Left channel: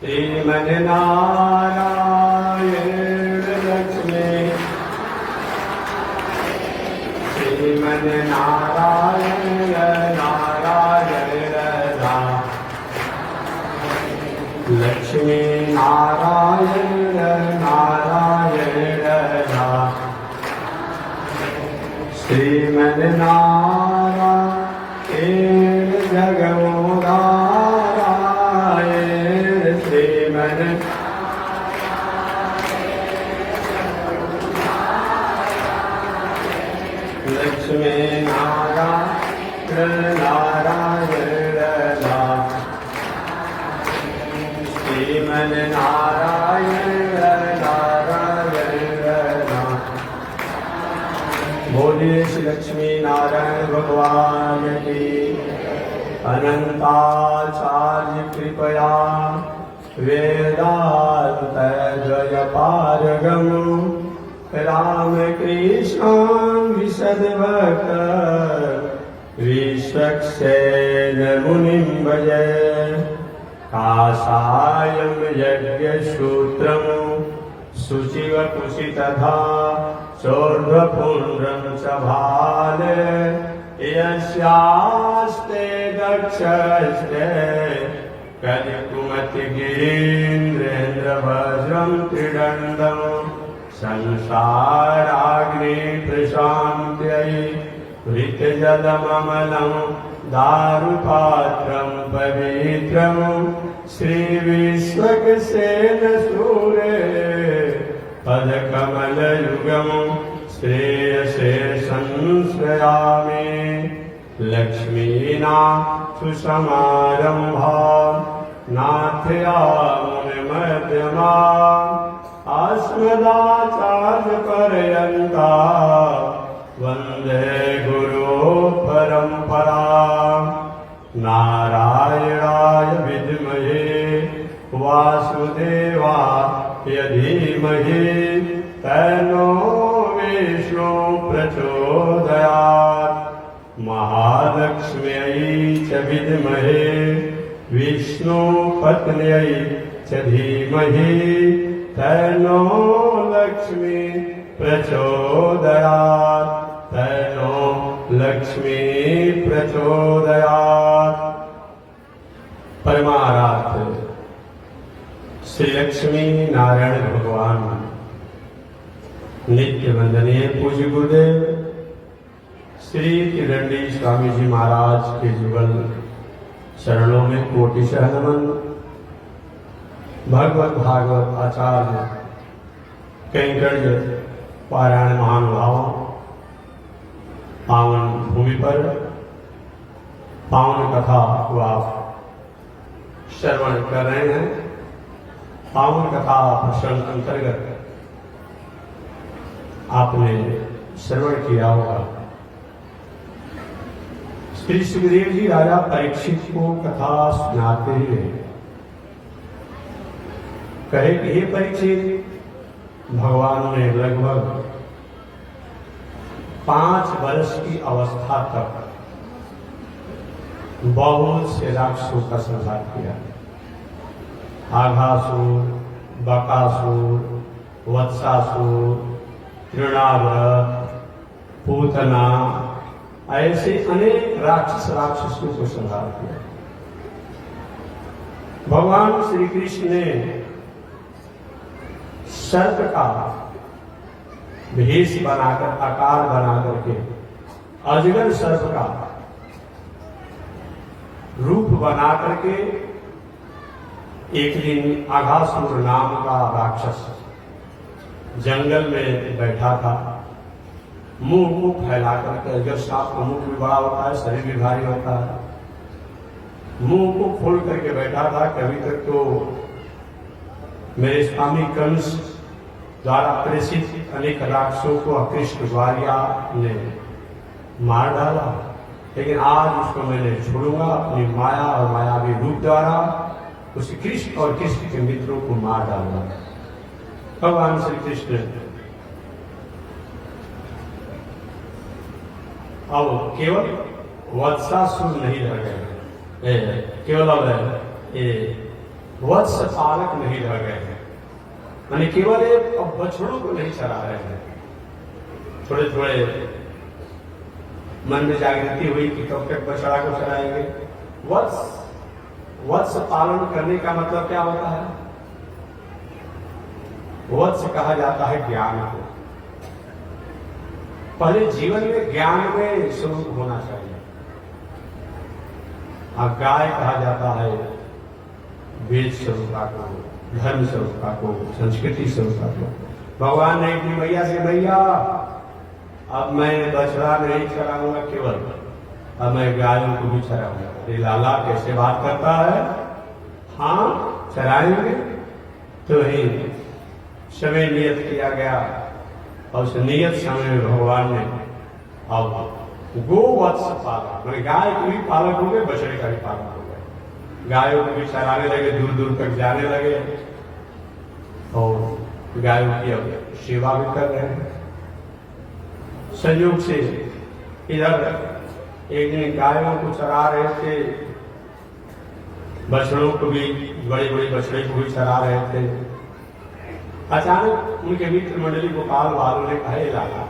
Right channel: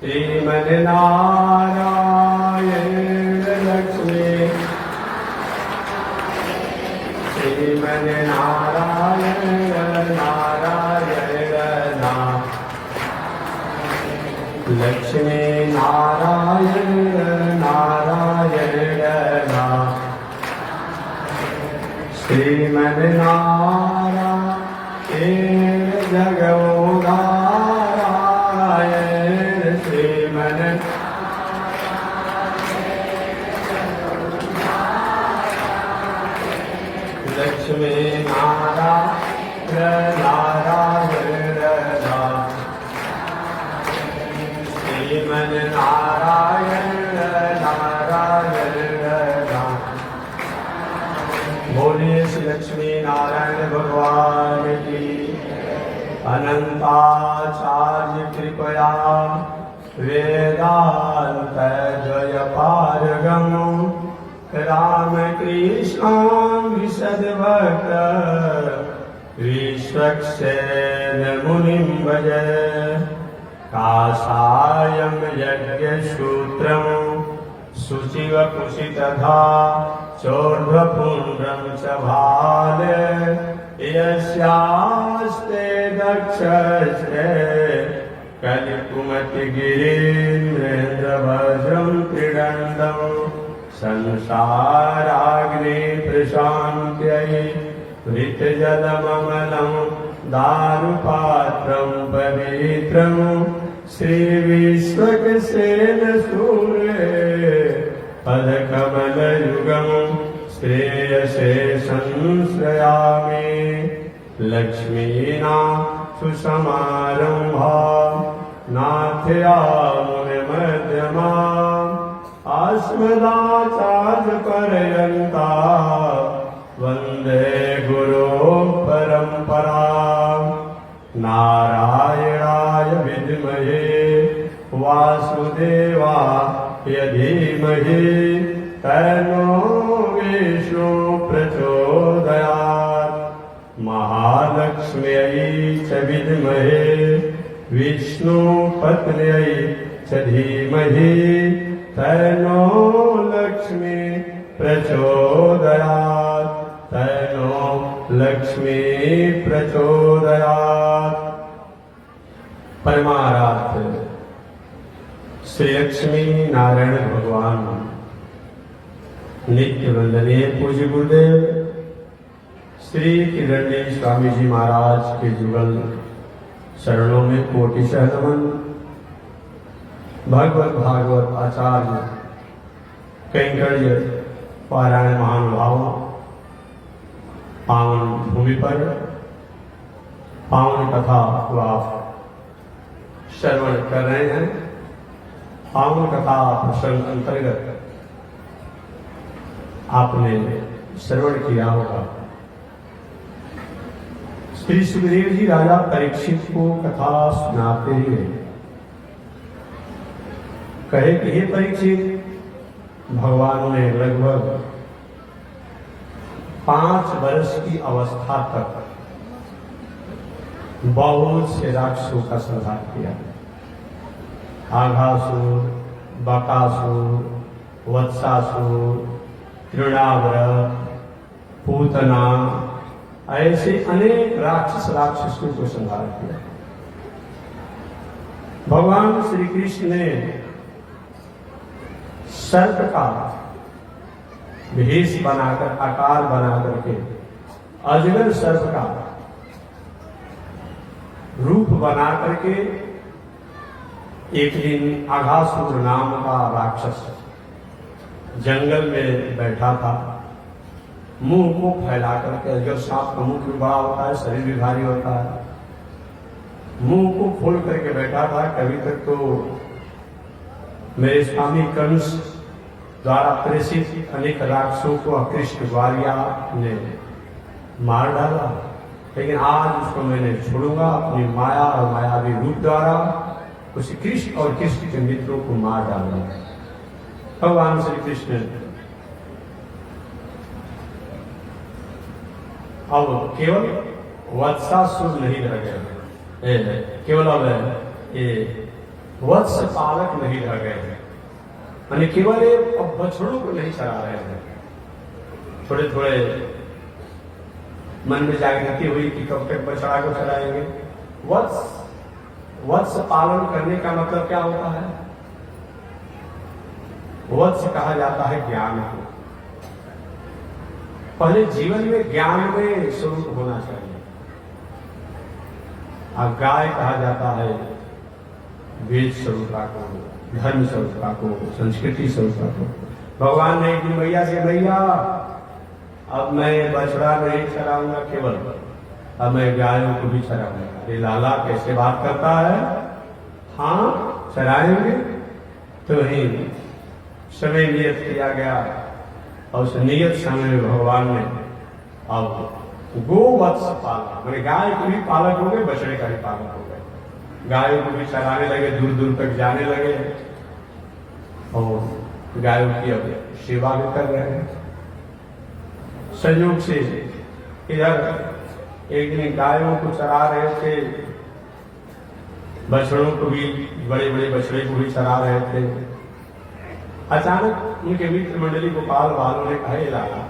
श्रीमन्नारायण लक्ष्मी श्रीमन्नारायण नारायण लक्ष्मी नारायण नारायण श्रीमन्नारायण जगोदारायण लक्ष्मी नारायण नारायण श्रीमन्नारायण नारायण बोलिए श्री लक्ष्मी नारायण भगवान की अनंताचार्य कृपया वेदांत जय पारगम राम कृष्ण विशद भक्त विश्वक्सेन मुनिं भजय काषायं यज्ञसूत्रं शुचिवकुशितधा चोर्ध्वपुण्ड्रं च भाले यस्यास्ते दक्षस्ते कलिकुमतिगिरीन्द्रेन्द्रवज्रं त्रिदण्डं संसाराग्ने प्रशान्त्यै ऋतजलममलं दारुपात्रं पवित्रं श्रीविश्वक्सेनसूरे पदकमलयुगं श्रेयसे संश्रयामि लक्ष्मीना सुसमारम्भा नाथयामुनिमध्यमा अस्मदाचार्यपर्यन्ता वन्दे गुरो परम्परा नारायणाय विद्महे वासुदेवाय धीमहि तन्नो विष्णु प्रचोदयात् महालक्ष्म्यै च विद्महे विष्णुपत्न्यै च धीमहि तन्नो लक्ष्मी प्रचोदयात् तन्नो लक्ष्मी प्रचोदयात्। परमाराध्य श्री लक्ष्मी नारायण भगवान नित्य वंदनीय पूज्य गुरुदेव श्री किरण्डी स्वामी जी महाराज के जुगल शरणों में कोटिशः नमन। भगवत भागवत आचार्य कैंकर्य पारायण महानुभावों पावन भूमि पर पावन कथा व श्रवण कर रहे हैं। पावन कथा प्रसंग अंतर्गत आपने श्रवण किया होगा। श्री सुखदेव जी राजा परीक्षित को कथा सुनाते हुए कहे कि हे परीक्षित, भगवान ने लगभग 5 वर्ष की अवस्था तक बहुत से राक्षसों का संहार किया। आघासुर, बकासुर, वत्सासुर, तृणाव्रत, पूतना, ऐसे अनेक राक्षसों को संहार किया। भगवान श्री कृष्ण ने सर्प का भेष बनाकर, आकार बनाकर के अजगर सर्प का रूप बना करके एक दिन आघासुर नाम का राक्षस जंगल में बैठा था। मुंह को फैला करके, अजगर सांप का मुख भी बड़ा होता है, शरीर भी भारी होता है, मुंह को खोल करके बैठा था। कभी तक तो मेरे स्वामी कंस द्वारा प्रेषित अनेक राक्षसों को कृष्ण ग्वालिया ने मार डाला, लेकिन आज उसको मैंने छोड़ूंगा अपनी माया और मायावी रूप द्वारा उस कृष्ण और कृष्ण के मित्रों को मार डालना। भगवान श्री कृष्ण अब केवल वत्सासुर नहीं रह गए, केवल अब ये वत्स पालक नहीं रह गए हैं, यानी केवल एक बछड़ों को नहीं चरा रहे हैं। थोड़े थोड़े मन में जागृति हुई कि कब तक बछड़ा को चराएंगे। वत्स पालन करने का मतलब क्या होता है? वत्स कहा जाता है ज्ञान को। पहले जीवन में ज्ञान में स्वरूप होना चाहिए। और गाय कहा जाता है वेद स्वरूपा को, धर्म स्वरूपा को, संस्कृति स्वरूपा को। भगवान ने एक दिन मैया से, मैया अब मैं बछड़ा नहीं चराऊंगा केवल, अब मैं गायों को भी चराऊंगा। अरे लाला कैसे बात करता है? हाँ चराएंगे। तो ही समय नियत किया गया और उस नियत समय में भगवान ने अब गोवत्स पाला, मैंने गाय के भी पालक हो गए, बछड़े का भी पालक हो गए। गायों को भी चराने लगे, दूर दूर तक जाने लगे और गायों की अब सेवा भी कर रहे हैं। संयोग से इधर एक दिन गायों को चरा रहे थे, बछड़ों को भी, बड़े बड़े बछड़े को भी चरा रहे थे। अचानक उनके मित्र मंडली गोपाल वालों ने कहा, लाला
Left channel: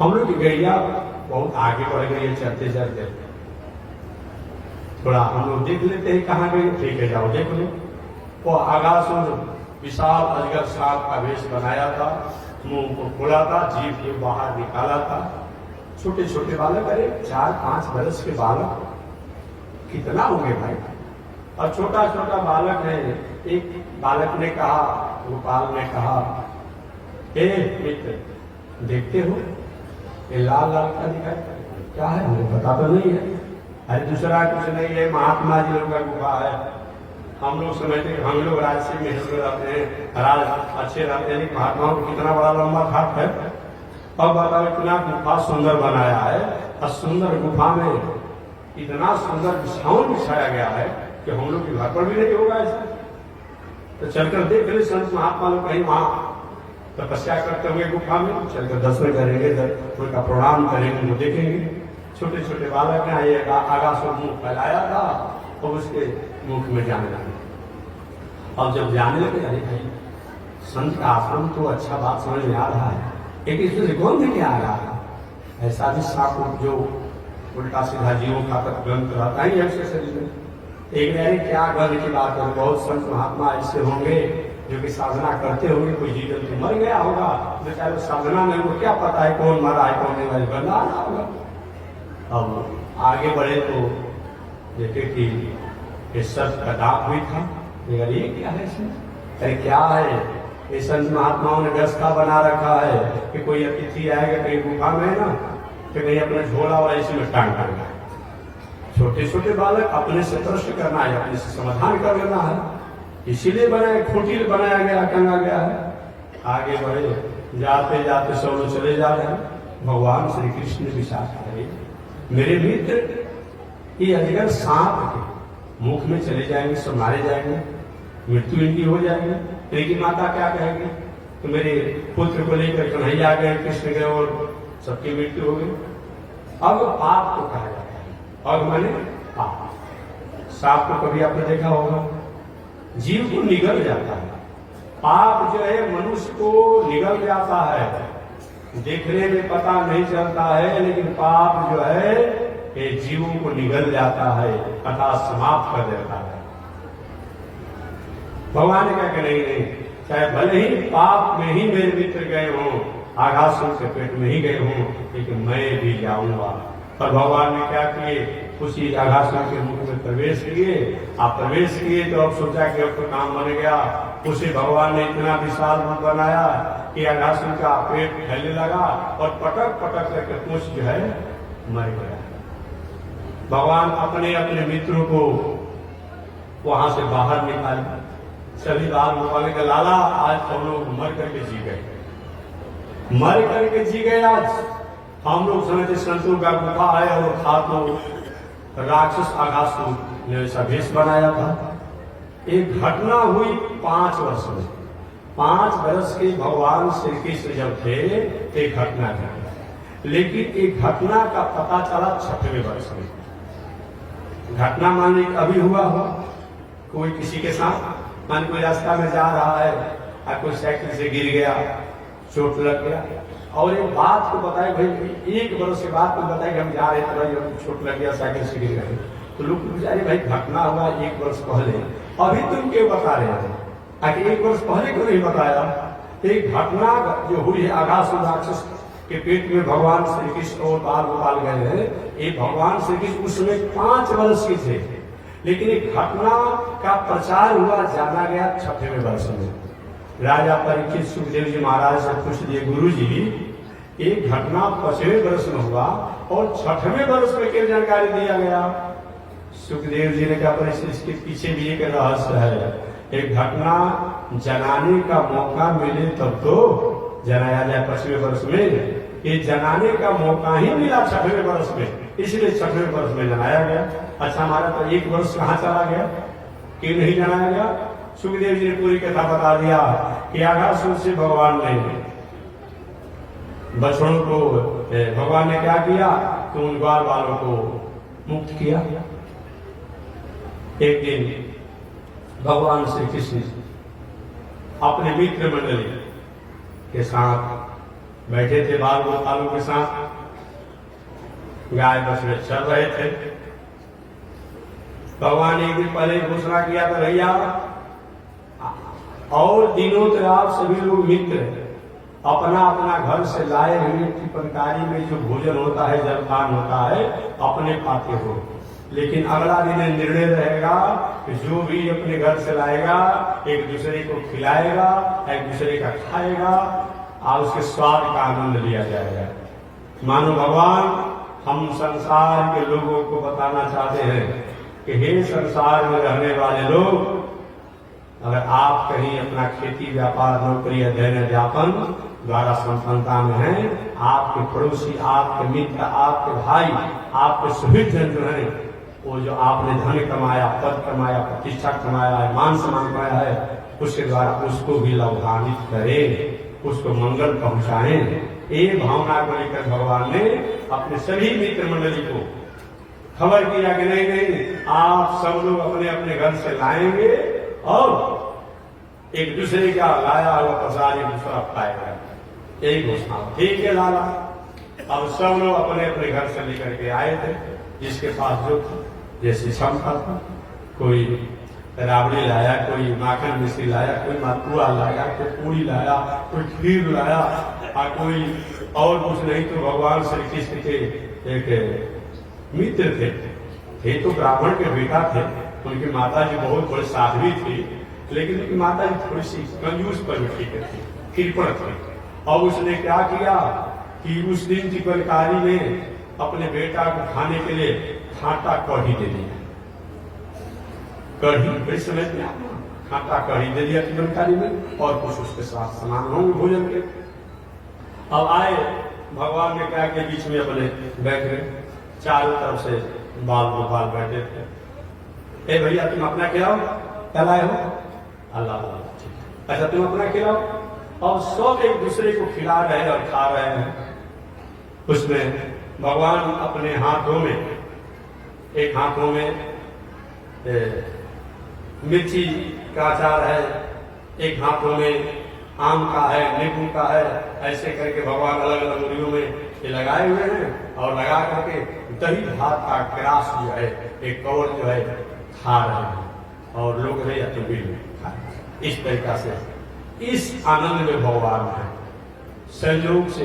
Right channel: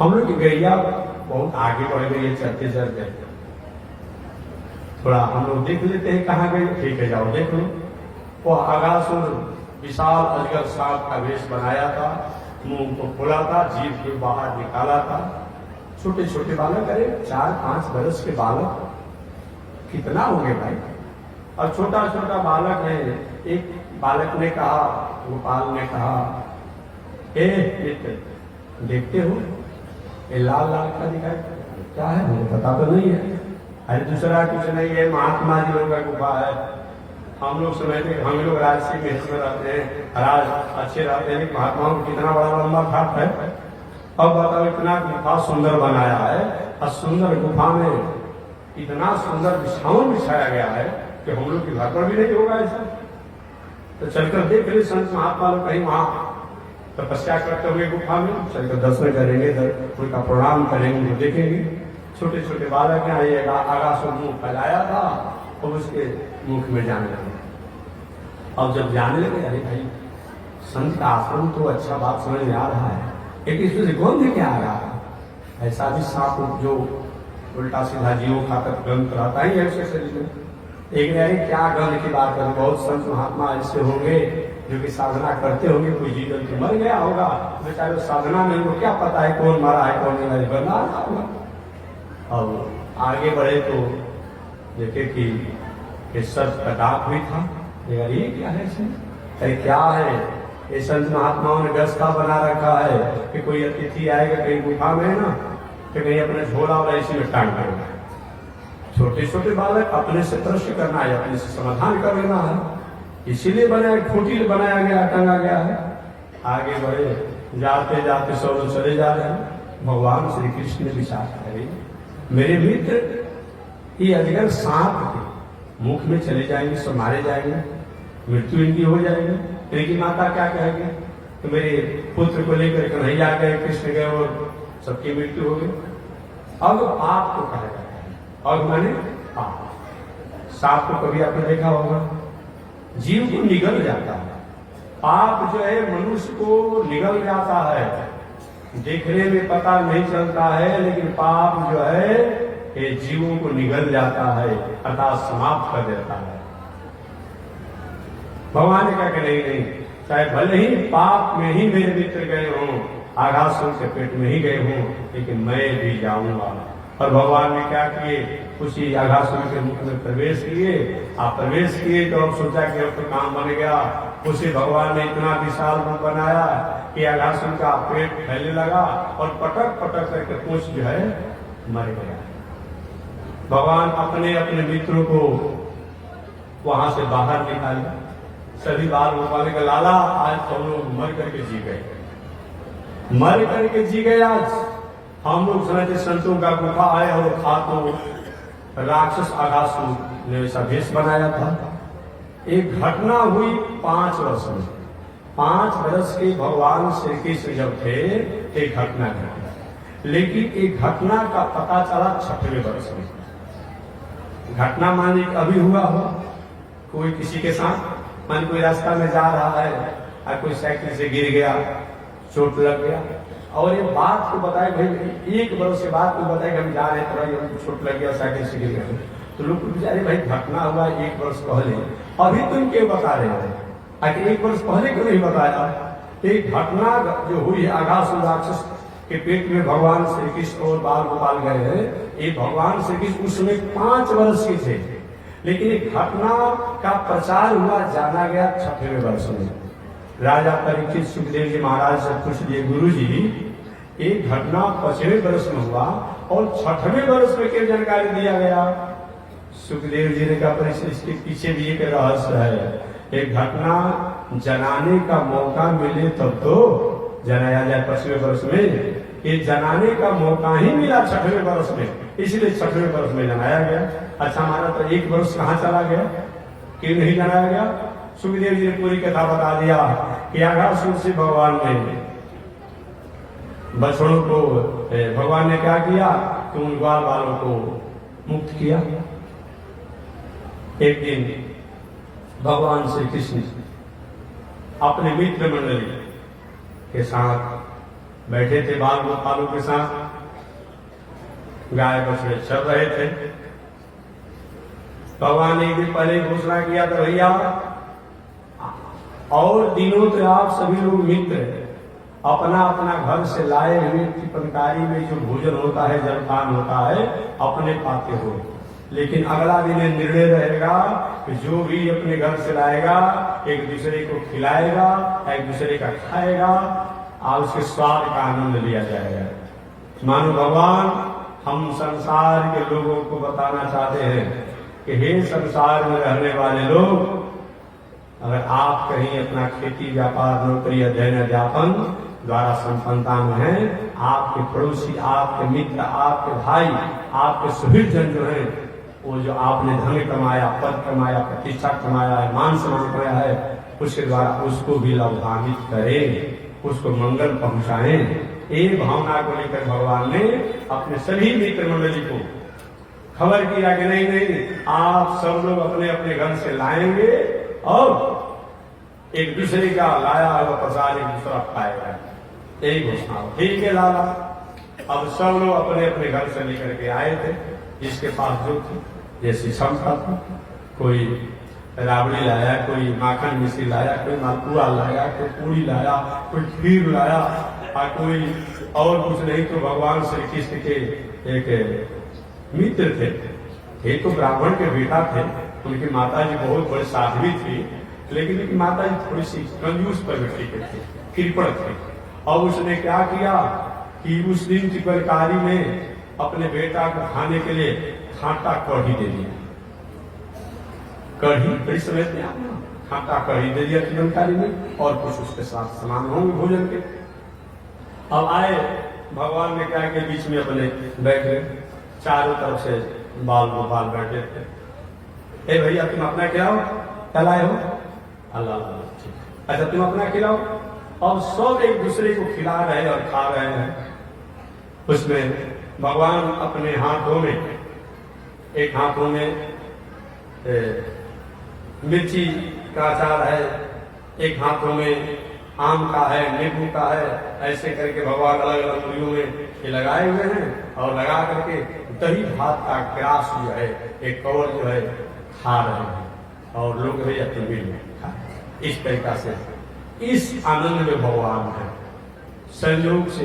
हम लोग की गैया बहुत आगे बढ़ गई है, चलते चलते थोड़ा हम लोग देख लेते हैं कहाँ गए। ठीक है जाओ देख लो। वो आगासुर विशाल अजगर सांप का वेश बनाया था, मुंह को खोला था, जीभ को बाहर निकाला था। छोटे छोटे बालक, अरे 4-5 बरस के बालक कितना हो गए भाई। और छोटा छोटा बालक ने, एक बालक ने कहा, गोपाल ने कहा, ए मित्र देखते हो ये लाल लाल का दिखाई क्या है? मुझे पता तो नहीं है। अरे दूसरा कुछ नहीं है, महात्मा जी लोगों का गुफा है। हम लोग समझते हैं हम लोग राजसी में हिस्से रहते हैं, राज अच्छे रहते हैं, महात्माओं को कितना बड़ा लंबा खाट है। अब बताओ इतना गुफा सुंदर बनाया है और सुंदर गुफा में इतना सुंदर बिछावन बिछाया गया है कि हम लोग के घर पर भी नहीं होगा ऐसा। तो चलकर देख ले, संत महात्मा लोग कहीं वहां तपस्या करते हुए गुफा में चलकर दर्शन करेंगे, उनका प्रणाम करेंगे, उनको देखेंगे। छोटे छोटे बालक ने ये आगासुर मुंह फैलाया था और उसके मुख में जाने लगे। अब जब जाने लगे, अरे भाई संत का आश्रम तो अच्छा बात समझ में आ रहा है, लेकिन इसमें गंध क्या आ रहा है? ऐसा भी सांप जो उल्टा सीधा जीवों का तक गंध रहता ही है उसके शरीर में। एक नहीं क्या गंध की बात करें, बहुत संत महात्मा ऐसे होंगे जो कि साधना करते होंगे, कोई जीव जंतु मर गया होगा, बेचारे साधना में उनको क्या पता है कौन मरा है कौन नहीं, गंदा आता होगा। अब आगे बढ़े तो देखे कि ये सर्प का दांत भी था। ये क्या है इसमें? अरे क्या है, ये संत महात्माओं ने व्यवस्था बना रखा है कि कोई अतिथि आएगा कहीं गुफा में ना, तो कहीं अपना झोला वाला इसी में टांग करना है। छोटे छोटे बालक अपने से प्रश्न करना है, अपने से समाधान कर लेना है, इसीलिए बनाया, कुटीर बनाया गया, टंगा गया है। आगे बढ़े, जाते जाते सब लोग चले जा रहे हैं। भगवान श्री कृष्ण ने विचार करे, मेरे मित्र ये अजगर सांप के मुख में चले जाएंगे, सब मारे जाएंगे, मृत्यु इनकी हो जाएगी। तो इनकी माता क्या कहेगी? तो मेरे पुत्र को लेकर कन्हैया गए, कृष्ण गए और सबकी मृत्यु हो गई। अब पाप को कहा जाता है, और मैंने पाप, सांप को कभी आपने देखा होगा, जीव को निगल जाता है। पाप जो है मनुष्य को निगल जाता है, देखने में पता नहीं चलता है, लेकिन पाप जो है ये जीवों को निगल जाता है, अर्थात समाप्त कर देता है। भगवान ने कहा कि नहीं नहीं, चाहे भले ही पाप में ही मेरे मित्र गए हों, आगासुर के पेट में ही गए हों, लेकिन मैं भी जाऊंगा। और भगवान ने क्या किए, उसी आगासुर के मुख में प्रवेश किए। आप प्रवेश किए तो अब सोचा कि अब तो काम बन गया। उसे भगवान ने इतना विशाल रूप बनाया कि आगासुर का पेट फैलने लगा और पटक पटक करके पूछ जो है मर गया। भगवान अपने अपने मित्रों को वहां से बाहर निकाले। सभी बाल गोपाल के लाला आज हम लोग मर करके जी गए, मर करके जी गए। आज हम लोग समझते संतों का गुफा है और था तो राक्षस आगासुर ने ऐसा भेष बनाया था। एक घटना हुई 5 वर्ष में, 5 वर्ष के भगवान श्री कृष्ण जब थे एक घटना घटी, लेकिन एक घटना का पता चला 6वें वर्ष में। घटना माने अभी हुआ हो, कोई किसी के साथ मान कोई रास्ता में जा रहा है और कोई साइकिल से गिर गया, चोट लग गया, और ये बात को बताए भाई 1 बरस के बाद कोई बताए कि हम जा रहे थे भाई हमको चोट लग गया, साइकिल से गिर गए, तो लोग बेचारे भाई घटना हुआ 1 बरस पहले, अभी तुम क्यों बता रहे हैं? आखिर 1 बरस पहले क्यों नहीं बताया? एक घटना जो हुई है अघासुर राक्षस के पेट में भगवान श्री कृष्ण और बाल गोपाल गए हैं, ये भगवान श्री कृष्ण उसमें 5 वर्ष के थे, लेकिन एक घटना का प्रचार हुआ, जाना गया 6वें वर्ष में। राजा परीक्षित सुखदेव जी महाराज से पूछ दिए, गुरु जी एक घटना 5वें वर्ष में हुआ और 6वें वर्ष में क्या जानकारी दिया गया? सुखदेव जी ने कहा, पर इसके पीछे भी एक रहस्य है। एक घटना जनाने का मौका मिले तब तो जनाया जाए 5वें वर्ष में, ये जनाने का मौका ही मिला 6वें वर्ष में, इसलिए 6वें वर्ष में जनाया गया। अच्छा, हमारा तो 1 वर्ष कहाँ चला गया, क्यों नहीं जनाया गया? सुखदेव जी ने पूरी कथा बता दिया कि अघासुर से भगवान ने बछड़ों को, भगवान ने क्या किया कि उन ग्वाल बालों को मुक्त किया। एक दिन भगवान श्री कृष्ण अपने मित्र मंडली के साथ बैठे थे, बाल गोपालों के साथ गाय बछड़े चल रहे थे। भगवान ने एक दिन पहले घोषणा किया था, भैया और दिनों तक आप सभी लोग मित्र अपना अपना घर से लाए हुए टिपनकारी में जो भोजन होता है, जलपान होता है, अपने पाते हो, लेकिन अगला दिन निर्णय रहेगा कि जो भी अपने घर से लाएगा एक दूसरे को खिलाएगा, एक दूसरे का खाएगा और उसके स्वाद का आनंद लिया जाएगा। मानो भगवान हम संसार के लोगों को बताना चाहते हैं कि हे संसार में रहने वाले लोग, अगर आप कहीं अपना खेती व्यापार नौकरी अध्ययन अध्यापन द्वारा संपन्नता में हैं, आपके पड़ोसी, आपके मित्र, आपके भाई, आपके सुहृद जन जो हैं, वो जो आपने धन कमाया, पद कमाया, प्रतिष्ठा कमाया है, मान सम्मान कमाया है, उसके द्वारा उसको भी लाभान्वित करें, उसको मंगल पहुंचाएं। ये भावना को लेकर भगवान ने अपने सभी मित्र मंडली को खबर किया कि नहीं नहीं, आप सब लोग अपने अपने घर से लाएंगे और एक दूसरे का लाया हुआ प्रसाद एक दूसरा खाएगा। यही घोषणा, ठीक है लाला। अब सब लोग अपने अपने घर से लेकर के आए थे, जिसके पास जो थी जैसी क्षमता थी, कोई राबड़ी लाया, कोई माखन मिश्री लाया, कोई मालपुआ लाया, कोई पूरी लाया, कोई खीर लाया, और कोई और कुछ नहीं तो भगवान श्री कृष्ण के एक मित्र थे, ये तो ब्राह्मण के बेटा थे, उनकी माता जी बहुत बड़ी साध्वी थी, लेकिन उनकी माता जी थोड़ी सी कंजूस प्रवृत्ति के थी, कृपण थे। और उसने क्या किया कि उस दिन चिकनकारी में अपने बेटा को खाने के लिए खाटा कढ़ी दे दिया। कढ़ी बड़ी समय में खाटा कढ़ी दे दिया चिकनकारी में, और कुछ उसके साथ सामान होंगे भोजन के। अब आए भगवान ने क्या कि बीच में अपने बैठे, चारों तरफ से बाल गोपाल बैठे थे। ए भैया तुम अपना खिलाओ, कल आए हो? अल्लाह अल्लाह, अच्छा तुम अपना खिलाओ। अब सब एक दूसरे को खिला रहे हैं और खा रहे हैं। उसमें भगवान अपने हाथों में, एक हाथों में मिर्ची का अचार है, एक हाथों में आम का है, नींबू का है, ऐसे करके भगवान अलग अलग मुड़ियों में ये लगाए हुए हैं, और लगा करके दही भात का ग्रास जो है, एक कवर जो है खा रहे हैं, और लोग भैया तुम भी खा, इस तरीका से इस आनंद में भगवान है। संयोग से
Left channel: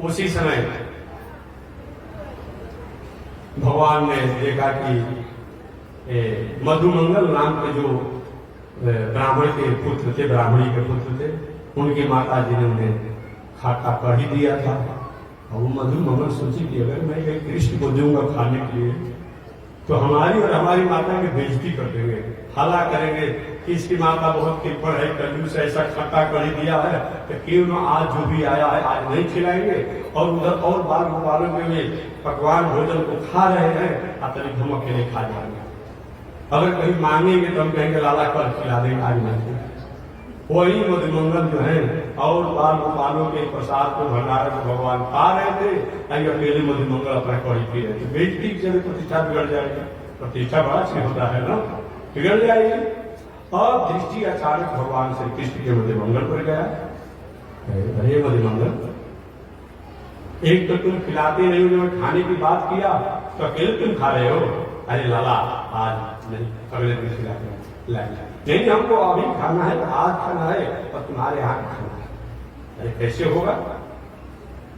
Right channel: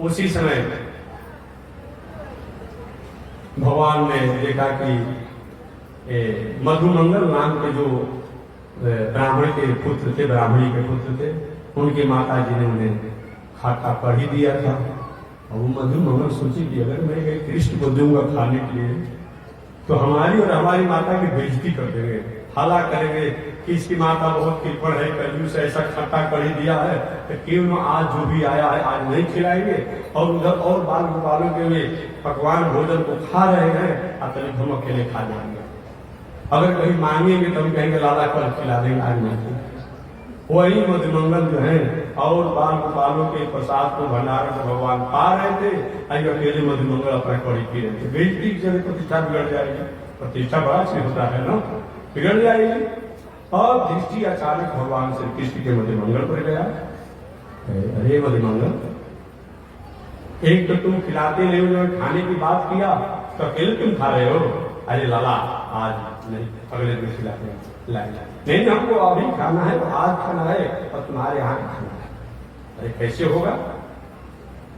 उसी समय भगवान ने देखा कि मधुमंगल नाम के जो ब्राह्मण के पुत्र थे, ब्राह्मणी के पुत्र थे, उनकी माता जी ने उन्हें खाटा कढ़ी दिया था। और वो मधुमंगल सोची कि अगर मैं कृष्ण को दूंगा खाने के लिए तो हमारी और हमारी माता की बेइज्जती कर देंगे, हला करेंगे कि इसकी माता बहुत कृपण है, कंजूस है, ऐसा खट्टा कढ़ी दिया है, तो क्यों न आज जो भी आया है आज नहीं खिलाएंगे, और उधर और बाल गोपालों के लिए पकवान भोजन को खा रहे हैं, अतली धमक के लिए खा जाएंगे। अगर कहीं मांगेंगे तो हम कहेंगे लाला कल खिला देंगे, आज नहीं। वही मधुमंगल जो है और बाल गोपालों के प्रसाद को भंडार में भगवान पा रहे थे, अभी अकेले मधुमंगल अपना कड़ी पी रहे थे। बेइज्जती की जगह प्रतिष्ठा बिगड़ जाएगी, प्रतिष्ठा बड़ा चीज होता है ना, बिगड़ जाएगी। और दृष्टि अचानक भगवान श्री कृष्ण के मध्य मंगल पर गया। अरे मध्य मंगल, एक तो तुम खिलाते नहीं हो, खाने की बात किया तो अकेले तुम खा रहे हो। अरे लाला आज नहीं, अगले दिन खिलाते लाएंगे। नहीं हमको अभी खाना है, आज खाना है और तुम्हारे यहाँ खाना है। अरे कैसे होगा,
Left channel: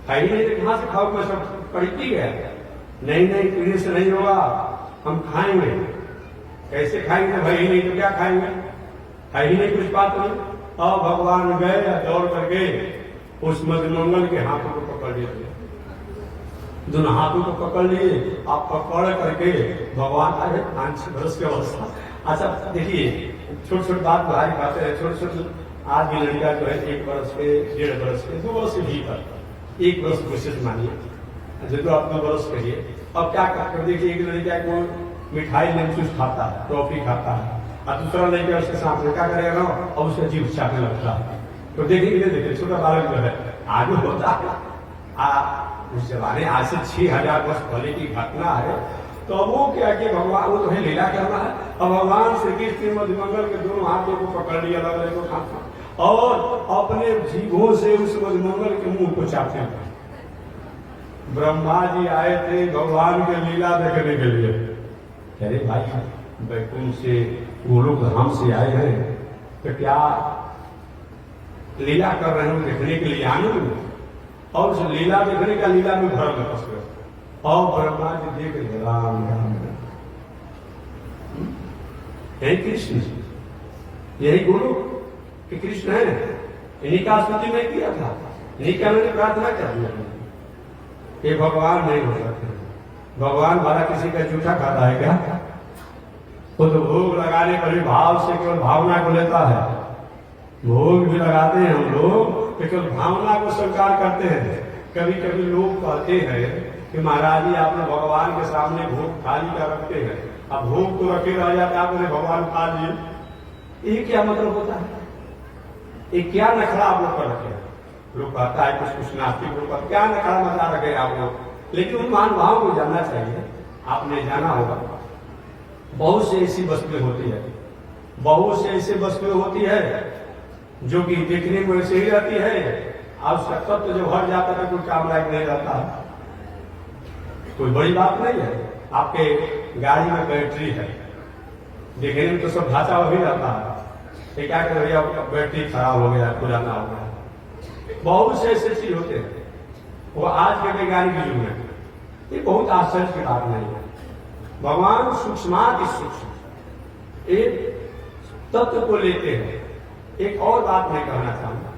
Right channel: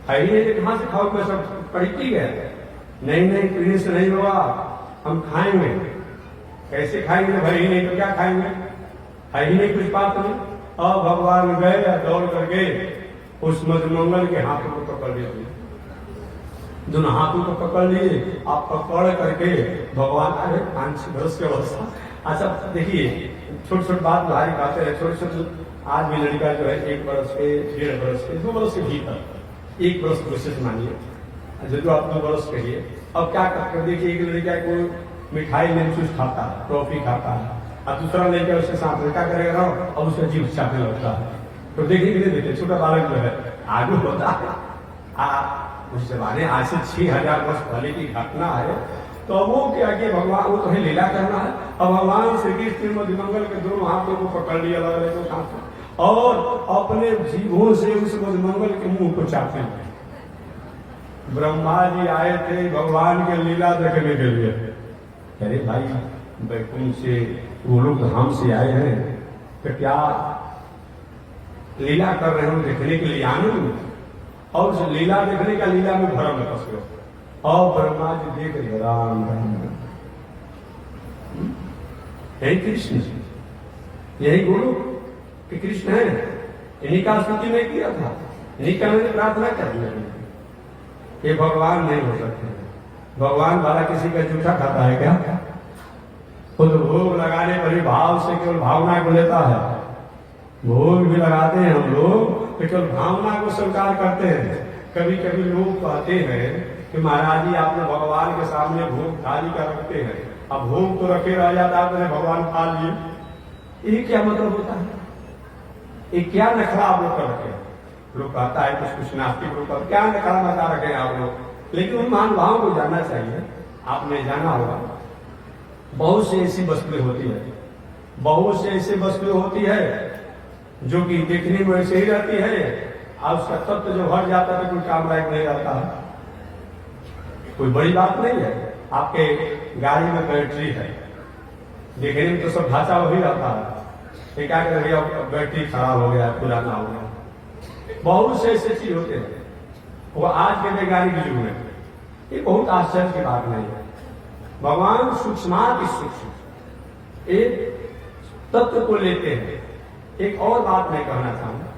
है ही नहीं, कहां से खाओगे, सब पड़ती गए। नहीं नहीं पीने से नहीं होगा, हम खाएंगे। कैसे खाएंगे, भले ही नहीं तो क्या खाएंगे, है ही नहीं कुछ बात नहीं। और भगवान गए, दौड़ कर गए, उस मधुमंगल के हाथों को पकड़ लिए, दोनों हाथों को पकड़ लिए। आप पकड़ करके भगवान आ गए 5-6 बरस की अवस्था। अच्छा देखिए, छोटी छोटी बात भारी बातें हैं, छोटे छोटे। आज भी लड़का जो है 1 बरस के, 1.5 बरस के, 2 बरस के भीतर, 1 बरस विशेष मानिए, जो आप 2 बरस कहिए। अब क्या करते हैं, देखिए एक लड़का को मिठाई में कुछ खाता है, टॉफी खाता है, और दूसरा लड़का उसके साथ क्या करेगा ना, अब उसका जीव चाहने लगता है। तो देखिए देखिए छोटा बालक जो है आगे होता है। उस जमाने आज से 6000 वर्ष पहले की घटना है। तो वो क्या कि भगवान, वो तो है लीला करना है। अब भगवान श्री कृष्ण मधुमंगल के दोनों हाथों को पकड़ लिया, अलग अलग हाथ, और अपने जीभों से उस मधुमंगल के मुंह को चाटते हैं। ब्रह्मा जी आए थे भगवान के लीला देखने के लिए। अरे भाई बैकुंठ से, गोलोक धाम से आए हैं, तो क्या लीला कर रहे हैं देखने के लिए आनंद, और उस लीला देखने का लीला में भरम है पस गए। और ब्रह्मा जी देख रहे राम राम, यही कृष्ण, यही गुरु कि कृष्ण है। इन्हीं का स्तुति नहीं किया था, इन्हीं का मैंने प्रार्थना कर दिया। ये भगवान नहीं हो सकते। भगवान वाला किसी का जूठा खाता है क्या? खुद भोग लगाने पर भी भाव से केवल भावना को लेता है। भोग भी लगाते हैं हम लोग, तो केवल भावना को स्वीकार करते हैं। कभी कभी लोग कहते हैं कि महाराज जी आपने भगवान के सामने भोग थाली का रखते हैं, अब भोग तो रखे रह जाता है, आपने भगवान खा लिए। ये क्या मतलब होता है? ये क्या नखरा आप लोग कर रखे? लोग कहता है कुछ नास्तिक लोग कहते क्या नखरा मचा रखे आप लोग, लेकिन उन महानुभावों को जानना चाहिए। आपने जाना होगा बहुत से ऐसी वस्तुएं होती है, बहुत से ऐसी वस्तुएं होती है जो कि देखने में वैसे ही रहती है, और उसका तत्व जो भर जाता है कोई काम लायक नहीं रहता है। कोई बड़ी बात नहीं है। आपके गाड़ी में बैटरी है, देखने में तो सब ढांचा वही रहता है, ये क्या करें भैया बैटरी खराब हो गया, पुराना हो गया। बहुत से ऐसे चीज होते हैं, वो आज के वैज्ञानिक युग में ये बहुत आश्चर्य की बात नहीं है। भगवान सूक्ष्माति सूक्ष्म एक तत्व को लेते हैं। एक और बात मैं कहना चाहूंगा,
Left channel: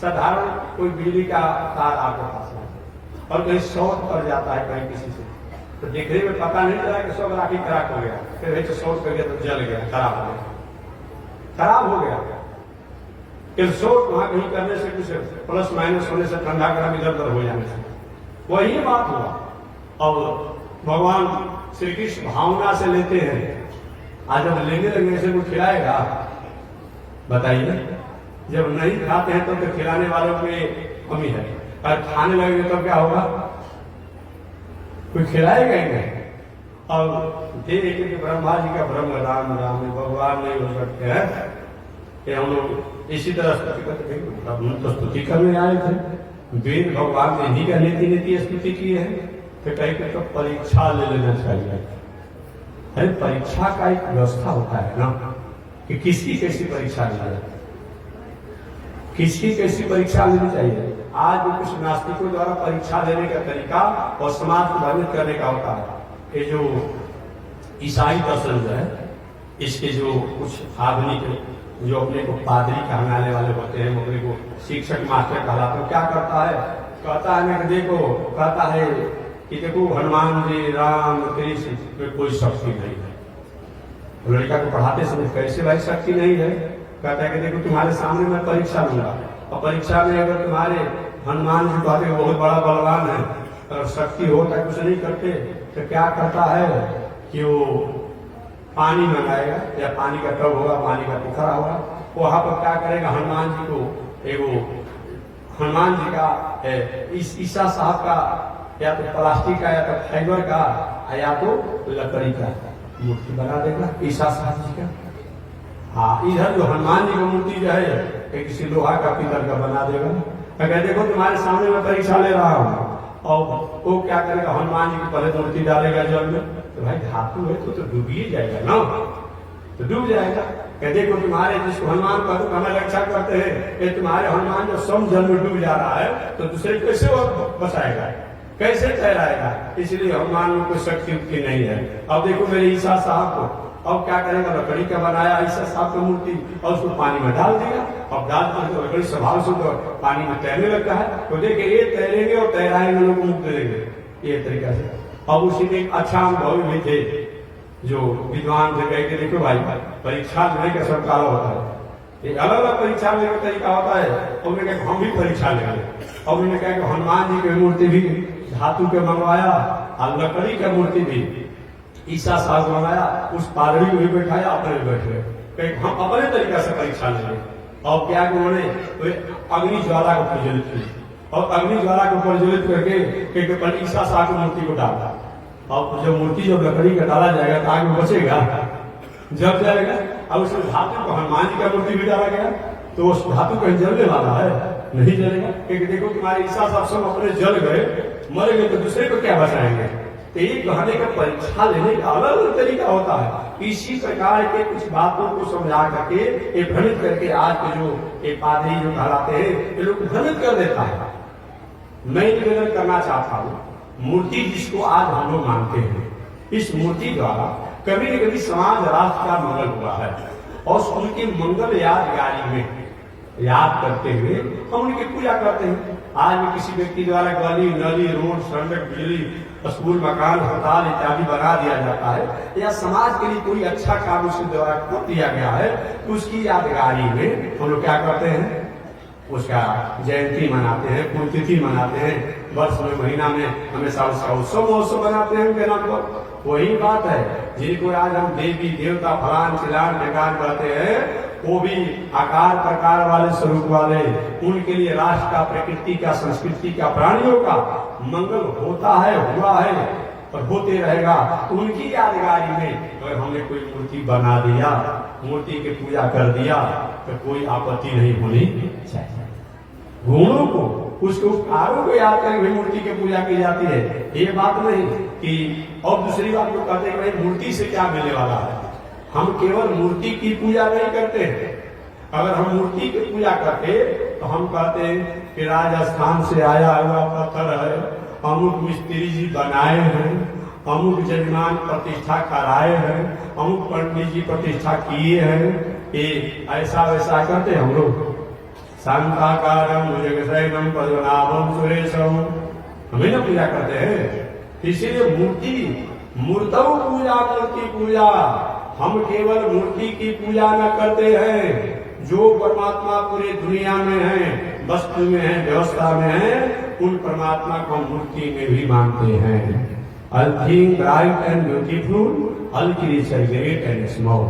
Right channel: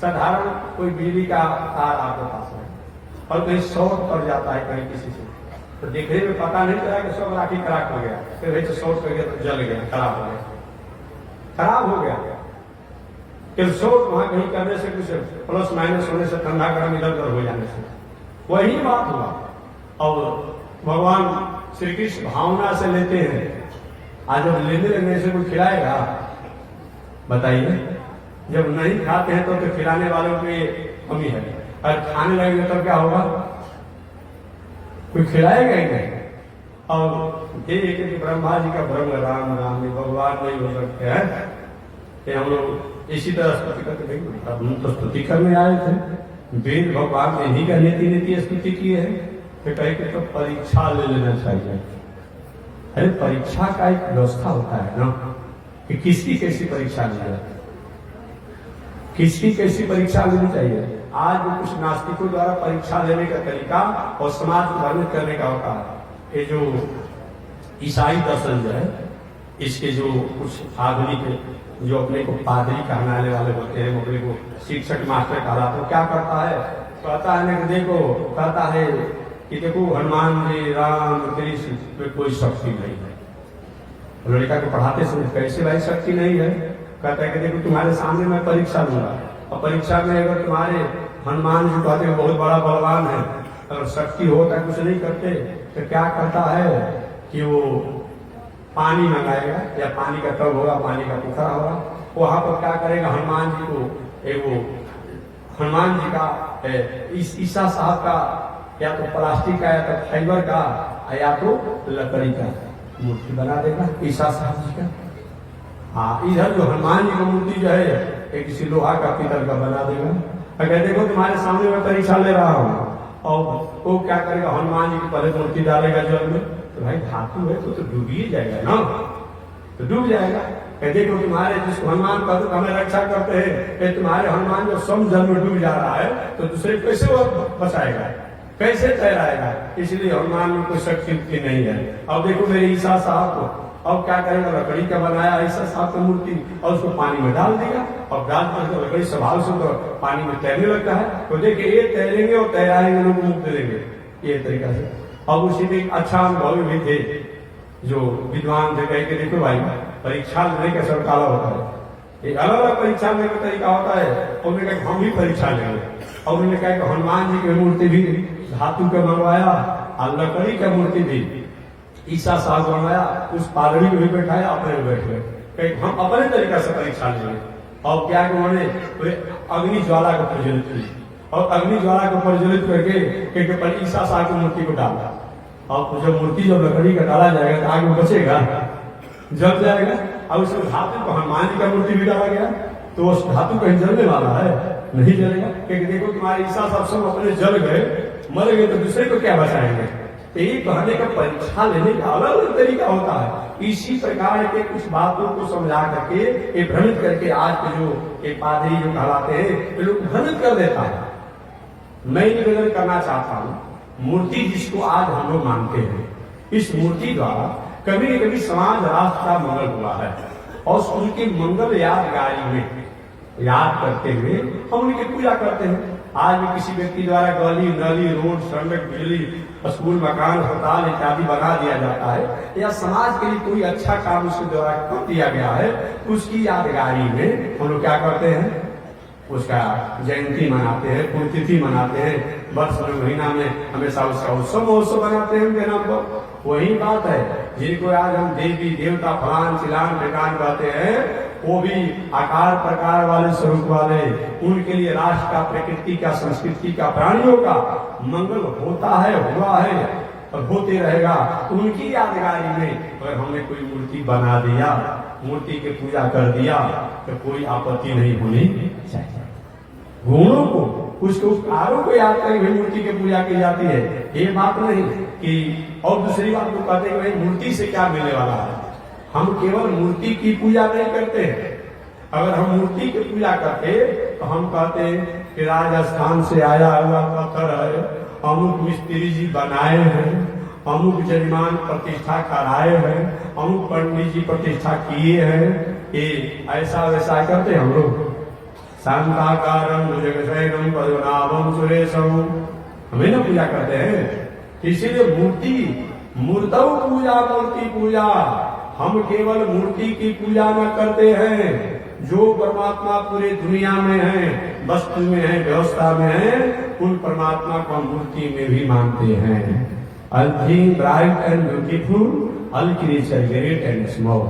साधारण कोई बिजली का तार आपके पास है और कहीं शॉर्ट पड़ जाता है कहीं किसी से, तो देखने में पता नहीं चला कि सब राखी खराब हो गया, फिर भाई तो शॉर्ट कर गया तो जल गया, खराब हो गया, खराब हो गया। कि शॉर्ट वहां कहीं करने से कुछ प्लस माइनस होने से, ठंडा गर्म इधर उधर हो जाने से वही बात हुआ। और भगवान श्री कृष्ण भावना से लेते हैं। आज जब लेने लगने से कोई खिलाएगा, बताइए? जब नहीं खाते हैं तो खिलाने वालों की कमी है, और खाने लगेंगे तब क्या होगा? कोई खिलाएगा ही नहीं। और देख कि ब्रह्मा जी का ब्रह्म राम राम भगवान नहीं हो सकते हैं, कि हम लोग इसी तरह स्तुति करते नहीं, हम तो स्तुति करने आए थे। वेद भगवान ने ही का नीति नीति स्तुति की है, फिर कहे कि तो परीक्षा ले लेना चाहिए। अरे परीक्षा का एक व्यवस्था होता है ना, कि किसकी कैसी परीक्षा ली जाए, किसकी कैसी परीक्षा लेनी चाहिए। आज भी कुछ नास्तिकों द्वारा परीक्षा लेने का तरीका और समाज को वर्णित करने का होता है। ये जो ईसाई दर्शन जो है, इसके जो कुछ आधुनिक जो अपने को पादरी कहलाने वाले होते हैं, अपने को शिक्षक मास्टर कहलाते हैं, क्या करता है? कहता है ना कि देखो, कहता है कि देखो हनुमान जी राम कृष्ण में कोई शक्ति नहीं है। लड़का को पढ़ाते समय कैसे भाई शक्ति नहीं है? कहता है कि देखो तुम्हारे सामने मैं परीक्षा लूंगा, और परीक्षा में अगर तुम्हारे हनुमान जी कहते हैं बहुत बड़ा बलवान है, अगर शक्ति होता कुछ नहीं करते, तो क्या करता है कि वो पानी मंगाएगा, या पानी का टब होगा, पानी का पोखरा होगा, वहां पर क्या करेगा, हनुमान जी को एक हनुमान जी का ईसा साहब का या तो प्लास्टिक का या तो फाइबर का या तो लकड़ी का मूर्ति बना देगा ईसा साहब जी का। हाँ, इधर जो हनुमान जी की मूर्ति जो है एक किसी लोहा का पीतल का बना देगा, अगर देखो तुम्हारे सामने में परीक्षा ले रहा हूँ, और वो क्या करेगा, हनुमान जी की पहले मूर्ति डालेगा जल में, तो भाई धातु है तो डूब ही जाएगा ना, तो डूब जाएगा। देखो तुम्हारे जिसको हनुमान का तो हमें रक्षा करते हैं, तुम्हारे हनुमान जो सब जल में डूब जा रहा है तो दूसरे कैसे वो बचाएगा, कैसे तैराएगा। इसलिए हनुमान में कोई शक्ति नहीं है। अब देखो मेरे ईसा साहब को, अब क्या करेगा, लकड़ी का बनाया ईसा साहब की मूर्ति और उसको पानी में डाल देगा, और डाल कर लकड़ी स्वभाव से तो पानी में तैरने लगता है, तो देखिए ये तैरेंगे और तैराएंगे, लोग मुक्त देंगे ये तरीका से। अब उसी में एक अच्छा अनुभव भी थे जो विद्वान थे, कह के देखो भाई परीक्षा लेने का सब काला होता है, एक अलग अलग परीक्षा लेने का तरीका होता है। और उन्होंने कहा हम भी परीक्षा लेंगे, और उन्होंने कहा कि हनुमान जी की मूर्ति भी धातु के मंगवाया और लकड़ी की मूर्ति भी ईसा साहब बनाया, उस पादरी को भी बैठाया, अपने भी बैठ गए, कहीं हम अपने तरीका से परीक्षा लेंगे। और क्या उन्होंने अग्नि ज्वाला को प्रज्वलित की, और अग्नि ज्वाला को प्रज्वलित करके ईसा साहब की मूर्ति को डाला। और जब मूर्ति जब लकड़ी का डाला जाएगा तो आगे बचेगा, जल जाएगा। और उसमें धातु को हनुमान जी का मूर्ति भी डाला गया, तो उस धातु कहीं जलने वाला है, नहीं जलेगा, क्योंकि देखो तुम्हारे ईसा साहब सब अपने जल गए, मर गए, तो दूसरे को क्या बचाएंगे। तो ये कहने का परीक्षा लेने का अलग अलग तरीका होता है। इसी प्रकार के कुछ बातों को समझा करके ये भ्रमित करके आज के जो एक पादरी जो कहलाते हैं, ये लोग भ्रमित कर देता है। मैं निवेदन करना चाहता हूँ, मूर्ति जिसको आज हम लोग मानते हैं, इस मूर्ति द्वारा कभी न कभी समाज राष्ट्र का मंगल हुआ है, और उनके मंगल यादगारी में याद करते हुए हम उनकी पूजा करते हैं। आज भी किसी व्यक्ति द्वारा गली नली रोड सड़क बिजली स्कूल मकान अस्पताल इत्यादि बना दिया जाता है, या समाज के लिए कोई अच्छा काम उसके द्वारा कर दिया गया है, तो उसकी यादगारी में हम लोग क्या करते हैं, उसका जयंती मनाते हैं, पुण्यतिथि मनाते हैं, वर्ष में महीना में हमेशा उसका उत्सव महोत्सव बनाते हैं उनके नाम पर। वही बात है, जिनको आज हम देवी देवता फलान चिलान ढिकान कहते हैं, वो भी आकार प्रकार वाले स्वरूप वाले, उनके लिए राष्ट्र का, प्रकृति का, संस्कृति का, प्राणियों का मंगल होता है, हुआ है और होते रहेगा। तो उनकी यादगारी में अगर हमने कोई मूर्ति बना दिया, मूर्ति की पूजा कर दिया, तो कोई आपत्ति नहीं होनी चाहिए। गुणों को, उसके उपकारों को याद करके भी मूर्ति की पूजा की जाती है, ये बात नहीं कि। और दूसरी बात को कहते हैं भाई मूर्ति से क्या मिलने वाला है। हम केवल मूर्ति की पूजा नहीं करते, अगर हम मूर्ति की पूजा करते तो हम कहते हैं कि राजस्थान से आया हुआ पत्थर है, अमुक मिस्त्री जी बनाए हैं, अमुक जजमान प्रतिष्ठा कराए हैं, अमुक पंडित जी प्रतिष्ठा किए हैं, ये ऐसा वैसा करते हम लोग। शांताकारम भुजगशयनम पद्मनाभम सुरेशम, हमें ना पूजा करते हैं। इसीलिए मूर्ति मूर्तौ पूजा, मूर्ति पूजा, हम केवल मूर्ति की पूजा न करते हैं, जो परमात्मा पूरे दुनिया में है, वस्तु में है, व्यवस्था में है, उन परमात्मा को हम मूर्ति में भी मानते हैं। All thing bright and beautiful, all creature great and small,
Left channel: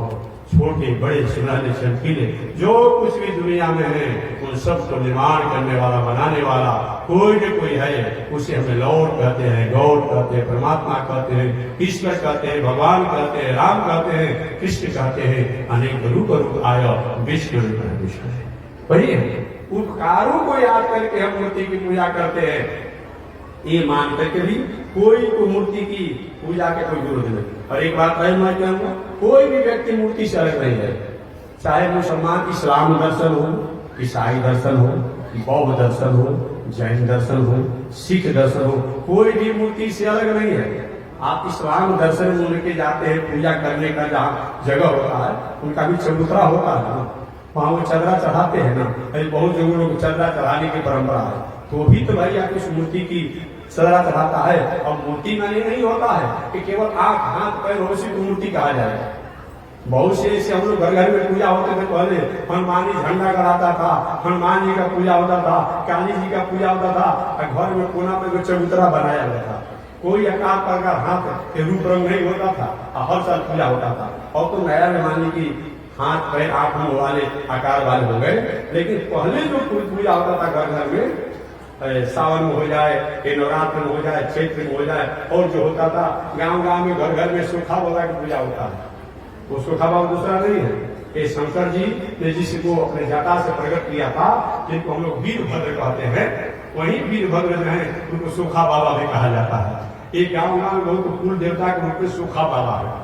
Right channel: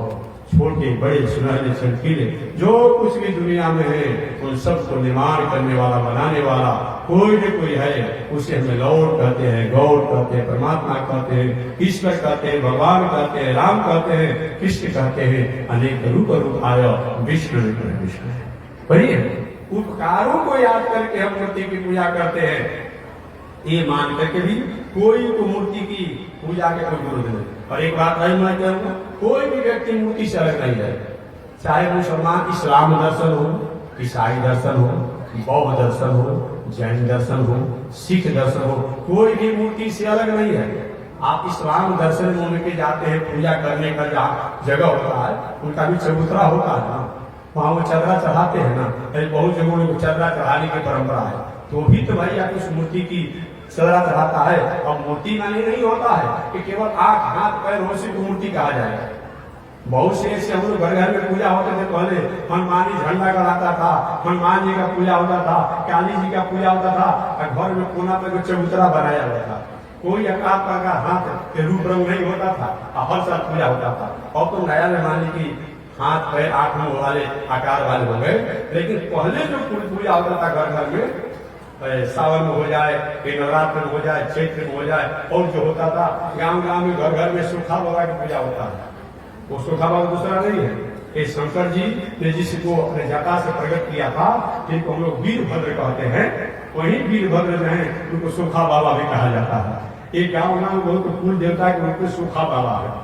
छोटे बड़े सुनहरे चमकीले, जो कुछ भी दुनिया में है उन सब को निर्माण करने वाला, बनाने वाला कोई न कोई है, उसे हमें लॉर्ड कहते हैं, गॉड कहते हैं, परमात्मा कहते हैं, ईश्वर कहते हैं, भगवान कहते हैं, राम कहते हैं, कृष्ण कहते हैं, अनेक रूप आया विष्णु विष्णु। बढ़िए उपकारों को याद करके हम मूर्ति की पूजा करते हैं, ये मान करके भी कोई को मूर्ति की पूजा के कोई विरोध नहीं। और एक बात मैं कहूँगा, कोई भी व्यक्ति मूर्ति से अलग नहीं है, चाहे मुसलमान इस्लाम दर्शन हो, ईसाई दर्शन हो, बौद्ध दर्शन हो, जैन दर्शन हो, सिख दर्शन हो, कोई भी मूर्ति से अलग नहीं है। आप इस्लाम दर्शन में उनके जाते हैं, पूजा करने का जहाँ जगह होता है उनका भी चबूतरा होता है ना, वहां वो चदरा चढ़ाते हैं ना, अरे बहुत जगहों में चदरा चढ़ाने की परंपरा है, तो भी तो भाई आप उस मूर्ति की चदरा चढ़ाता है। अब मूर्ति माने नहीं होता है कि केवल आंख हाथ पैर हो उसी को मूर्ति कहा जाए। बहुत से ऐसे हम लोग घर घर में पूजा होते थे, पहले हनुमान जी झंडा गड़ाता था, हनुमान जी का पूजा होता था, काली जी का पूजा होता था, और घर में कोना पे कुछ चबूतरा बनाया जाता था, कोई आकार प्रकार हाथ के रूप रंग नहीं होता था, हर साल पूजा होता था। और तो नया हनुमान जी की हाथ पैर आंख मुंह वाले आकार वाले हो गए, लेकिन पहले जो पूजा होता था घर घर में, सावन में हो जाए, नवरात्र में हो जाए, चैत्र में हो जाए, और जो होता था गांव गांव में घर घर में सूखा बाबा की पूजा होता है। वो सूखा बाबा दूसरा नहीं है, ये शंकर जी ने जिसको अपने जटा से प्रकट किया था, जिनको हम लोग वीरभद्र कहते हैं, वही वीरभद्र जो है उनको सूखा बाबा भी कहा जाता है। एक गाँव नाम बहुत कुल देवता के रूप में सूखा बाबा है।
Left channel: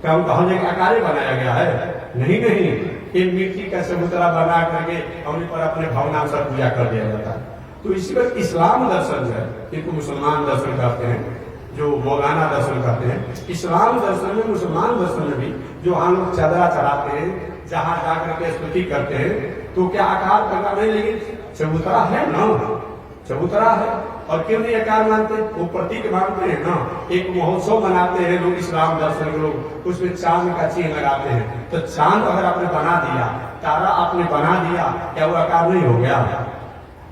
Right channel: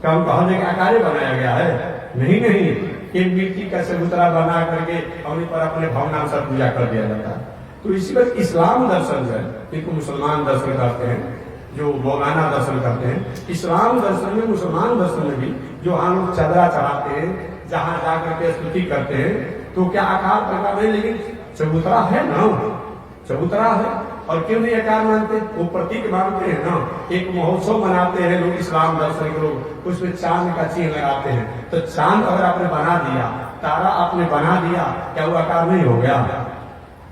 क्या उनका हर जगह आकारे बनाया गया है? नहीं नहीं, एक मिट्टी का चबूतरा बना करके उन्हीं पर अपने भावना से पूजा कर दिया जाता है। तो इसी पर इस्लाम दर्शन जो है, इनको मुसलमान दर्शन करते हैं, जो मौलाना दर्शन करते हैं। इस्लाम दर्शन में, मुसलमान दर्शन में भी जो हम लोग चादरा चढ़ाते हैं, जहां जाकर के स्तुति करते हैं, तो क्या आकार प्रकार नहीं, लेकिन चबूतरा है ना, चबूतरा है। और क्यों नहीं आकार मानते? वो प्रतीक मानते हैं ना। एक महोत्सव मनाते हैं लोग, इस्लाम दर्शन के लोग, उसमें चांद का चिन्ह लगाते हैं। तो चांद अगर आपने बना दिया, तारा आपने बना दिया, क्या वो आकार नहीं हो गया?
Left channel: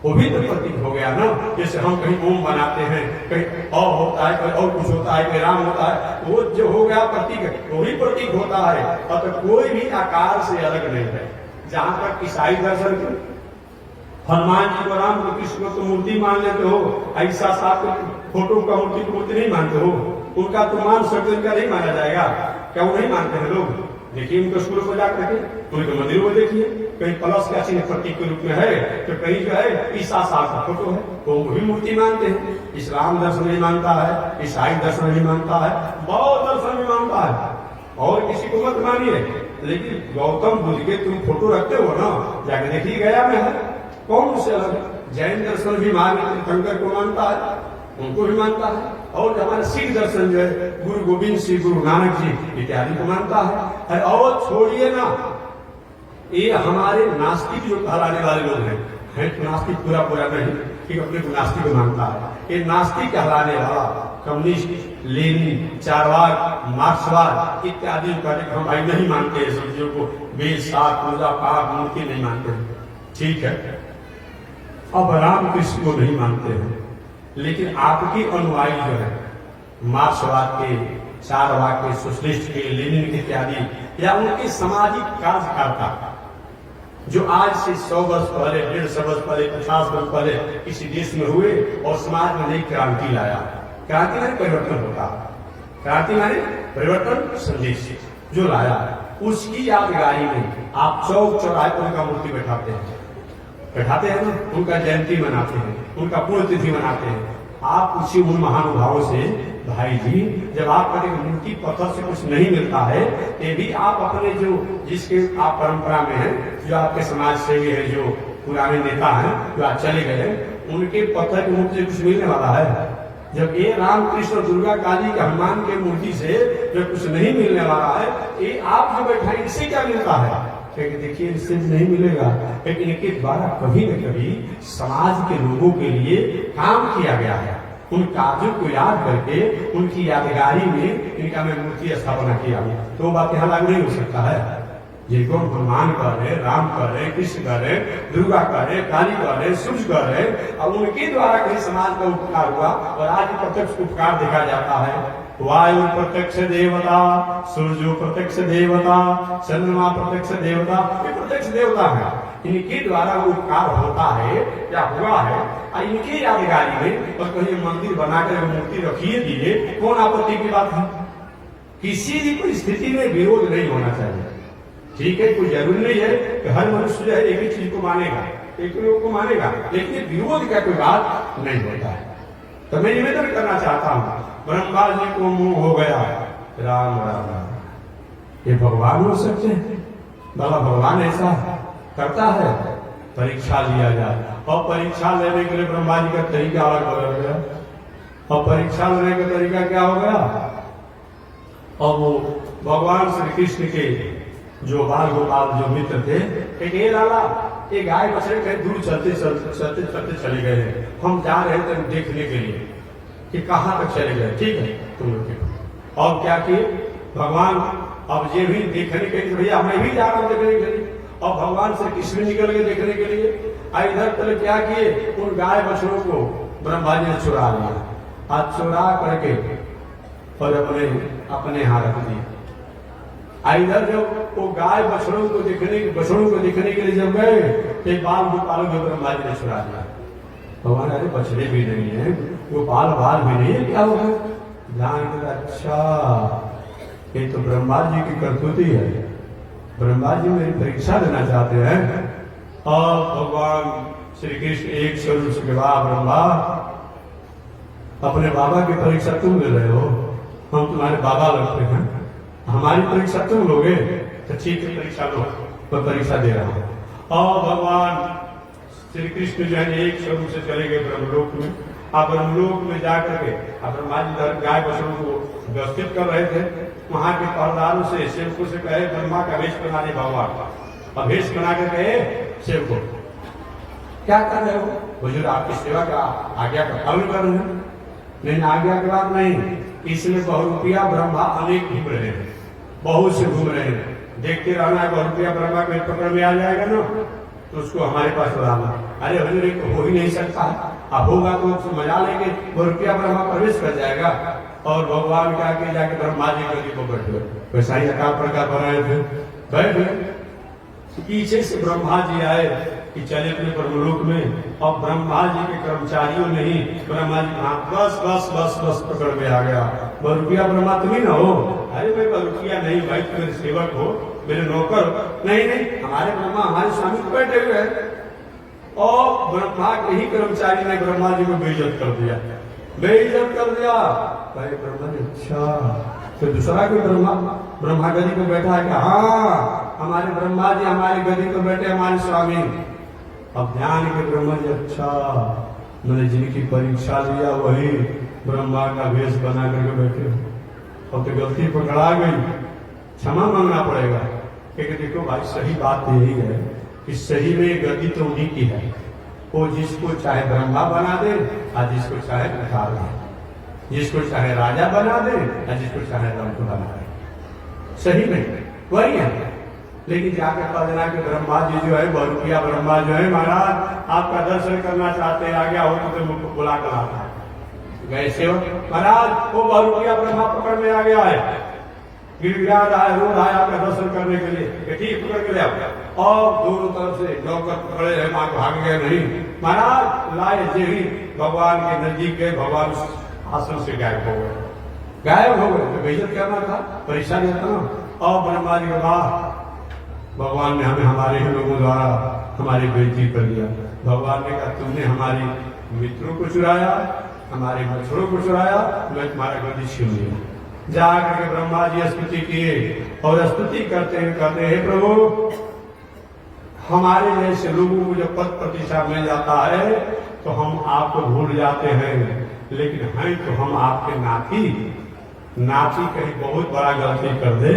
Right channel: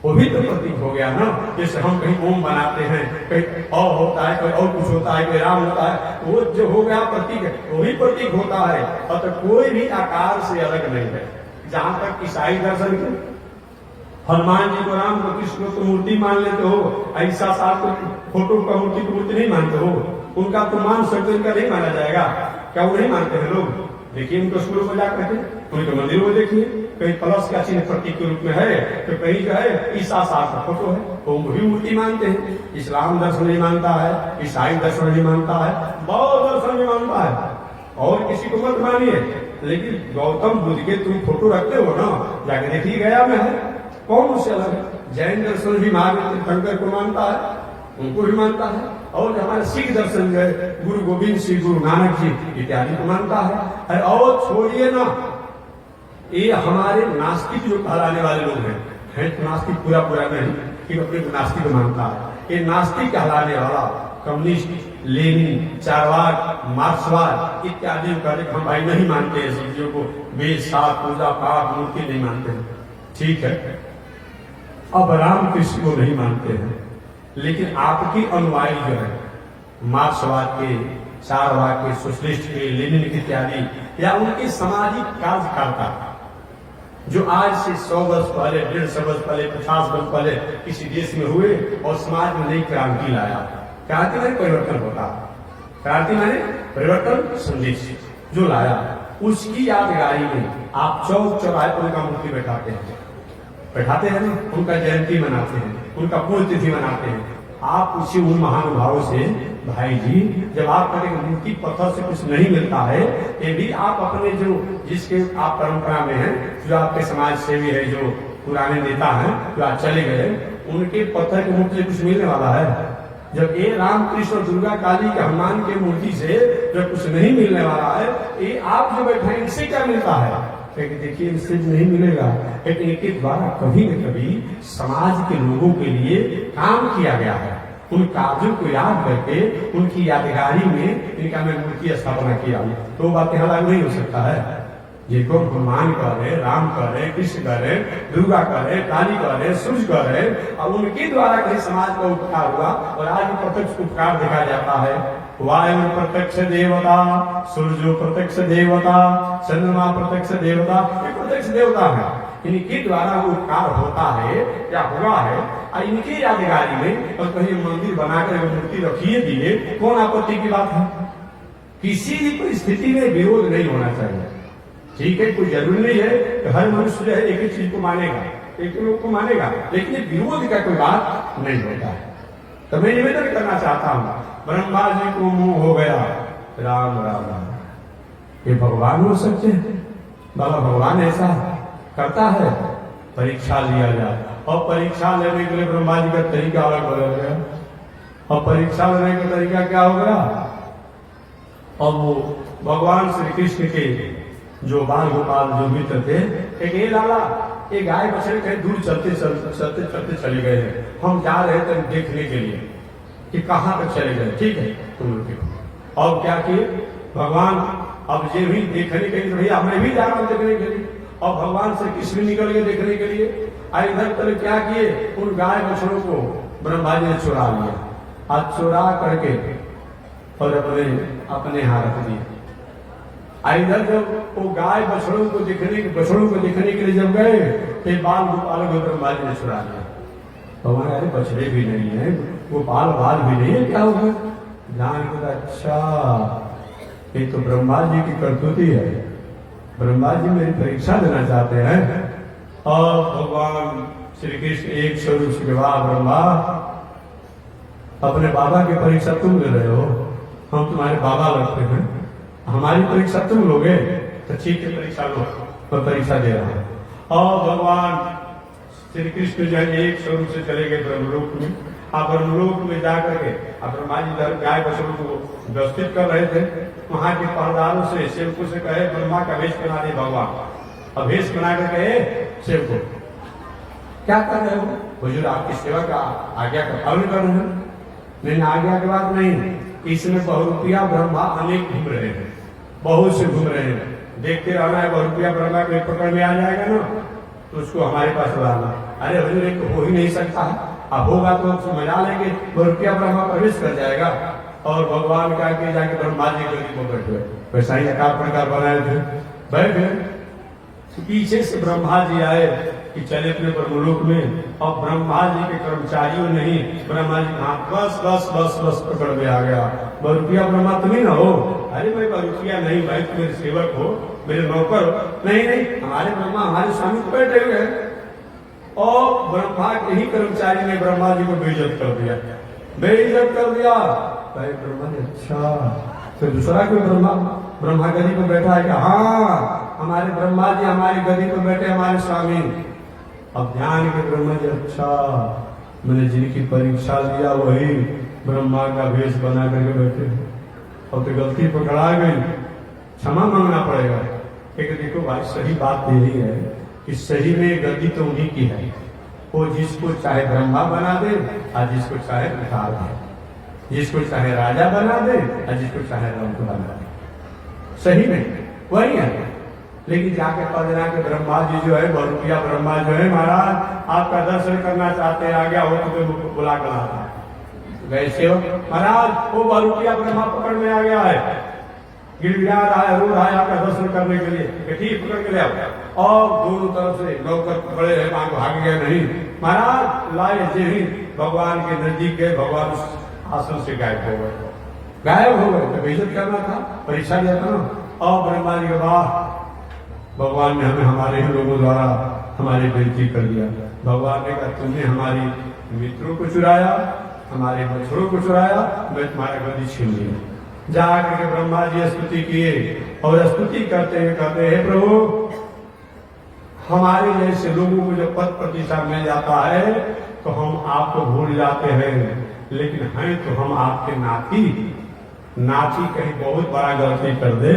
वो भी तो प्रतीक हो गया ना। जैसे हम कहीं ओम बनाते हैं, कहीं और होता है, कोई और कुछ होता है, कोई राम होता है, वो जो हो गया प्रतीक, वो भी प्रतीक होता है। और तो कोई भी आकार से अलग नहीं है। जहां तक ईसाई दर्शन के, हनुमान जी को, राम को, कृष्ण को तो मूर्ति मान लेते हो, ऐसा साथ को फोटो का मूर्ति की मूर्ति नहीं मानते हो। उनका तो मान सकते, उनका नहीं माना जाएगा। क्या वो नहीं मानते हैं लोग? देखिए उनके स्कूलों को जाकर के, उनके मंदिरों को देखिए, कहीं प्लस का चिन्ह प्रतीक के रूप में है, तो कहीं जो है ईसा साल का फोटो है, तो वो भी मूर्ति मानते हैं। इस्लाम दर्शन भी मानता है, ईसाई दर्शन भी मानता है, बौद्ध दर्शन भी मानता है। और किसी को मत मानिए, लेकिन गौतम बुद्ध के तुम फोटो रखते हो ना, जाकर देखिए गया में है, कौन उससे अलग है? जैन दर्शन भी शंकर को मानता है, उनको भी मानता है। और हमारे सिख दर्शन जो है, गुरु गोविंद सिंह, गुरु नानक जी इत्यादि को मानता है। और छोड़िए ना, ये हमारे नास्तिक जो कहलाने वाले लोग हैं तो नास्तिक पूरा पूरा नहीं, कि अपने को नास्तिक मानता है। ये नास्तिक कहलाने वाला कम्युनिस्ट, लेनिन, चारवाक, मार्क्सवाद इत्यादि करके हम भाई नहीं मानते हैं चीजों को। वेद शास्त्र, पूजा पाठ, मूर्ति नहीं मानते हैं, ठीक है। अब राम कृष्ण को नहीं मानते हैं, लेकिन आपकी अनुयायी जो है मार्क्सवाद के, चारवाक के, सोशलिस्ट के, लेनिन इत्यादि, या उनके सामाजिक कार्यकर्ता जो आज से 100 वर्ष पहले, 150 वर्ष पहले, 50 वर्ष पहले किसी देश में हुए और समाज में नई क्रांति लाया। क्रांति में परिवर्तन होता, क्रांति माने परिवर्तन, संदेश जो लाया, उसकी यादगारी में आप चौक चौराहे पर उनका मूर्ति बैठाते हैं ना, उनका जयंती मनाते हैं, उनका पुण्यतिथि मनाते हैं। आप पूछिए उन महानुभावों से, भाई जी जब आप कहेंगे मूर्ति पत्थर से कुछ नहीं मिलता है, ये भी आप अपने जो जिसके आप परंपरा में हैं, जो आपके समाज सेवी है, जो पुराने नेता हैं, जो आज चले गए, उनके पत्थर की मूर्ति से कुछ मिलने वाला है? जब ये राम कृष्ण, दुर्गा, काली के, हनुमान के मूर्ति से जब कुछ नहीं मिलने वाला है, ये आप जो बैठे इससे क्या मिलता है? लेकिन देखिए इससे नहीं मिलेगा, लेकिन इनके द्वारा कभी न कभी समाज के लोगों के लिए काम किया गया है। उन कार्यों को याद करके उनकी यादगारी में इनका मैं मूर्ति स्थापना किया हूं, तो बातें अलग नहीं हो सकता है। जिनको हनुमान कर रहे, राम कर रहे, कृष्ण कर रहे, दुर्गा कर रहे, काली कर रहे, सूर्य कर रहे, और उनके द्वारा कहीं समाज का उपकार हुआ, और आज प्रत्यक्ष उपकार देखा जाता है। वायु प्रत्यक्ष देवता, सूर्य प्रत्यक्ष देवता, चंद्रमा प्रत्यक्ष देवता, ये प्रत्यक्ष देवता है। इनके द्वारा उपकार होता है या हुआ है, और इनकी यादगारी में और कहीं मंदिर बनाकर मूर्ति रखिए दिए, कौन आपत्ति की बात है? किसी भी कोई स्थिति में विरोध नहीं होना चाहिए, ठीक है। कोई जरूरी नहीं है कि हर मनुष्य जो है एक ही चीज को मानेगा, एक ही लोग को मानेगा, लेकिन विरोध का कोई बात नहीं होता है। तो मैं निवेदन करना चाहता हूं, ब्रह्मा जी को मुंह हो गया, राम राम राम, ये भगवान हो सकते हैं? भला भगवान ऐसा करता है? परीक्षा लिया जाए, और परीक्षा लेने के लिए ब्रह्मा जी का तरीका अलग बदल गया, और परीक्षा लेने का तरीका क्या हो गया? और वो भगवान श्री कृष्ण के जो बाल गोपाल जो मित्र थे, ये लाला ये गाय बछड़े कहीं दूर चलते चलते चले गए हैं, हम जा रहे थे देखने के लिए कि कहां तक चले गए, ठीक है तुम देखो। और क्या किए भगवान, अब ये भी देखने के लिए, भैया हमें भी जा रहा देखने के लिए, और भगवान से कृष्ण निकल गए देखने के लिए। इधर पहले क्या किए, उन गाय बछड़ों को ब्रह्मा जी ने चुरा लिया, आज चुरा करके और अपने हाथ रख दिए। इधर जब वो गाय बछड़ों को देखने के लिए जब गए, तो बाल गोपालों को ब्रह्मा जी ने चुरा लिया। भगवान अरे बछड़े भी नहीं है, गोपाल बाल भी नहीं है, क्या होगा? जान के अच्छा ये तो ब्रह्मा जी की करतूती है, ब्रह्मा जी मेरी परीक्षा लेना चाहते हैं। और भगवान श्री कृष्ण एक स्वरूप के बाद ब्रह्मा अपने बाबा की परीक्षा तुम ले रहे हो, हम तुम्हारे बाबा लगते हैं, हमारी परीक्षा तुम लोगे तो ठीक है परीक्षा लो, मैं परीक्षा दे रहा हूं। और भगवान श्री कृष्ण जो है एक स्वरूप से चले गए ब्रह्मलोक में। आप ब्रह्मलोक में जाकर के ब्रह्मा जी धर गाय बछड़ों को व्यवस्थित कर रहे थे। वहां के पहरेदारों से सेवकों से कहे ब्रह्मा का वेश बना दे भगवान। अब वेश बना के कहे सेवको क्या कर रहे हो? हुजूर आपकी सेवा का आज्ञा का पालन कर रहे हैं। नहीं आज्ञा के बाद नहीं, इसमें बहुरूपिया ब्रह्मा अनेक घूम रहे हैं, बहुत से घूम रहे हैं। देखते रहना है बहुरूपिया ब्रह्मा के पकड़ में आ जाएगा ना तो उसको हमारे पास लाना। अरे हुजूर एक हो ही नहीं सकता है, अब होगा तो मजा लेंगे, बहुरूपिया ब्रह्मा प्रवेश कर जाएगा। और भगवान क्या किया जाके ब्रह्मा जी के लिए बैठे, वैसा ही आकार प्रकार बनाए थे, बैठे। पीछे से ब्रह्मा जी आए कि चले अपने ब्रह्मलोक में, और ब्रह्मा जी के कर्मचारियों ने ही ब्रह्मा जी कहा बस बस बस बस पकड़ में आ गया। बहुरूपिया ब्रह्मा तुम ही ना हो? अरे भाई बहुरूपिया नहीं भाई, तुम मेरे सेवक हो, मेरे नौकर हो। नहीं नहीं, हमारे ब्रह्मा हमारे स्वामी बैठे हुए हैं। और ब्रह्मा के ही कर्मचारी ने ब्रह्मा जी को बेइज्जत कर दिया, बेइज्जत कर दिया। भाई ब्रह्मा ने अच्छा तो दूसरा कोई ब्रह्मा गदी को बैठा है कि हाँ हमारे ब्रह्मा जी हमारी गदी पर बैठे हमारे स्वामी। अब ध्यान के ब्रह्मा जी अच्छा मैंने जिनकी परीक्षा लिया वही ब्रह्मा का वेश बना करके बैठे। अब तो गलती पकड़ा गई, क्षमा मांगना पड़ेगा। लेकिन देखो भाई सही बात यही है कि सही में गलती तो उन्हीं की है, वो जिसको चाहे ब्रह्मा बना दे और जिसको चाहे भिखार दे, जिसको चाहे राजा बना दे और जिसको चाहे रंक बना दे, सही में वही है। लेकिन जाके पता चला कि ब्रह्मा जी जो है बहुरूपिया ब्रह्मा जो है महाराज आपका दर्शन करना चाहते हैं, आ गया हो तो बुला कर लाता गए सेवक महाराज वो बहुरूपिया ब्रह्मा पकड़ में आ गया है, गिड़गिड़ा रहा है, रो रहा है आपका दर्शन करने के लिए, ठीक पकड़ के ले आओ। और दोनों तरफ से नौकर खड़े हैं, आप भाग गए नहीं महाराज लाए जे ही भगवान के नजदीक गए, भगवान उस आसन से गायब हो गए, गायब हो गए। तो बेइज्जत करना था, परीक्षा दिया था ना। और ब्रह्मा जी का भगवान ने हमें हमारे ही लोगों द्वारा हमारी बेइज्जती कर दिया। भगवान ने कहा तुमने हमारी मित्रों को चुराया, हमारे बछड़ों को चुराया, मैं तुम्हारा गद्दी छीन लिया। जाकर के ब्रह्मा जी स्तुति किए और स्तुति करते हैं प्रभु हमारे जैसे लोगों को जब पद प्रतिष्ठा मिल जाता है तो हम आपको भूल जाते हैं, लेकिन हैं तो हम आपके नाती कहीं बहुत बड़ा गलती कर दे,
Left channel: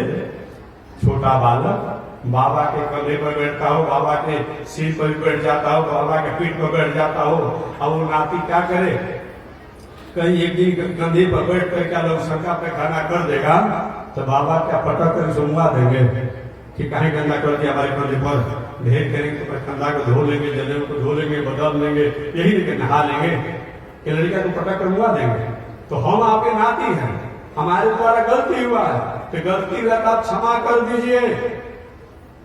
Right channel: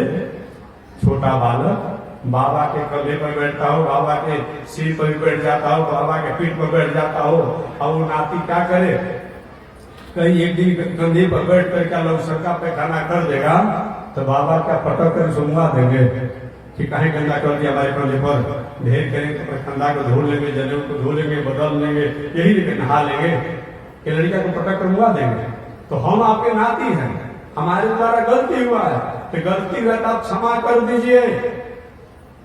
छोटा बालक बाबा के कंधे पर बैठता हो, बाबा के सिर पर बैठ जाता हो, बाबा के पीठ पर बैठ जाता हो, और वो नाती क्या करे, कहीं एक दिन कंधे पर बैठ कर क्या लोग शंका पे खाना कर देगा तो बाबा क्या पटक कर सुंगा देंगे कि कहीं गंदा कर दिया हमारे कंधे पर, ढेर करेंगे तो कंधा को धो लेंगे, जनेऊ को धो लेंगे, बदल लेंगे, यही लेके नहा लेंगे, ये लड़का को पटक कर मुआ देंगे। तो हम आपके नाती हैं, हमारे द्वारा गलती हुआ है, तो गलती हुआ तो आप क्षमा कर दीजिए,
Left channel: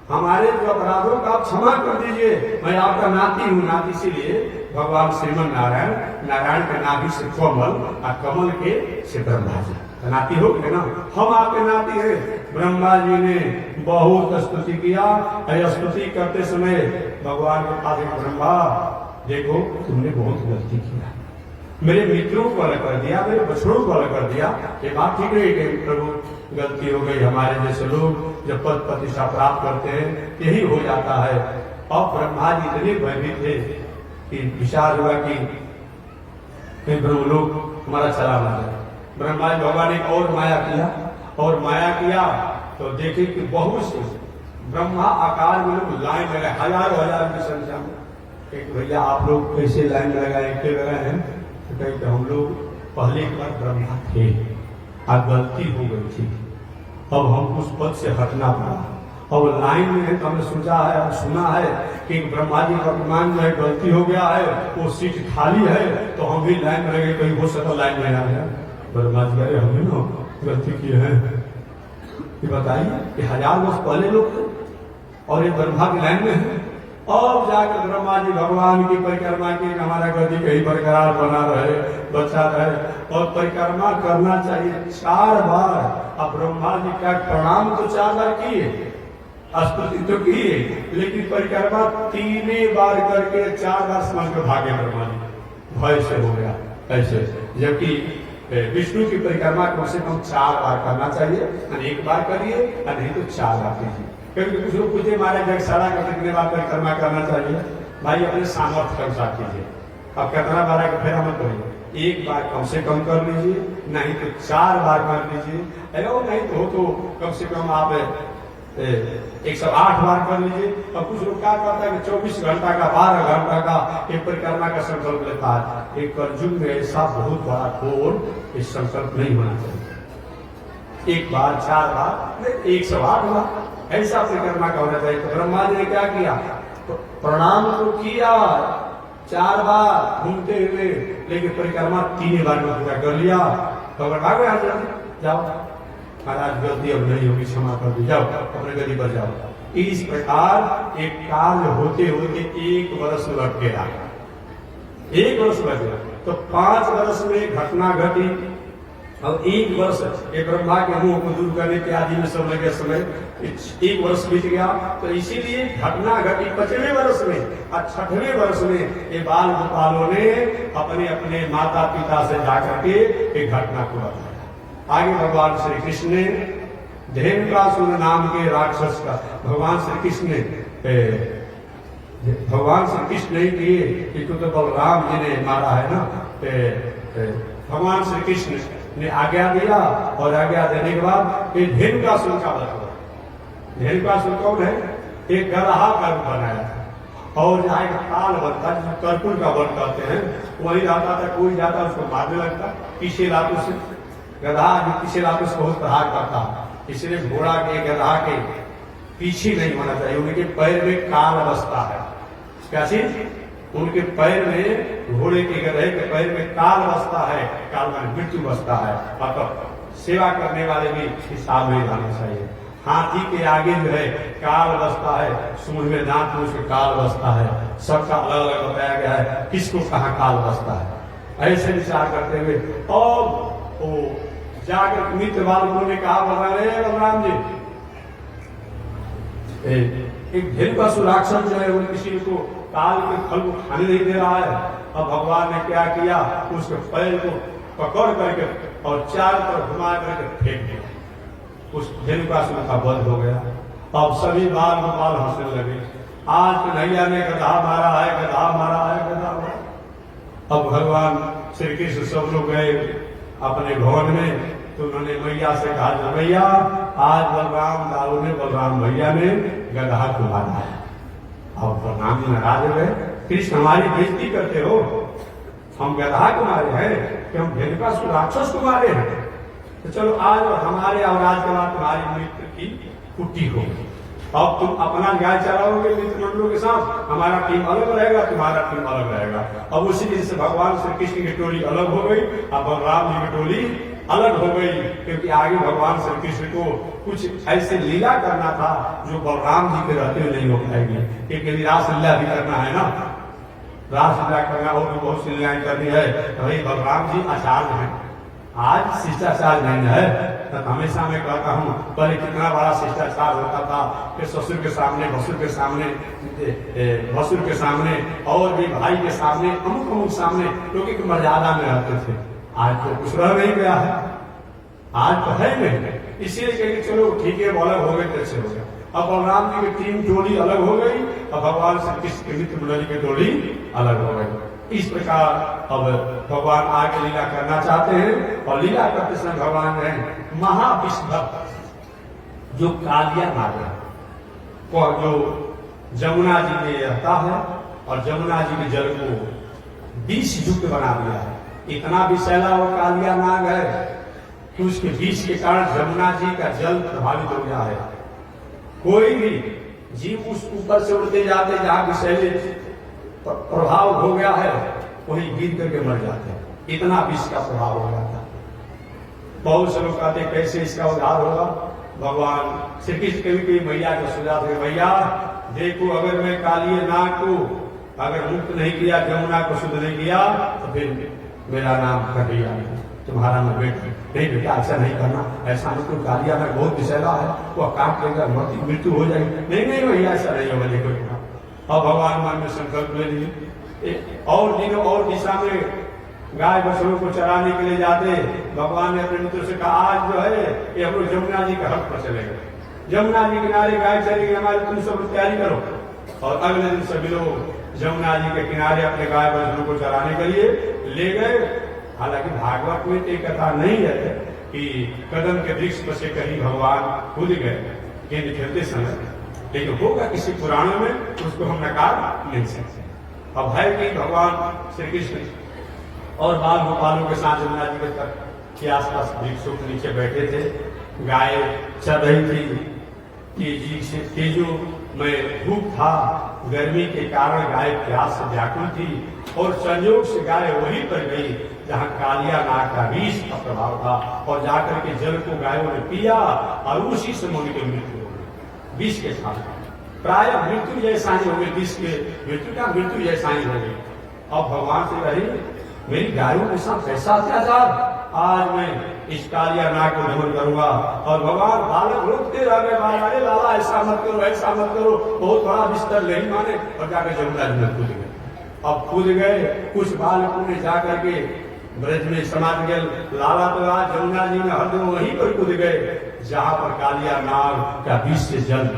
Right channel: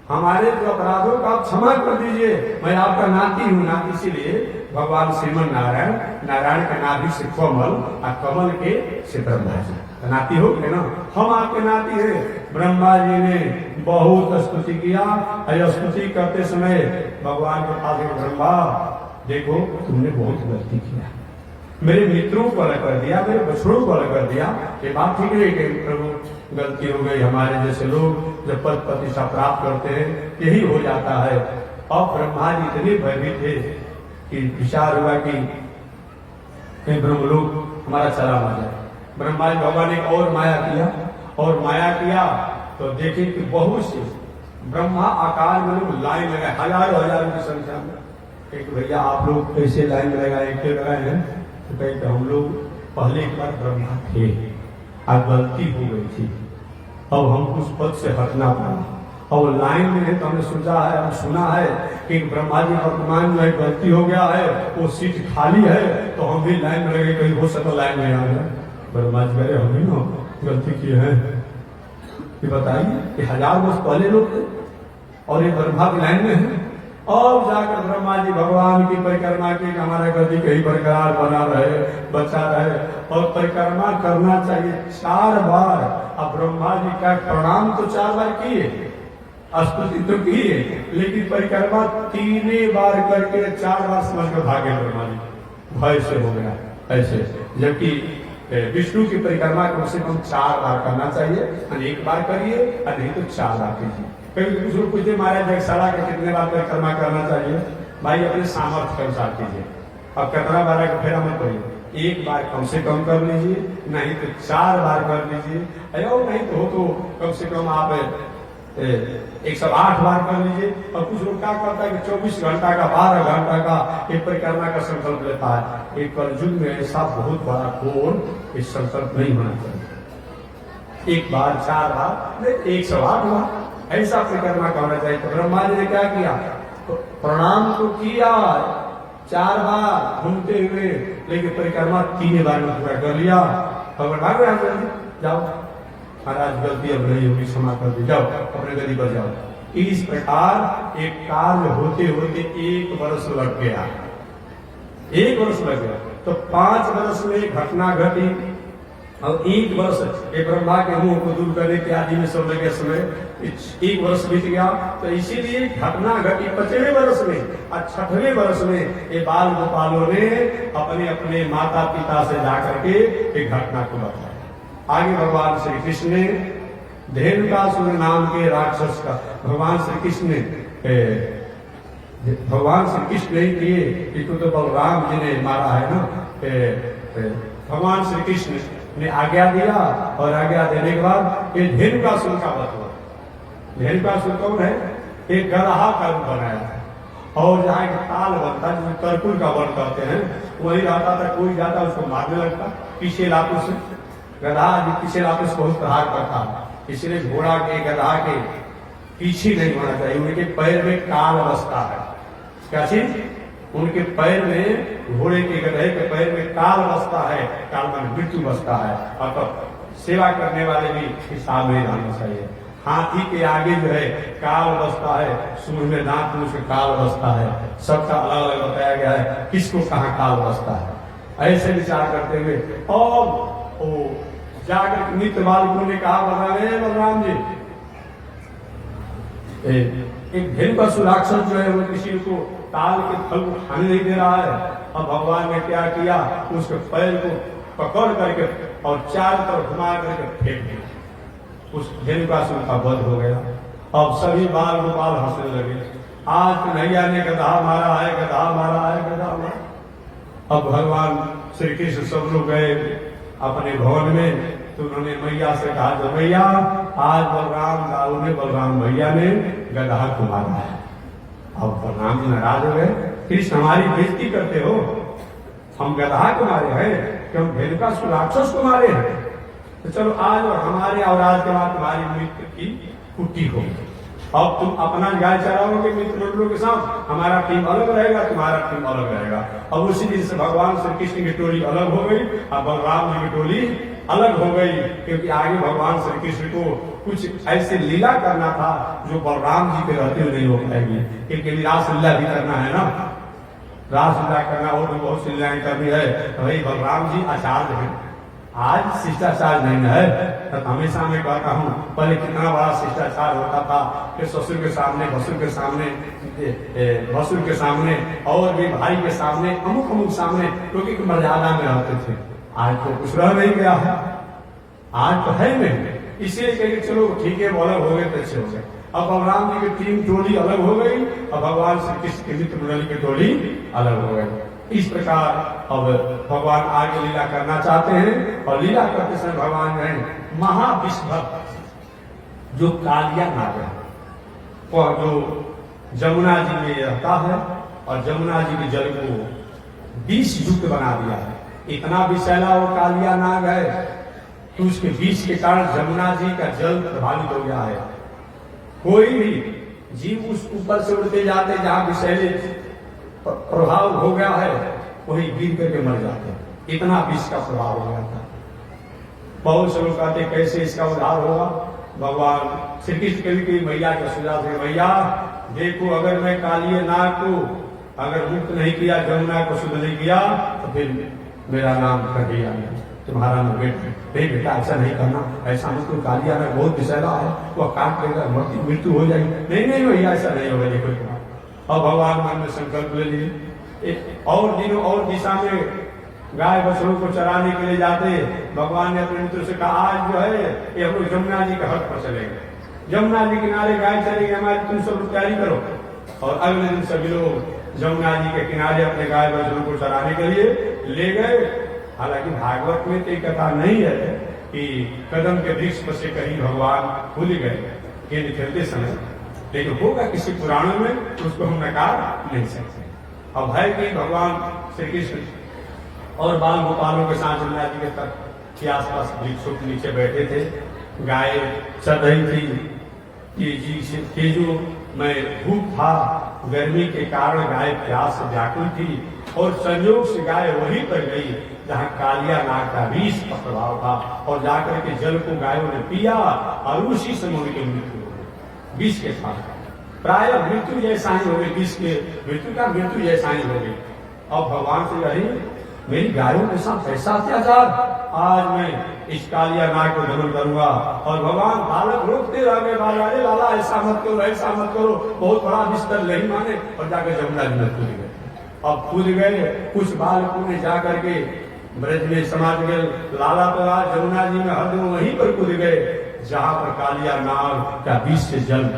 हमारे जो अपराधों का आप क्षमा कर दीजिए, मैं आपका नाती हूँ। नाती इसीलिए भगवान श्रीमन नारायण, नारायण के नाभि से कमल और कमल के से ब्रह्मा जी नाती हो गए ना, हम आपके नाती हैं। ब्रह्मा जी ने बहुत स्तुति किया, स्तुति करते समय भगवान के पास ब्रह्मा देखो तुमने बहुत गलती किया, मेरे मित्रों को अलग कर दिया, मेरे बछड़ों को अलग कर दिया, ये बात ठीक नहीं कि प्रभु गलती हो गई। हमारे जैसे लोग जब पद प्रतिष्ठा प्राप्त करते हैं यही हो जाता है। और ब्रह्मा जी इतने भयभीत थे कि विचार हुआ कि ब्रह्मलोक हमारा चला ना जाए। ब्रह्मा जी भगवान ने और माया किया तो देखे कि बहुत से ब्रह्मा आकार में लोग लाइन लगाए, हजारों की संख्या में। एक भैया आप लोग कैसे लाइन लगाए, एक लगाए हैं, तो कहीं हम लोग पहले एक बार ब्रह्मा थे और गलती हो गई थी, अब हमको उस पद से हटना पड़ा। और लाइन में है तो हमने सोचा है, हम सुना है कि ब्रह्मा जी वर्तमान जो है गलती हो गया है, वो सीट खाली है, तो हम भी लाइन में लगे, कहीं हो सका लाइन में आ जाए। ब्रह्मा जी कह हम ही ना गलती किए हैं, ये बताइए कि 1000 वर्ष पहले लोग थे और ये ब्रह्मा की लाइन में है। और जाकर ब्रह्मा जी भगवान की परिक्रमा की, हमारा गति कहीं बरकरार बना रहे, बच्चा रहे, और परिक्रमा करना चाहिए 4 बार। अब ब्रह्मा जी का प्रणाम तो 4 बार किए, स्तुति तो की है, लेकिन परिक्रमा 3 बार करके 4 बार समझ कर भागे ब्रह्मा जी, भय से हो गया ऐसे। जबकि विष्णु की परिक्रमा कम से कम 4 बार करना चाहिए, और 1 बार करिए और नहीं तो 4 बार कीजिए। कभी कुछ लोग पूछते महाराज जगसाड़ा का कितने बार परिक्रमा करना चाहिए? भाई अपने सामर्थ्य के अनुसार कीजिए। अब कितना बार का फेरा मत करिए, 1 बार कम से कम कर लीजिए, नहीं तो 4 बार कर लीजिए, और नहीं तो हो तो कम से कम आप 108 बार कर लीजिए। और कुछ लोग क्या करता है कि 24 घंटा का 12 घंटा का एक परिक्रमा का संकल्प लेता है। एक कलयुग में ऐसा बहुत बड़ा घोर इस संकल्प नहीं होना चाहिए। 1 बार 4 बार नहीं 108 बार ऐसा परिक्रमा करना चाहिए। तो ब्रह्मा जी ने क्या किया, प्रणाम तो किया 4 बार घूमते हुए, लेकिन परिक्रमा 3 बार में पूरा कर लिया। तो बता गए आप जल्दी जाओ, महाराज गलती अब नहीं होगी, क्षमा कर दी, जाओ अपने गदी पर जाओ। इस प्रकार एक कार्य होते होते 1 वर्ष लग गया, 1 वर्ष लग गया। तो 5 वर्ष में घटना घटी, और 1 वर्ष ये ब्रह्मा के मुंह को दूर करने के आदि में समय के समय 1 वर्ष बीत गया। तो इसीलिए घटना घटी 5वें वर्ष में, और 6वें वर्ष में ये बाल गोपालों ने अपने अपने माता पिता से जाकर के एक घटना को बताया। आगे भगवान श्री कृष्ण ने धेनुकासुर नाम के राक्षस का भगवान श्री कृष्ण ने किए, इसको तो बलराम जी ने मारा है ना। भगवान श्री कृष्ण ने आज्ञा दिया, और आज्ञा देने के बाद ये धेनुकासुर का वध हुआ। धेनुकासुर कौन है? एक गदहा का रूप बनाया था, और जहाँ एक ताल बनता जिसको कर्कुल का वन कहते हैं, वही रहता था। कोई जाता उसको मारने लगता, किसे लातों से गधा जो किसी लातों से बहुत प्रहार करता, इसलिए घोड़ा के गधा के पीछे नहीं होना चाहिए। उनके पैर में काल बसता है। क्या चीज? उनके पैर में, घोड़े के गधे के पैर में काल बसता है, काल में मृत्यु बसता है। और तब सेवा करने वाले भी हिसाब में रहना चाहिए। हाथी के आगे जो है काल बसता है, सूंड में दांत में उसके काल बसता है। सबका अलग अलग बताया गया है किसको कहाँ काल बसता है। ऐसे विचार करते हुए और जाकर मित्र बालकों ने कहा बलराम जी, एक धेनुकासुर राक्षस जो है वो किसी को काल के फल को खाने नहीं दे रहा है। अब भगवान ने क्या किया, उसके पैर को पकड़ करके और चारों तरफ घुमा करके फेंक दिया। उस धेनुकासुर का वध हो गया। अब सभी बाल गोपाल हंसने लगे, आज कन्हैया ने गधा मारा है, गधा मारा है, गधा मारा। अब भगवान श्री कृष्ण सब लोग गए अपने भवन में, तो उन्होंने मैया से कहा, जो मैया आज बलराम दाऊ ने, बलराम भैया ने गधा को मारा है। अब बलराम जी नाराज हो गए, कृष्ण हमारी बेइज्जती करते हो, हम गधा को मारे हैं कि हम धेनुकासुर राक्षस को मारे हैं? तो चलो आज और हमारे और आज के बाद तुम्हारी मित्र की कुट्टी होगी। अब तुम अपना गाय चराओगे मित्र मंडलों के साथ, हमारा टीम अलग रहेगा, तुम्हारा टीम अलग रहेगा। अब उसी दिन से भगवान श्री कृष्ण की टोली अलग हो गई और बलराम जी की टोली अलग हो गई, क्योंकि आगे भगवान श्री कृष्ण को कुछ ऐसे लीला करना था जो बलराम जी के रहते हुए नहीं हो पाएगी। क्योंकि रासलीला भी करना है ना, रासलीला करना और भी बहुत सी लीलाएं करनी है। तो भाई बलराम जी आचार्य हैं, आज शिष्टाचार नहीं है। तो हमेशा मैं कहता हूँ, पहले कितना बड़ा शिष्टाचार होता था कि ससुर के सामने, भसुर के सामने, भसुर के सामने और भी भाई के सामने, अमुक अमुक सामने लोग एक मर्यादा में रहते थे। आज तो कुछ रह नहीं गया है, आज तो है नहीं। इसलिए कहेंगे चलो ठीक है, वो अलग हो गए तो अच्छे हो गए। अब बलराम जी की टीम टोली अलग हो गई और भगवान श्री कृष्ण की मित्र मंडली की टोली अलग हो गई। इस प्रकार अब भगवान आगे लीला करना चाहते हैं, और लीला करते समय भगवान जो है महाविष्णु जो कालिया नाग है, वह जो जमुना जी में रहता है और जमुना जी के जल को 20 युक्त बना दिया है। इतना विषैला वो कालिया नाग है कि उसके विष के कारण जमुना जी का जल प्रभावित हो गया है। कोई भी जीव उस ऊपर से उड़ते जाते जहां विषैले प्रभाव हो गया है, वहीं गिर करके मर जाते हैं। इतना विष का प्रभाव हो गया था। बहुत से लोग कहते कैसे इसका उद्धार होगा। भगवान श्री कृष्ण कभी कभी मैया का सुझाव है, मैया देखो अगर मैं कालिए नाग को अगर मुक्त नहीं किया, जमुना को शुद्ध नहीं किया, तो फिर मेरा नाम कभी आएगा। तुम्हारा न बेटा, नहीं बेटा ऐसा नहीं करना, ऐसा मत कोई कालिया में बहुत विषैला है, वह काट लेगा, मृत्यु हो जाएगी। नहीं नहीं भैया ऐसा नहीं होगा, देखो तुम्हारा। और भगवान मन में संकल्प ले लिए। और दिनों और दिशा में गाय बछड़ों को चराने के लिए जाते, भगवान ने अपने मित्र से कहा आज जो है ये हम लोग जमुना जी के हक पर चलेंगे, जमुना जी किनारे गाय चलेगी हमारी, तुम सब तैयारी करो। और अगले दिन सभी लोग जमुना जी के किनारे अपने गाय बछड़ों को चराने के लिए ले गए। हालांकि भागवत में तो कथा नहीं है कि कदम के वृक्ष पर से कहीं भगवान भूल गए गेंद खेलते समय, लेकिन होगा किसी पुराणों में, उसको हम नकार नहीं सकते। अब है कि भगवान श्री कृष्ण और बाल गोपालों के साथ जमुना जी के तट के आसपास वृक्षों के नीचे बैठे थे, गाय चल रही थी कि जो मैं धूप था, गर्मी के कारण गाय प्यास से व्याकुल थी, और संयोग से गाय वहीं पर गई जहां कालिया नाग का विष का प्रभाव था, और जाकर के जल को गायों ने पिया और उसी समय उनकी मृत्यु हो गई, विष के कारण। प्राय मृत्यु जैसा ही हो गई, विष के मृत्यु का मृत्यु जैसा ही हो गई। अब भगवान से कही मेरी गायों के साथ ऐसा अत्याचार, आज मैं इस कालिया नाग को दमन करूंगा। और भगवान बालक रोकते रह गए, अरे लाला ऐसा मत करो, ऐसा मत करो, बहुत बड़ा बिस्तर नहीं माने, और जाकर जमुना जी में कूद गए। अब कूद गए, कुछ बालकों ने जाकर के ब्रज में समाप्त गए, लाला तो आज जमुना जी में हर वहीं पर कूद गए जहां पर कालिया नाग का विष से जल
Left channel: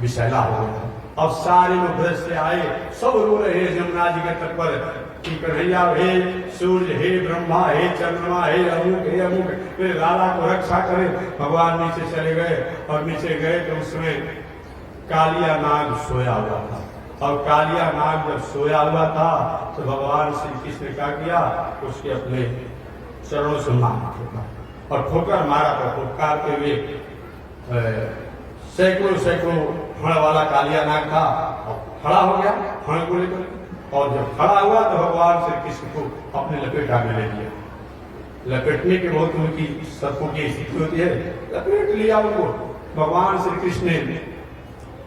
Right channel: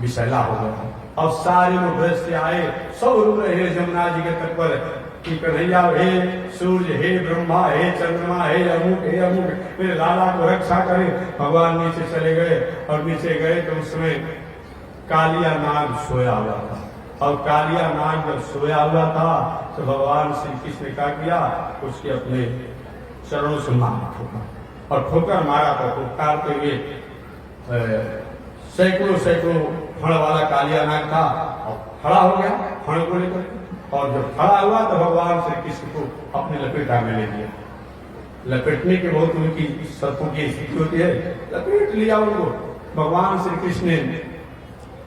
विषैला हो गया। अब सारे लोग ब्रज से आए, सब रो रहे हैं जमुना जी के तट पर कि कन्हैया, हे सूर्य, हे ब्रह्मा, हे चंद्रमा, हे अमुक, हे अमुक, फिर लाला को रक्षा करे। भगवान नीचे चले गए, और नीचे गए तो उसमें कालिया नाग सोया हुआ था। और कालिया नाग जब सोया हुआ था तो भगवान श्री कृष्ण ने क्या किया, उसके अपने चरणों से मारा ठोका, और ठोकर मारा तो फुटकारते हुए सैकड़ों सैकड़ों फण वाला कालिया नाग था, और खड़ा हो गया फण को लेकर। और जब खड़ा हुआ तो भगवान श्री कृष्ण को अपने लपेटा में ले लिया। लपेटने के बहुत उनकी सर्पों की स्थिति होती है, लपेट लिया उनको। भगवान श्री कृष्ण ने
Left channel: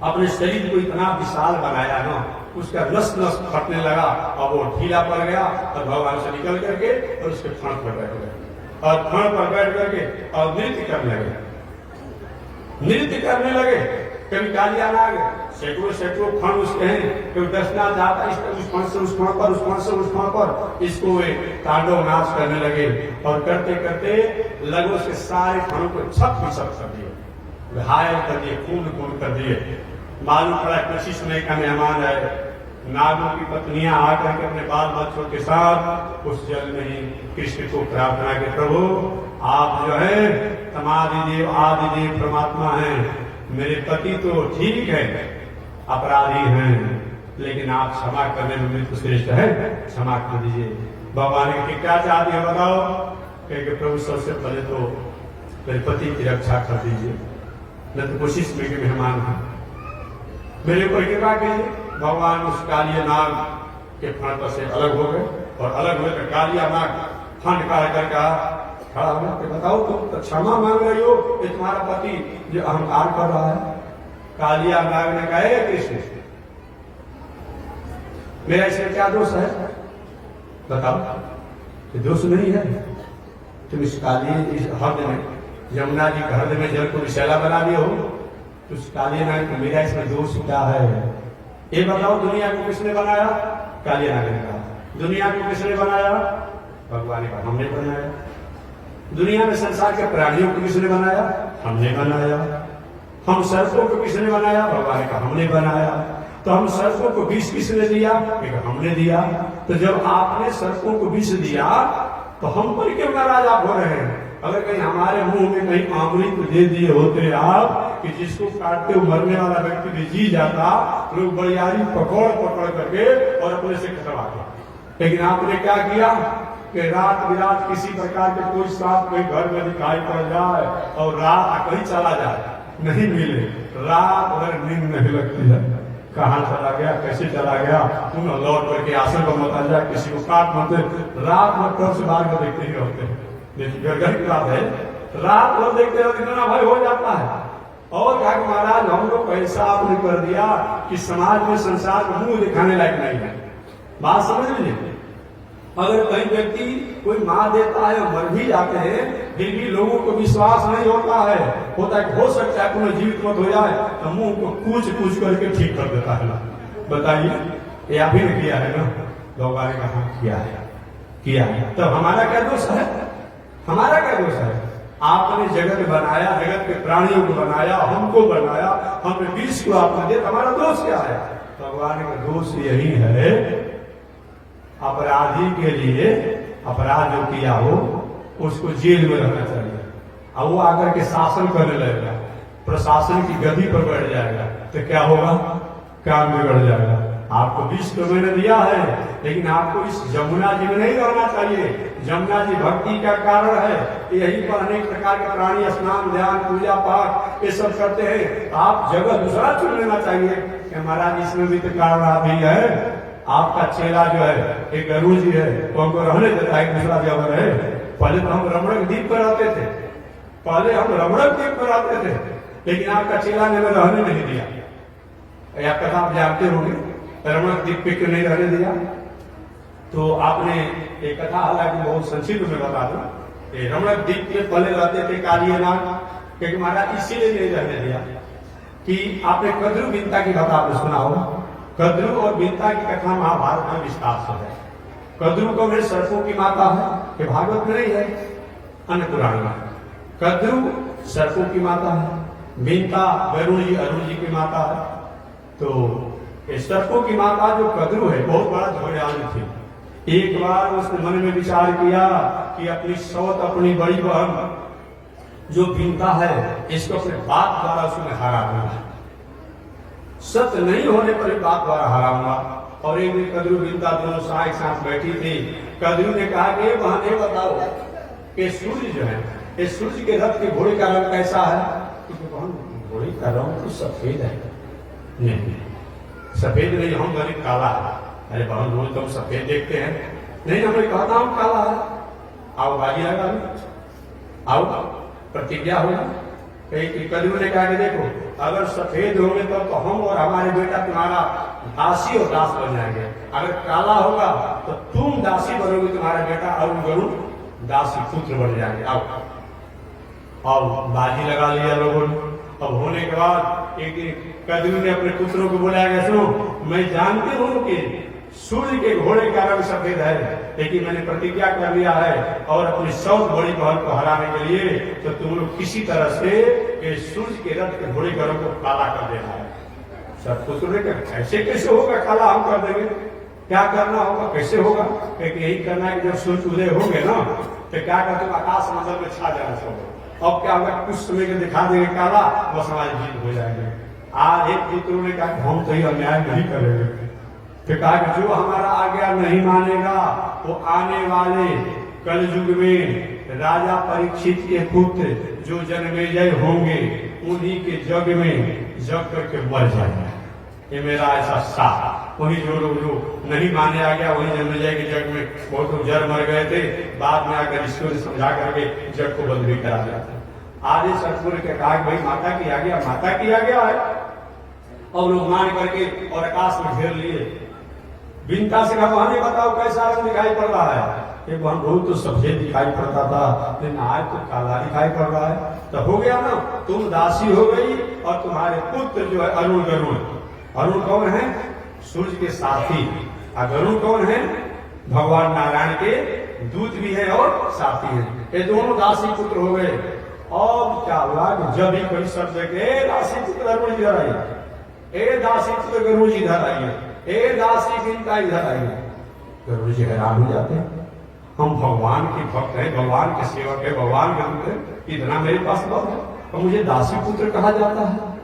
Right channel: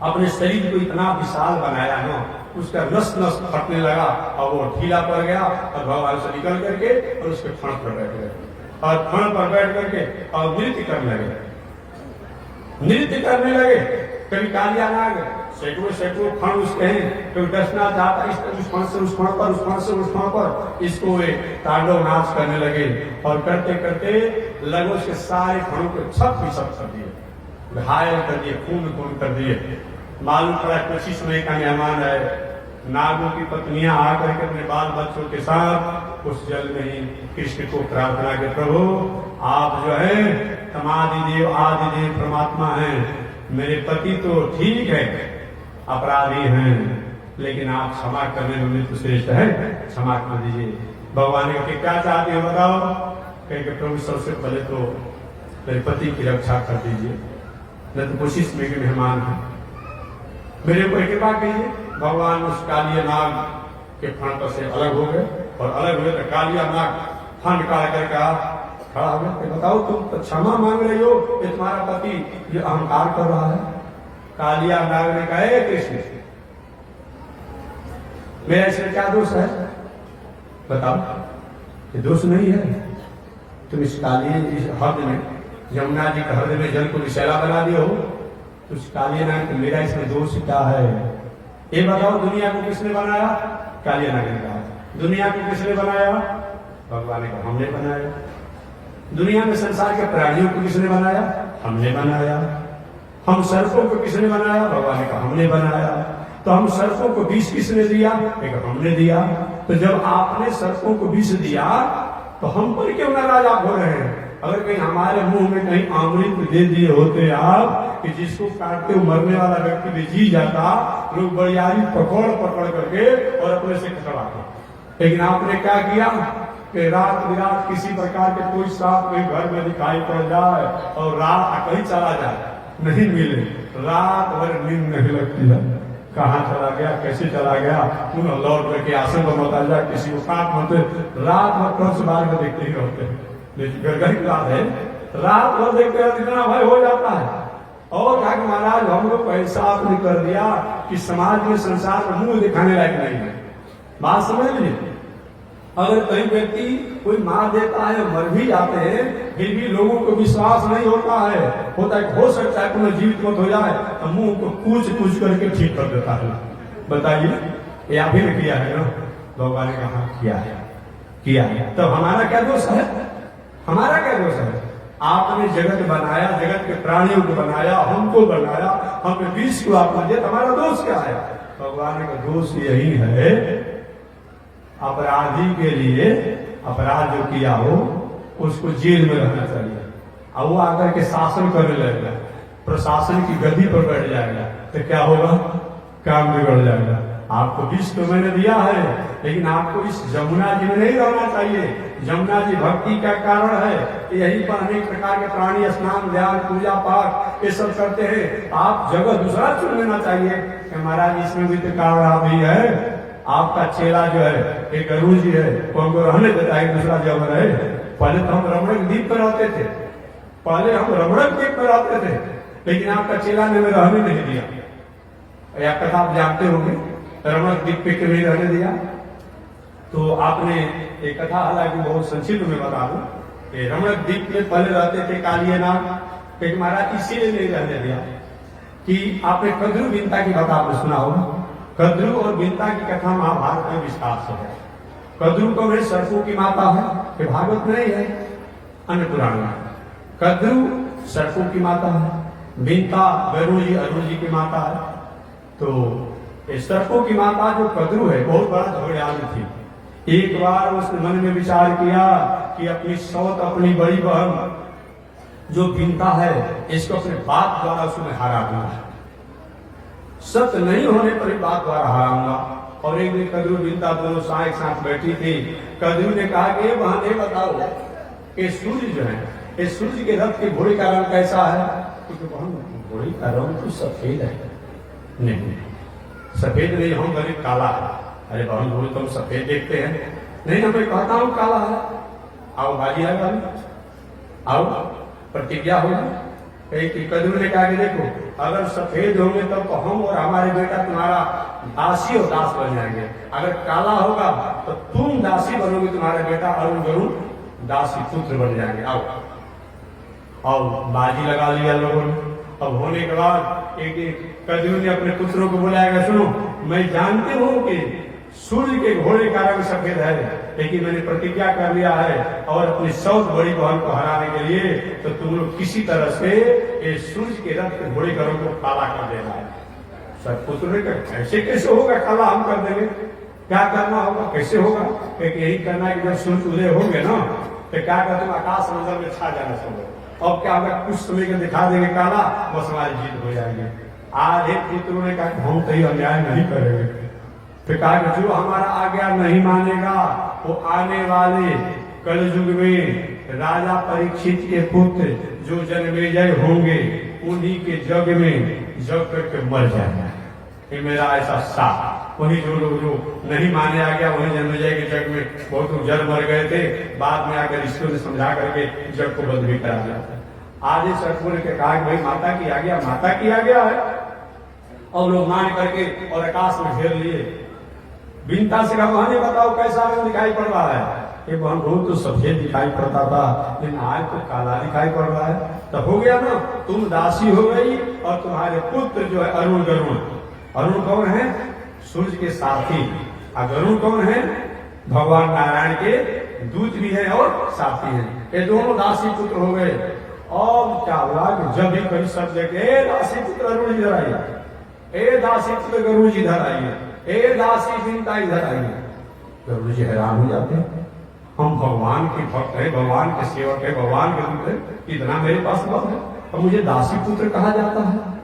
अपने शरीर को इतना विशाल बनाया ना, उसका नस नस फटने लगा, और वो ढीला पड़ गया, और भगवान से निकल करके और उसके फण पर बैठ गए, और फण पर बैठ करके और नृत्य करने लगे, नृत्य करने लगे। कभी कालिया नाग सैकड़ों सैकड़ों फण उसके हैं, कभी डसना चाहता उस फण से उस फण पर, उस फण से उस फण पर, इसको एक तांडव नाच करने लगे। और करते करते लगभग उसके सारे फणों को छप कर दिए, घायल कर दिए, खून खून कर दिए। मालूम पड़ा कुछ समय का मेहमान है, नागों की पत्नियां आकर के अपने बाल बच्चों के साथ उस जल में ही कृष्ण को प्रार्थना के, प्रभु आप जो है तमादि देव आदि देव परमात्मा हैं, मेरे पति तो ठीक है अपराधी हैं, लेकिन आप क्षमा करने में मृत्यु श्रेष्ठ है, क्षमा कर दीजिए। भगवान ने क्या चाहते हैं बताओ, कहेंगे प्रभु सबसे पहले तो मेरे पति की रक्षा कर दीजिए, मैं तो कोशिश में के मेहमान हूं, मेरे ऊपर कृपा कीजिए। भगवान उस कालिया नाग के फण से अलग हो गए, और अलग हुए तो कालिया नाग फंड काट कर कहा, खड़ा हो, बताओ तुम तो क्षमा मांग रही हो, ये तुम्हारा पति जो अहंकार कर रहा है। कालिया नाग ने कहा, कृष्ण मेरा इसमें क्या दोष है बताओ, ये दोष नहीं है, तुम इस कालिए इस हद में, यमुना जी के हद में जल को विषैला बना दिए हो, उस कालिया नाग को मेरा इसमें दोष क्या है, ये बताओ। दुनिया को किसने बनाया, कालिया नाग ने कहा। दुनिया को किसने बनाया, भगवान ने कहा हमने बनाया। दुनिया में संसार के प्राणियों को किसने बनाया, हमने बनाया। हम सर्पों को किसने बनाया, भगवान ने कहा हमने बनाया। तो हम सर्पों को विष किसने दिया, हमने दिया। तो जब आपने सर्पों को विष दिया तो हम पर क्यों नाराज आप हो रहे हैं। अगर कहीं हमारे मुंह में कहीं अमृत दे दिए होते आप कि जिसको काटते हुए मरने वाला व्यक्ति भी जी जाता, लोग बड़ियारी पकड़ पकड़ करके और अपने से कटवाते। लेकिन आपने क्या किया कि रात बिरात किसी प्रकार के कोई सांप कोई घर में दिखाई पड़ जाए और रात कहीं चला जाए, नहीं मिले, रात भर नींद नहीं लगती है, कहाँ चला गया, कैसे चला गया, पुनः लौट करके आसन पर मत आ जाए, किसी को काट मत, रात भर टॉर्च बार में देखते ही रहते हैं। लेकिन गर्गन की बात है, रात भर देखते रहते, इतना भय हो जाता है। और कहा कि महाराज हम लोग ऐसा आपने कर दिया कि समाज में संसार में मुंह दिखाने लायक नहीं है। बात समझ लीजिए, अगर कहीं व्यक्ति कोई मार देता है, मर भी जाते हैं, फिर भी लोगों को विश्वास नहीं होता है, हो सकता है कोई जीवित मत हो जाए तो मुंह को कूच कूच करके ठीक कर देता है। बताइए, ये आप ही ने किया है ना? भगवान ने कहा किया है। तो हमारा क्या दोष है? हमारा क्या दोष है? आपने जगत बनाया, जगत के प्राणियों को बनाया, हमको बनाया, हमने विष को आपने दिया, हमारा दोष क्या है? भगवान का दोष यही है, अपराधी के लिए अपराध जो किया हो उसको जेल में रहना चाहिए, और वो आकर के शासन करने लगेगा, प्रशासन की गद्दी पर बैठ जाएगा, तो क्या होगा? काम बिगड़ जाएगा। आपको विष तो मैंने दिया है, लेकिन आपको इस जमुना जी में नहीं रहना चाहिए। जमुना जी भक्ति का कारण है, यही पर अनेक प्रकार के प्राणी स्नान, ध्यान, पूजा पाठ ये सब करते हैं। आप जगह दूसरा चुन लेना चाहिए कि महाराज इसमें भी तो कारण आप ही है। आपका चेला जो है एक गुरु जी है, वो हमको रहने देता है दूसरा जगह रहे। पहले तो हम रमणक द्वीप पर रहते थे, लेकिन आपका चेला ने हमें रहने नहीं दिया। या कथा आप जानते होंगे, रमणक द्वीप पे क्यों नहीं रहने दिया? तो आपने एक कथा, हालांकि बहुत संक्षिप्त में बता दूं, रमणक द्वीप में पहले रहते थे कालियानाथ, क्योंकि महाराज इसीलिए नहीं रहने दिया कि आपने कद्रू बिनता की बात आपने सुना होगा। कद्रू और बिनता की कथा महाभारत में विस्तार से है। कद्रू को में सर्पों की माता है, ये भागवत में नहीं है, अन्य पुराण में। कद्रू सर्पों की माता है, बिनता गरुड़ जी अरुण जी की माता है। तो सर्पों की माता जो कद्रू है बहुत बड़ा झगड़ानी थी। एक बार उसने मन में विचार किया कि अपनी सौत, अपनी बड़ी बहन जो बिनता है, इसको अपने बाप द्वारा उसने हरा दिया। सत्य नहीं होने पर ही बाप द्वारा हराऊंगा। और एक दिन कद्रू बिनता दोनों एक साथ बैठी थी। कद्रू ने कहा कि बहन ये बताओ कि सूर्य जो है, इस सूर्य के रथ के घोड़े का रंग कैसा है? क्योंकि बहन घोड़े का रंग तो सफेद है। नहीं, सफेद नहीं, हम बने काला है। अरे बहन बोल तुम सफेद देखते हैं। नहीं ना, मैं कहता हूं काला है। आओ बाजी लगा, आओ प्रतिज्ञा होगी। कद्रू ने कहा कि देखो, अगर सफेद होंगे तब तो हम और हमारे बेटा तुम्हारा दासी और दास बन जाएंगे। अगर काला होगा तो तुम दासी बनोगे, तुम्हारा बेटा अरुण गरुड़ दासी पुत्र बन जाएंगे। आओ और बाजी लगा लिया लोगों ने। अब होने के बाद एक दिन कद्रू ने अपने पुत्रों को बुलाया, सुनो मैं जानती हूं कि सूर्य के घोड़े का रंग सफेद है, लेकिन मैंने प्रतिज्ञा कर लिया है और अपनी सौत बड़ी बहन को हराने के लिए तो तुम लोग किसी तरह से इस सूर्य के रथ के घोड़े का रंग को काला कर देना है। सब पुत्र ने कहा ऐसे कैसे होगा, काला हम कर देंगे, क्या करना होगा, कैसे होगा? क्योंकि यही करना है कि जब सूर्य उदय होंगे ना तो क्या कर तुम आकाश मंडल में छा जाने सो। और क्या होगा, कुछ समय के दिखा देंगे काला, बस हमारी जीत हो जाएगी। आज एक पुत्रों ने कहा हम तो ये अन्याय नहीं करेंगे। फिर कहा कि जो हमारा आज्ञा नहीं मानेगा वो आने वाले कलयुग में राजा परीक्षित के पुत्र जो जन्मेजय होंगे उन्हीं के जग में जग करके मर जाएगा। ये मेरा ऐसा साफ। वही जो लोग जो नहीं माने आ गया वही जन्मेजय के जग में बहुत लोग जड़ मर गए थे, बाद में आकर ऋषियों ने समझा करके जग को बंद भी करा दिया था। आधे सतपुर के कहा भाई माता की आ गया, माता की आ गया है, और लोग मान करके और आकाश में घेर लिए। बिनता से कहा बहन बताओ कैसा रंग दिखाई पड़ रहा है? ये बहन बहुत तो सफेद दिखाई पड़ता था, लेकिन आज तो काला दिखाई पड़ रहा है। तो हो गया ना, तुम दासी हो गई और तुम्हारे पुत्र जो है अरुण गरुड़। अरुण कौन है? सूर्य के साथी। और गरुड़ कौन है? भगवान नारायण के दूत भी है और साथी है। ये दोनों दासी पुत्र हो गए। और क्या हुआ कि जब भी कोई शब्द देखे दासी पुत्र अरुण इधर आइए, ए दासी पुत्र गरुड़ जी इधर आइए, ए दासी बिनता इधर आइए, गरुड़ जी हैरान हो जाते हैं। हम भगवान के भक्त हैं, भगवान के सेवक है, भगवान के दूत है, इतना मेरे पास बल है और मुझे दासी पुत्र कहा जाता है।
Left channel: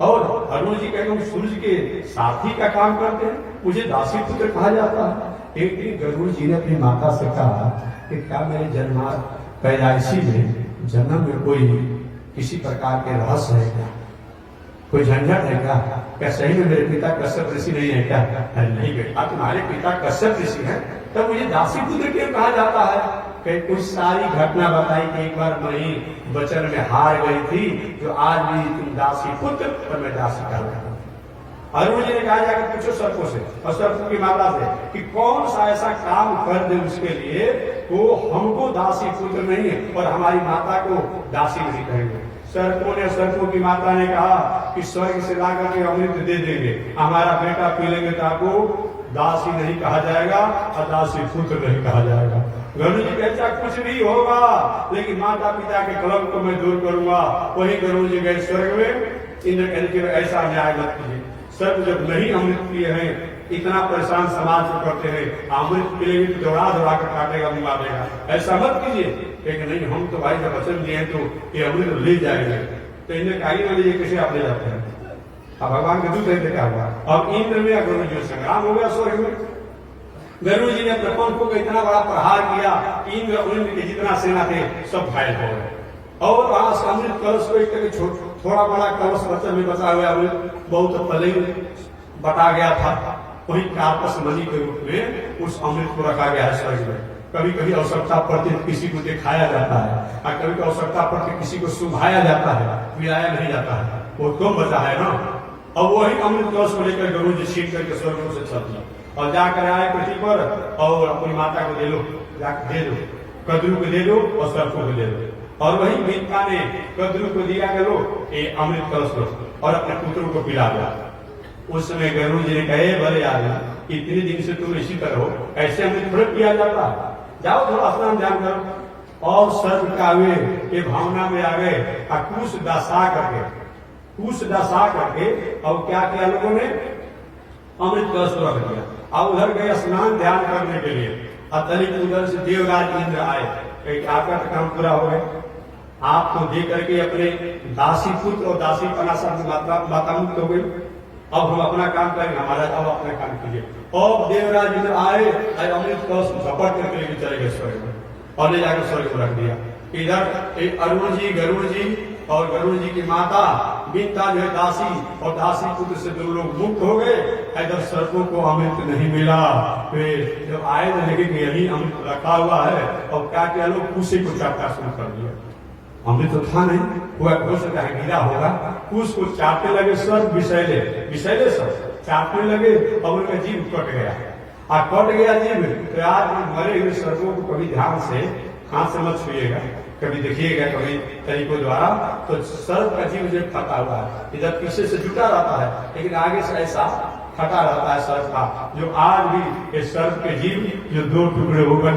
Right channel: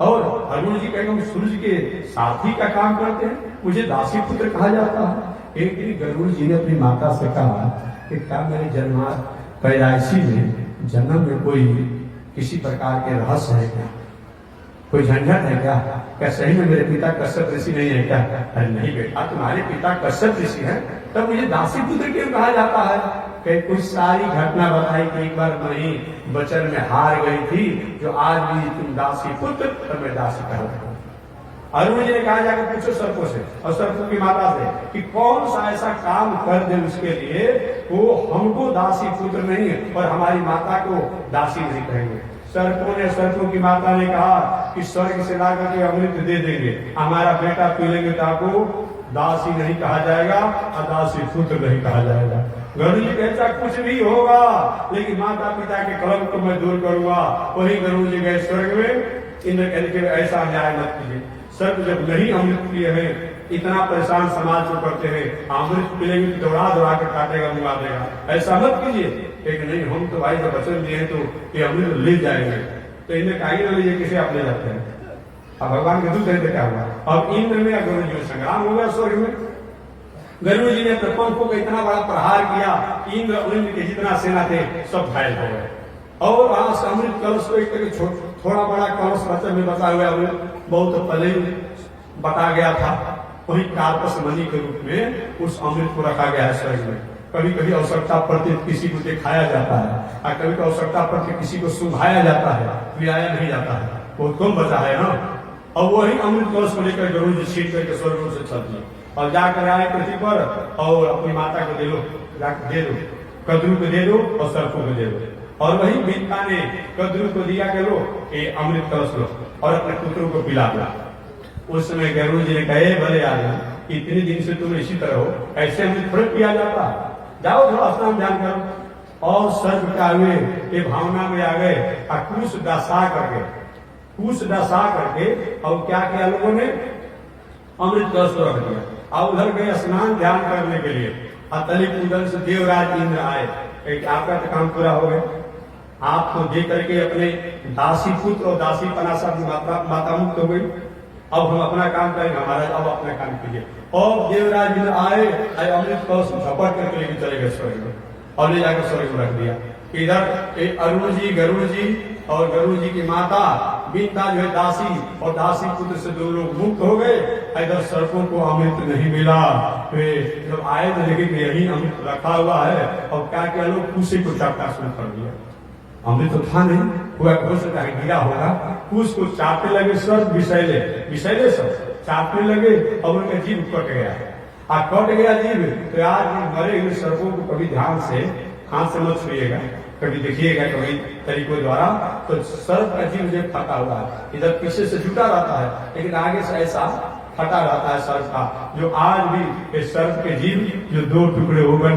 और अरुण जी कहेंगे सूर्य के साथी का काम करते हैं, मुझे दासी पुत्र कहा जाता है। एक दिन गरुड़ जी ने अपनी माता से कहा कि क्या मेरे जन्म पैदाइशी में जन्म में कोई किसी प्रकार के रहस्य है क्या, कोई झंझट है क्या? क्या सही में मेरे पिता कश्यप ऋषि नहीं है क्या? अरे नहीं बेटा, तुम्हारे पिता कश्यप ऋषि हैं, तब मुझे दासी पुत्र क्यों कहा जाता है? कहीं कुछ सारी घटना बताई कि एक बार मैं वचन में हार गई थी, जो आज भी तुम दासी पुत्र और मैं दासी कहलाऊं। अरुण जी ने कहा जाकर पूछो सर्पों से और सर्पों की माता से कि कौन सा ऐसा काम कर दे उसके लिए वो हमको दासी पुत्र नहीं और हमारी माता को दासी नहीं कहेंगे। सर्पों ने, सर्पों की माता ने कहा कि स्वर्ग से लाकर के अमृत दे देंगे, हमारा बेटा पी लेंगे तो आपको दासी नहीं कहा जाएगा और दासी पुत्र नहीं कहा जाएगा। गरुड़ जी कहता कुछ भी होगा लेकिन माता पिता के कलंक को मैं दूर करूंगा। वही गरुड़ जी गए स्वर्ग में। इंद्र कहने के ऐसा अन्याय मत कीजिए, सर्प जब नहीं अमृत पिए हैं, इतना परेशान समाज को करते हैं, अमृत पिएंगे तो दौड़ा दौड़ा कर काटेगा, मुंगा देगा, ऐसा मत कीजिए। लेकिन नहीं, हम तो भाई जब वचन दिए हैं तो ये अमृत ले जाएंगे। तो इन्हें कहा ना लीजिए, किसे आप ले जाते हैं? अब भगवान के दूसरे क्या हुआ? अब इंद्र में गरुड़ जी संग्राम हो गया स्वर्ग में। गरुड़ जी ने प्रपंखों को इतना बड़ा प्रहार किया, इंद्र के जितना सेना थे सब घायल हो गए। और वहां अमृत कलश को एक थोड़ा बड़ा कलश बचन में बचा हुआ अमृत बहुत पहले बता गया था, वही कार्पस मणि के रूप में उस अमृत को रखा गया है स्वर्ग में। कभी कभी आवश्यकता पड़ती किसी को दिखाया जाता है और कभी कभी आवश्यकता पड़ती किसी को सुंघाया जाता है, पिलाया नहीं जाता है, वो कम बचा है ना। और वही अमृत कलश को लेकर गरुड़ जी छीन करके स्वर्ग से चल दिए और जाकर आए पृथ्वी पर और अपनी माता को दे लो, जाकर दे दो, कद्रू को दे दो और सर्पों को दे दो। और वही मीठा ने कद्रू को दिया कि लो ये अमृत कलश लो और अपने पुत्रों को पिला दो। उस समय गरुड़ जी ने कहे भले आदमी, इतने दिन से तुम इसी तरह हो, ऐसे अमृत थोड़ा पिया जाता, जाओ थोड़ा स्नान ध्यान करो। और सर्प का वे ये भावना में आ गए और कुश दशा करके और क्या किया लोगों ने, अमृत कलश रख दिया और उधर गए स्नान ध्यान करने के लिए। अतलिक उधर से देवराज इंद्र आए, आपका तो काम पूरा हो गया, आपको दे करके अपने दासी पुत्र और दासी पना सब माता मुक्त हो गई, अब हम अपना काम करेंगे, हमारा अब अपना काम कीजिए। और देवराज इंद्र आए, अमृत कलश झपट करके लेके चले गए स्वर्ग में और ले जाकर स्वर्ग में रख दिया। इधर अरुण जी, गरुड़ जी और गरुड़ जी की माता बीता जो है दासी और दासी पुत्र से दोनों लोग मुक्त हो गए। इधर सर्पों को अमृत नहीं मिला, फिर जब आए तो लगे कि यही अमृत रखा हुआ है और क्या क्या लोग उसी को चाटना शुरू कर दिया। अमृत तो था नहीं, हुआ हो सकता है गिरा होगा, उसको चाटने लगे सर्प, विषैले सर्प चाटने लगे और उनका जीव कट गया। कट गया जीव तो आज मरे हुए सर्पों को कभी ध्यान से हाथ से मत छुइएगा, कभी देखिएगा कभी तरीकों द्वारा, तो सर्प का जीव जो फटा हुआ है, इधर पीछे से जुटा रहता है लेकिन आगे से ऐसा फटा रहता है सर्प का, जो आज भी इस सर्प के जीव जो दो टुकड़े हो गए,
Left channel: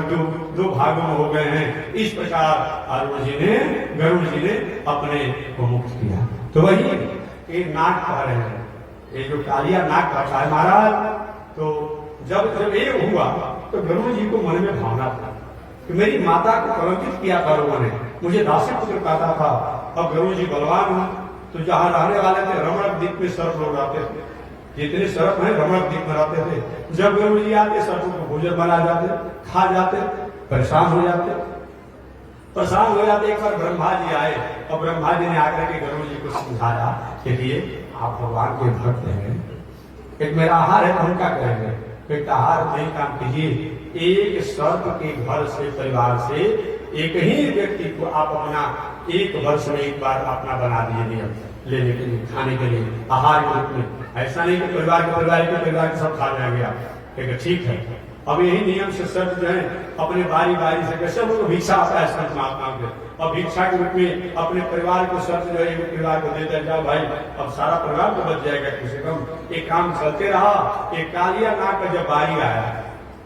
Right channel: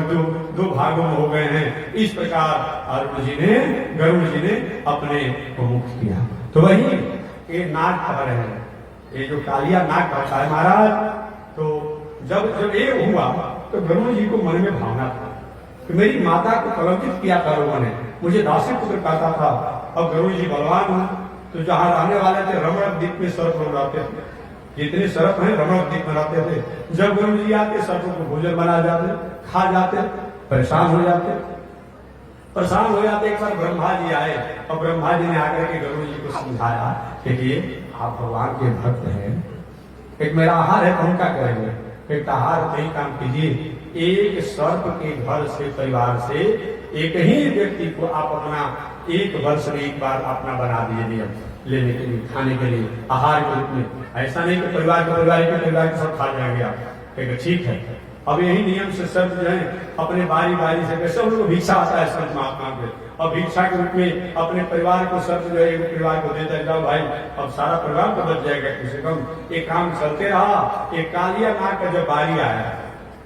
दो भागों में हो गए हैं। इस प्रकार अरुण जी ने, गरुड़ जी ने अपने को मुक्त किया। तो वही ये नाग कह रहे हैं, ये जो कालिया नाग कहता है महाराज, तो जब ये हुआ तो गरुड़ जी को मन में भावना था कि मेरी माता को कलंकित किया था लोगों ने, मुझे दासी पुत्र कहता था, अब गरुड़ जी बलवान हूं। तो जहां रहने वाले थे रमणक द्वीप में सर्प लोग रहते थे, जितने सर्प हैं रमणक द्वीप में रहते थे। जब गरुड़ जी आते सर्पों को भोजन बना जाते, खा जाते, परेशान हो जाते। एक बार ब्रह्मा जी आए और ब्रह्मा जी ने आकर के गरुड़ जी को समझाया कि आप भगवान के भक्त हैं, एक मेरा आहार है, हम क्या करेंगे, एक आहार नहीं काम कीजिए, एक सर्प के घर से, परिवार से एक ही व्यक्ति को आप अपना एक वर्ष में एक बार अपना बना दिए नियम लेने के लिए, खाने के लिए, आहार के रूप में। ऐसा नहीं कि परिवार के सब खा जाएंगे आप, ठीक है। अब यही नियम से सर्प जो है अपने बारी बारी से, कैसे उनको भिक्षा आता है सर्प महात्मा के, और भिक्षा के रूप में अपने परिवार को सर्प जो है एक परिवार को दे देता, भाई अब सारा परिवार तो बच जाएगा कम से कम। एक काम चलते रहा। एक कालिया नाग का जब बारी आया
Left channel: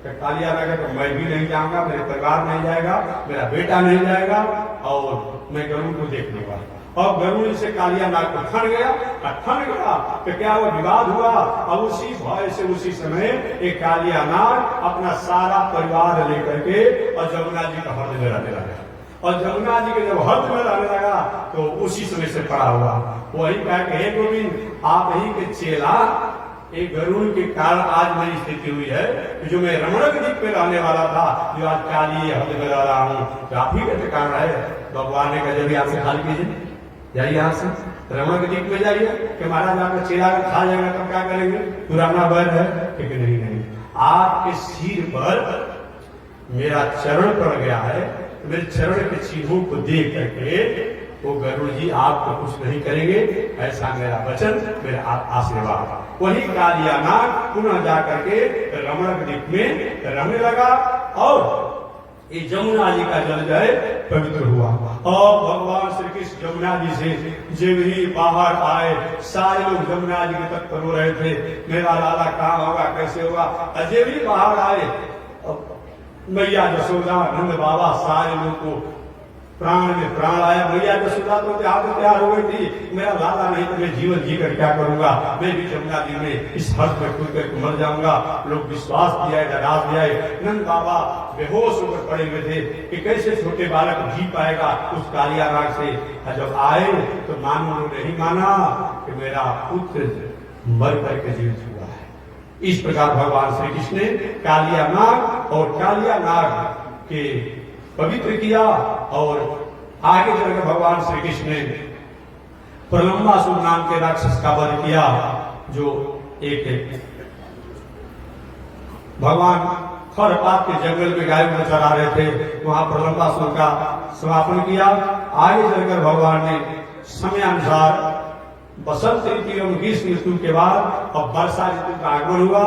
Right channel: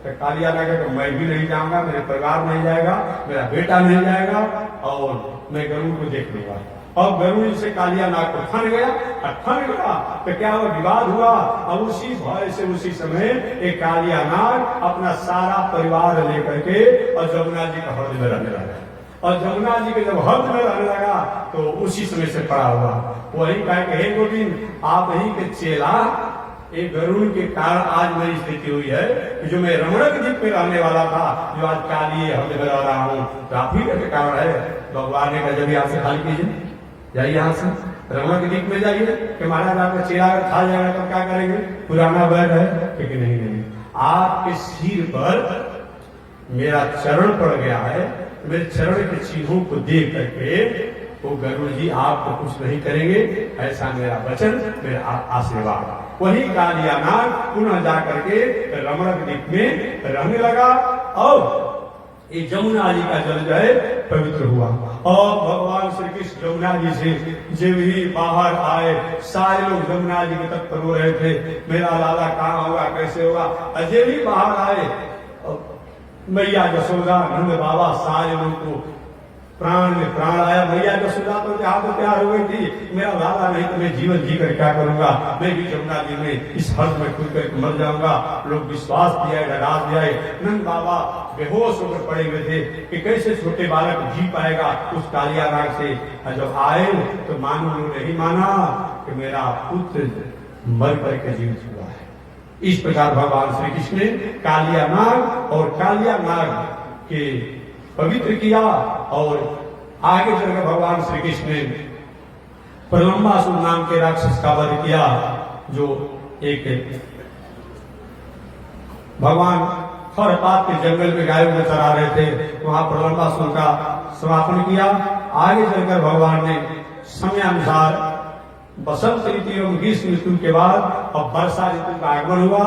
तो कालिया नाग तो मैं भी नहीं जाऊंगा, मेरे परिवार नहीं जाएगा, मेरा बेटा नहीं जाएगा और मैं गरुड़ को देख लूंगा। और गरुड़ से कालिया नाग को ठन गया तो क्या वो विवाद हुआ। और उसी भय से उसी समय एक कालिया नाग अपना सारा परिवार लेकर के और जमुना जी का हृदय में रहने लगा। और जमुना जी के जब हृदय में रहने लगा तो उसी समय से पड़ा हुआ वही कहा कि हे गोविंद, आप ही के चेला, एक गरुड़ के कारण आज मेरी स्थिति हुई है कि जो मैं रमणक द्वीप में रहने वाला था, जो आज काली हृदय में रह रहा हूँ, तो आप ही के कारण है। भगवान ने कहा जब भी आपसे खाली कीजिए, जाइए यहाँ से रमणक द्वीप में जाइए कि महाराज आपका चेला खा जाएगा तब क्या करेंगे, पुराना वैध है। लेकिन नहीं, आपके सिर पर मेरा चरण पड़ गया है, मेरे चरण के चिन्हों को देख करके वो गरुड़ जी आपको कुछ नहीं करेंगे, ऐसा मेरा वचन, मेरा आशीर्वाद। वही कालिया नाग पुनः जाकर के रमणक द्वीप में रहने लगा और ये जमुना जी का जल जो है पवित्र हुआ। और भगवान श्री कृष्ण जमुना जी से जब ही बाहर आए, सारे लोग जमुना जी के तट पर रो रहे थे, मेरा लाला कहाँ होगा, कैसे होगा। जब ही बाहर आए, मैया यशोदा, नंद बाबा, सारे लोग को प्राण में प्राण आया। मैया यशोदा तो तैयार हो गई थी, मेरा लाला नहीं तो मैं जीवन जीकर क्या करूंगा, मैं भी जमुना जी में इस हर्ष में खुद करके मर जाऊंगा। लोग विश्वास दिया, राज दिया। नंद बाबा बेहोश होकर पड़े हुए थे कि कैसे छोटे बालक जी पाएगा उस कालिया नाग से। और जब आए तो मानो नहीं माना कि मेरा पुत्र मर करके जीवित हुआ है। इस प्रकार भगवान श्री कृष्ण ने कालिया नाग और कालिया नाग के पवित्र किया। और आगे चलकर भगवान श्री कृष्ण ने प्रलंबासुर नाम के राक्षस का वध किया, जो एक भगवान खरपात के जंगल में गायों में चरा रहे थे, वहां प्रलंबासुर का समापन किया। आगे चलकर भगवान ने समयानुसार बसंत ऋतु एवं ग्रीष्म ऋतु के बाद अब वर्षा ऋतु का आगमन हुआ।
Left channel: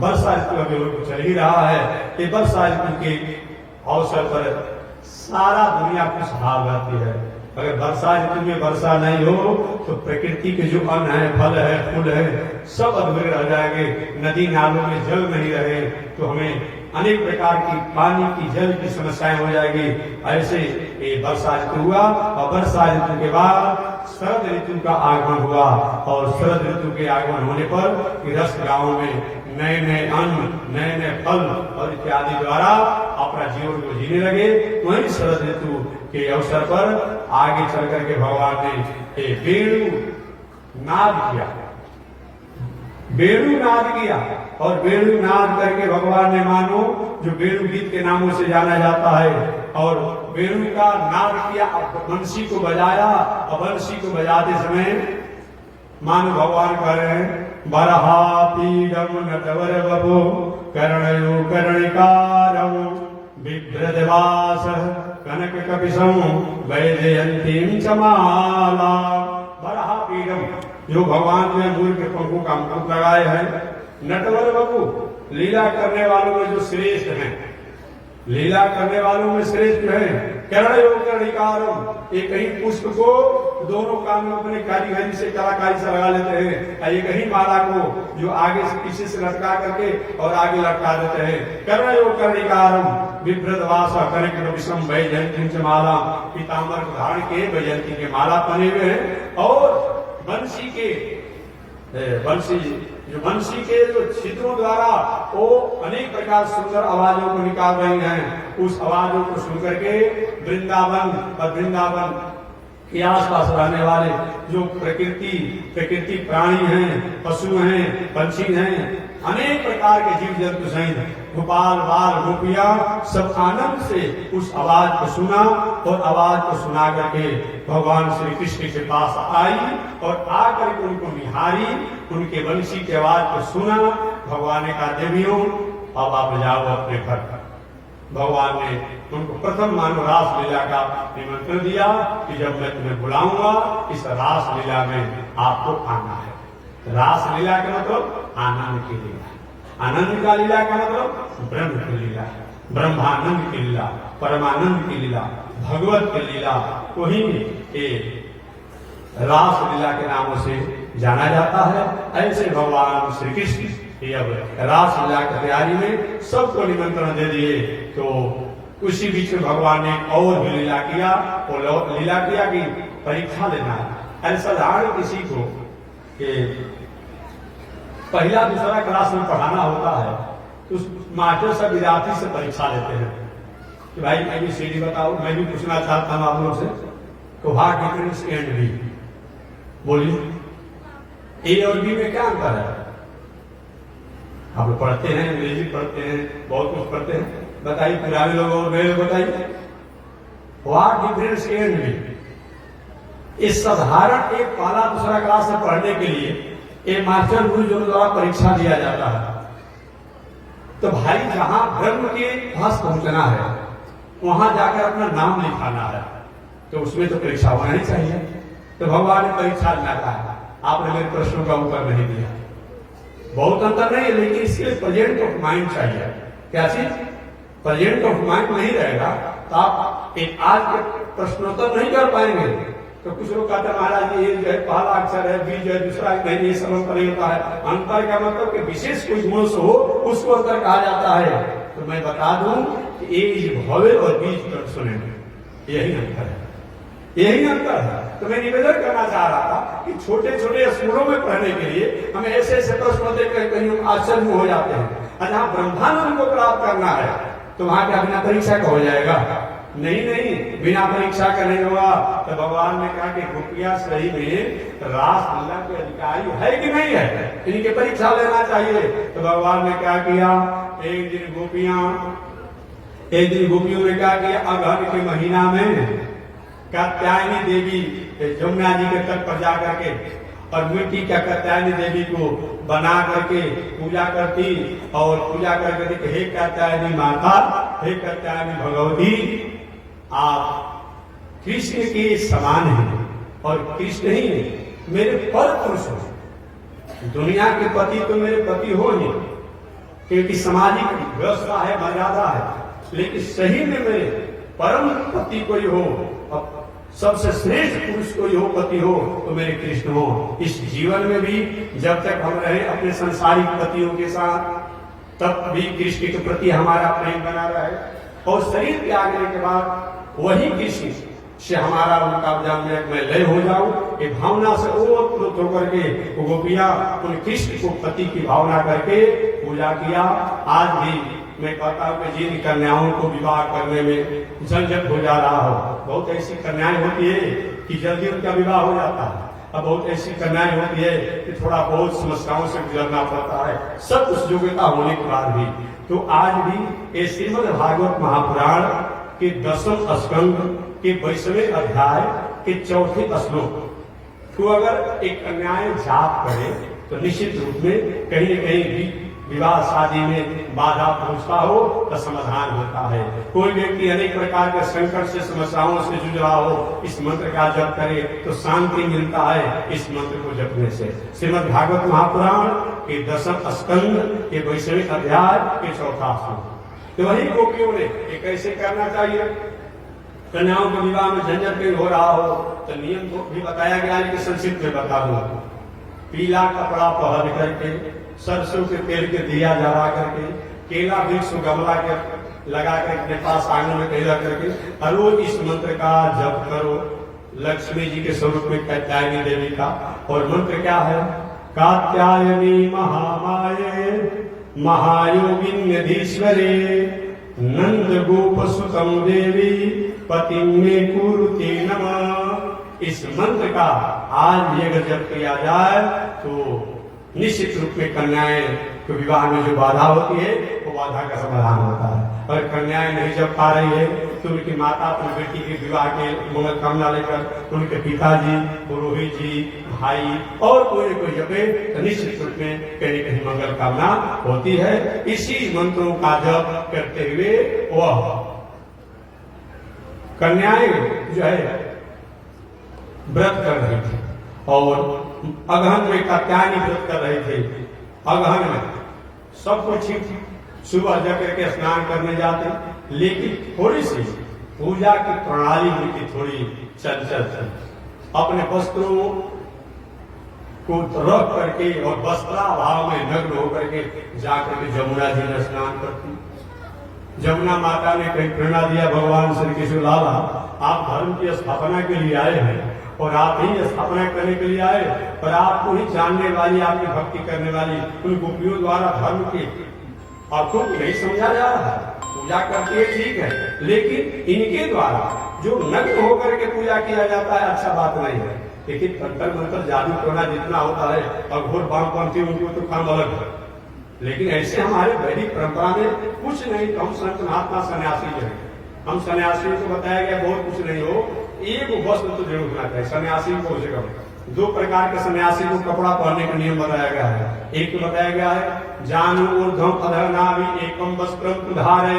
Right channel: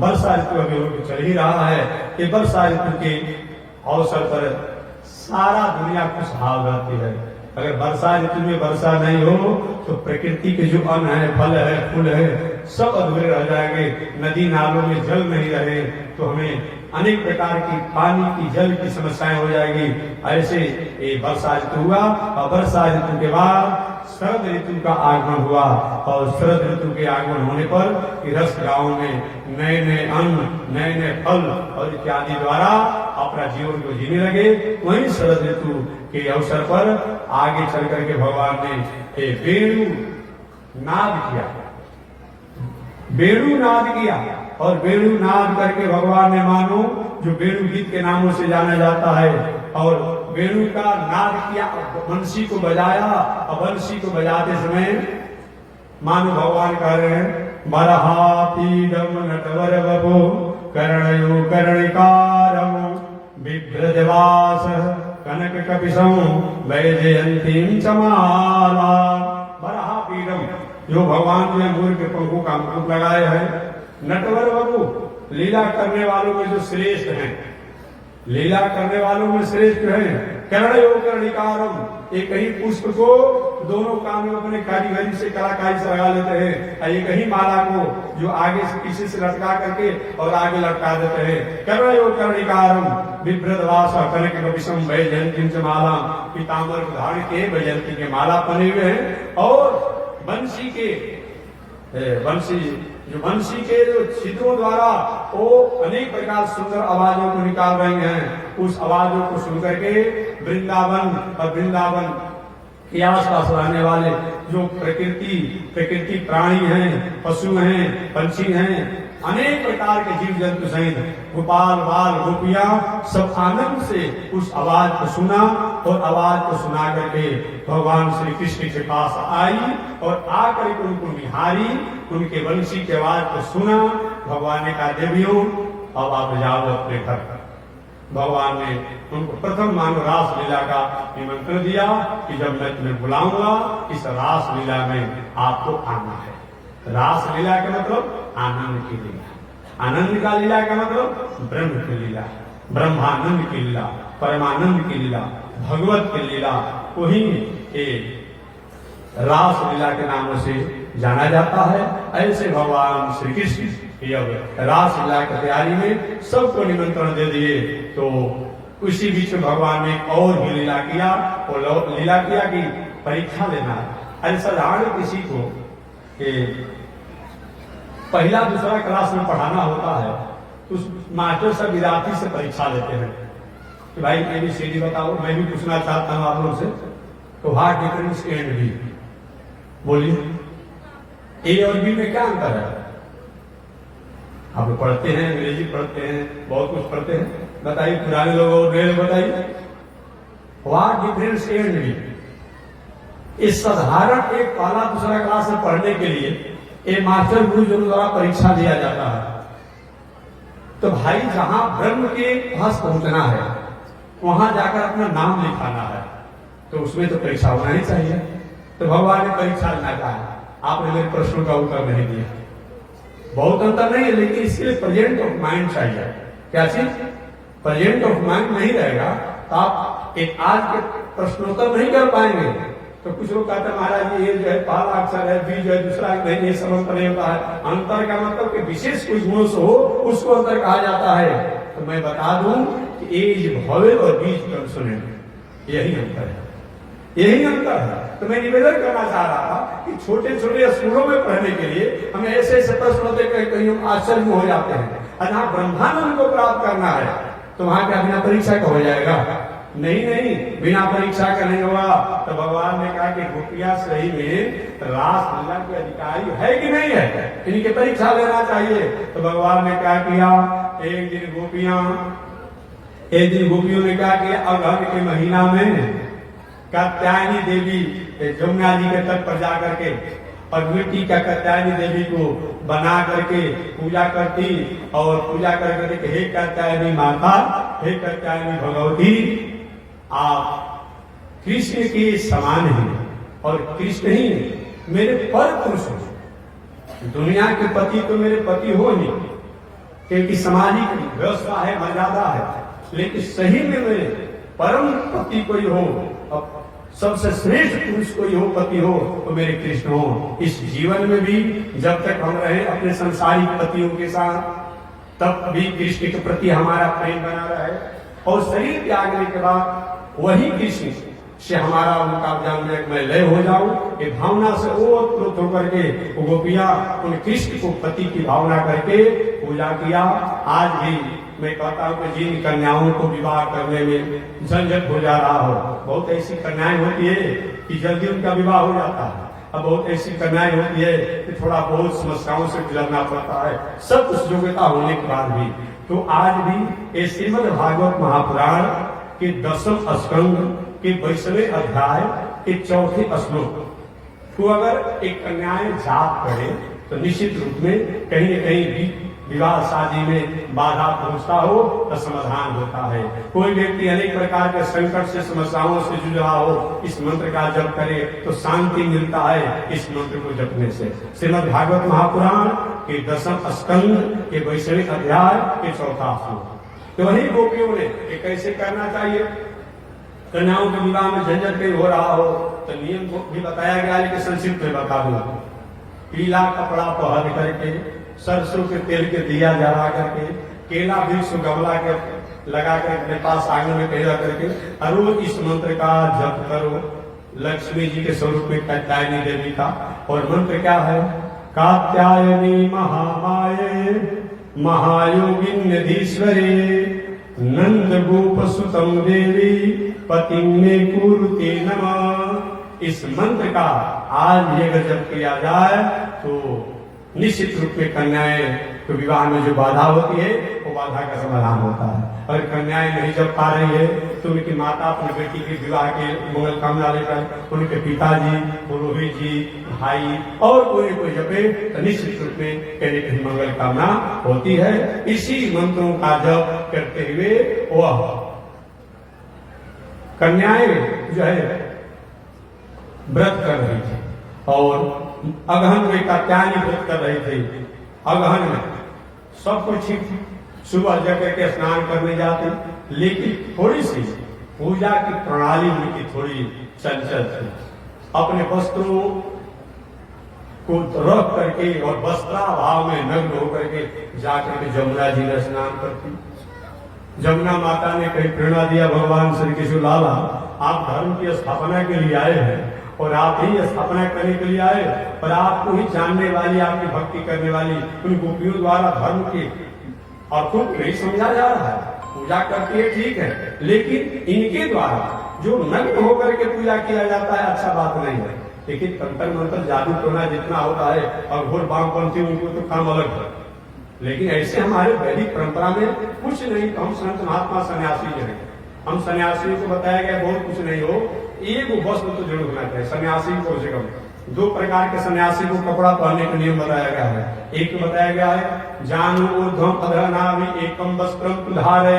वर्षा ऋतु अभी चल ही रहा है। कि वर्षा ऋतु के अवसर पर सारा दुनिया खुशहाल रहती है। अगर वर्षा ऋतु में वर्षा नहीं हो तो प्रकृति के जो अन्न है, फल है, फूल है, सब अधूरे रह जाएंगे। नदी नालों में जल नहीं रहे तो हमें अनेक प्रकार की पानी की, जल की समस्याएं हो जाएगी। ऐसे ये वर्षा ऋतु हुआ और वर्षा ऋतु के बाद शरद ऋतु का आगमन हुआ। और शरद ऋतु के आगमन होने पर गृहस्थ गांव में नए नए अन्न, नए नए फल और इत्यादि द्वारा अपना जीवन को जीने लगे। वहीं शरद ऋतु के अवसर पर आगे चल करके भगवान ने वेणु नाद किया, वेणु नाद किया। और वेणु नाद करके भगवान ने मानो जो वेणु गीत के नामों से जाना जाता है, और वेणु का नाद किया, बंसी को बजाया। और बंसी को बजाते समय मानो भगवान कह रहे हैं, बरहा पीडम नटवर बभो कर्णयो कर्णिकारम विभ्रजवास कनक कपिशं वैजयंतीं चमाला। बरहा पीडम, जो भगवान ने मूल के पंखों का मुकुट लगाए हैं। नटवर बबू, लीला करने वालों में जो श्रेष्ठ हैं, लीला करने वालों में श्रेष्ठ हैं। कर्णयो कर्णिकारम, एक ही पुष्प को दोनों काम में अपने कारीगरी से, कलाकारी से लगा लेते हैं। एक ही माला को जो आगे से पीछे से लटका करके और आगे लटका देते हैं। कर्णयो कर्णिकारम विभ्रदवासा कनक कपिशं वैजयंतीं च माला, पीताम्बर को धारण के वैजयंती के माला पहने हुए हैं। और बंसी के जो छिद्रों द्वारा वो अनेक प्रकार सुंदर आवाजों को निकाल रहे हैं। उस आवाजों को सुनकर के वृंदावन और वृंदावन के आसपास रहने वाले जो प्रकृति प्राणी हैं, पशु हैं, पंछी हैं, अनेक प्रकार के जीव जंतु सहित गोपाल बाल गोपियां सब आनंद से उस आवाज को सुना। और आवाज को सुना करके भगवान श्री कृष्ण के पास आई और आकर के उनको निहारी, उनके वंशी की आवाज को सुना। भगवान ने कहा, देवियों अब आप जाओ अपने घर। भगवान ने उनको प्रथम मानो रास लीला का निमंत्रण दिया कि जब मैं तुम्हें बुलाऊंगा इस रास लीला में आपको आना है। रास लीला का मतलब आनंद की लीला, आनंद का लीला का मतलब ब्रह्म की लीला, ब्रह्मानंद की लीला, परमानंद की लीला, भगवत की लीला, वही रास लीला के नामों से जाना जाता है। ऐसे भगवान श्री कृष्ण रास लीला की तैयारी में सबको निमंत्रण दे दिए। तो उसी बीच में भगवान ने और भी लीला किया। और लीला किया कि परीक्षा लेना है। साधारण किसी को पहला दूसरा क्लास में पढ़ाना होता है तो उस मास्टर सब विद्यार्थी से परीक्षा लेते हैं कि भाई ABCD बताओ। मैं भी पूछना चाहता हूं आप लोग से, तो what difference A and B, बोलिए ए और बी में क्या अंतर है? आप पढ़ते हैं, अंग्रेजी पढ़ते हैं, बहुत कुछ पढ़ते हैं, बताइए। पुराने लोग और नए लोग बताइए, what difference A and B. इस साधारण एक पहला दूसरा क्लास में पढ़ने के लिए एक मास्टर गुरु जो द्वारा परीक्षा दिया जाता है। तो भाई जहां ब्रह्म के पास पहुंचना है वहां जाकर अपना नाम लिखाना है, तो उसमें तो परीक्षा होना ही चाहिए। तो भगवान ने परीक्षा लेना कहा, आपने मेरे प्रश्नों का उत्तर नहीं दिया, बहुत अंतर नहीं है, लेकिन इसके लिए प्रेजेंट ऑफ माइंड चाहिए। क्या चीज? प्रेजेंट ऑफ माइंड नहीं रहेगा तो आप एक आज के प्रश्नोत्तर नहीं कर पाएंगे। तो कुछ लोग कहते हैं महाराज ये जो है पहला अक्षर है, बी जो है दूसरा, नहीं सब अंतर नहीं होता है। अंतर का मतलब कि विशेष कोई गुणों से हो उसको अंतर कहा जाता है। तो मैं बता दूं कि एज भवे और बीज कब सुनेंगे, यही अंतर है, यही अंतर है। तो मैं निवेदन करना चाह रहा था कि छोटे छोटे स्कूलों में पढ़ने के लिए हमें ऐसे ऐसे प्रश्न होते कहीं आश्चर्य हो जाते हैं। और जहां ब्रह्मानंद को प्राप्त करना है तो वहां क्या बिना परीक्षा का हो जाएगा? नहीं, बिना परीक्षा का नहीं होगा। तो भगवान ने कहा कि गोपियां सही में रास लीला के अधिकारी है कि नहीं है, इनकी परीक्षा लेना चाहिए। तो भगवान ने क्या किया, एक दिन गोपियों ने क्या किया, अगहन के महीना में कात्यायनी देवी यमुना जी के तट पर जाकर के और मिट्टी का कात्यायनी देवी को बना करके पूजा करती और पूजा करके हे कात्यायनी माता, हे कात्यायनी भगवती, आप कृष्ण के समान हैं और कृष्ण ही मेरे पर पुरुष हैं। दुनिया के पति तो मेरे पति हो ही, क्योंकि सामाजिक व्यवस्था है, मर्यादा है, लेकिन सही में मेरे परम पति कोई हो, अब सबसे श्रेष्ठ पुरुष कोई हो, पति हो, तो मेरे कृष्ण हो। इस जीवन में भी जब तक हम रहे अपने संसारिक पतियों के साथ, तब भी कृष्ण के प्रति हमारा प्रेम बना रहे और शरीर त्यागने के बाद वही कृष्ण से हमारा उनका जान मैं लय हो जाऊं, ये भावना से ओतप्रोत होकर के वो गोपियां उन कृष्ण को पति की भावना करके पूजा किया। आज भी मैं कहता हूं कि जिन कन्याओं को विवाह करने में झंझट हो जा रहा हो, बहुत ऐसी कन्याएं होती है कि जल्दी उनका विवाह हो जाता है, अब बहुत ऐसी कन्याएं होती है कि थोड़ा बहुत समस्याओं से गुजरना पड़ता है, सब कुछ योग्यता होने के बाद भी। तो आज भी ये श्रीमद् भागवत महापुराण के 10वें स्कंद के 22वें अध्याय के 4थे श्लोक तो अगर एक कन्याएं जाप करे तो निश्चित रूप में कहीं न कहीं विवाह शादी में बाधा पहुंचता हो तो समाधान होता है। कोई व्यक्ति अनेक प्रकार के संकट से समस्याओं से जूझ रहा हो, इस मंत्र का जप करे तो शांति मिलता है इस मंत्र को जपने से। श्रीमद् भागवत महापुराण के 10वें स्कंद के 22वें अध्याय के 4था श्लोक। तो वही गोपियों ने कैसे करना चाहिए, कन्याओं के विवाह में झंझट नहीं हो रहा हो तो नियम को भी बताया गया है, लेकिन संक्षिप्त में बता दूंगा। पीला कपड़ा पहन करके, सरसों के तेल के दिया जला करके, केला वृक्ष गमला के लगा कर अपने पास आंगन में कहीं करके और रोज इस मंत्र का जप करो। लक्ष्मी जी के स्वरूप में कात्यायनी देवी का, और मंत्र क्या है, कात्यायनी महामाये महायोगिन्यधीश्वरे नंद गोप सुतम देवी पति में कुरुते नमः। इस मंत्र का आज ये अगर जप किया जाए तो निश्चित रूप में कन्याएं को विवाह में जो बाधा होती है वो बाधा का समाधान होता है। और कन्याएं नहीं जप पा रही है तो उनकी माता अपनी बेटी के विवाह के मंगल कामना लेकर उनके पिताजी, पुरोहित जी, भाई और कोई जपे तो निश्चित रूप में कहीं न कहीं मंगल कामना होती है। इसी मंत्रों का जप करते हुए वह कन्याएं जो है व्रत कर रही थी और अगहन में कात्यायनी व्रत कर रही थी। अगहन में सब कुछ ठीक थी, सुबह जाकर के स्नान करने जाते, लेकिन थोड़ी सी पूजा की प्रणाली उनकी थोड़ी चंचल थी। अपने वस्त्रों को रख करके और वस्त्राभाव में नग्न होकर के जाकर के जमुना जी में स्नान करती। जमुना माता ने कहीं प्रेरणा दिया, भगवान श्री कृष्ण लाला आप धर्म की स्थापना के लिए आए हैं और आप ही स्थापना करने के लिए आए और आपको ही जानने वाली, आपकी भक्ति करने वाली उन गोपियों द्वारा धर्म के अर्थों को नहीं समझा जा रहा है। पूजा करती है ठीक है, लेकिन इनके द्वारा जो नग्न होकर के पूजा किया जाता है अच्छा बात नहीं है। लेकिन तंत्र मंत्र जादू टोना जितना होता है और घोर बागपंथी उनको तो काम अलग है, लेकिन ऐसे हमारे वैदिक परंपरा में कुछ नहीं। तो हम संत महात्मा सन्यासी जो है, हम सन्यासियों को बताया गया बहुत कुछ नहीं हो, एक वस्त्र तो जरूर होना चाहिए सन्यासी को। उसे कम 2 प्रकार के सन्यासी को कपड़ा पहनने का नियम बताया गया है। एक बताया गया है जानू ऊर्ध्वम अधः नाभि एकम वस्त्रम धारे।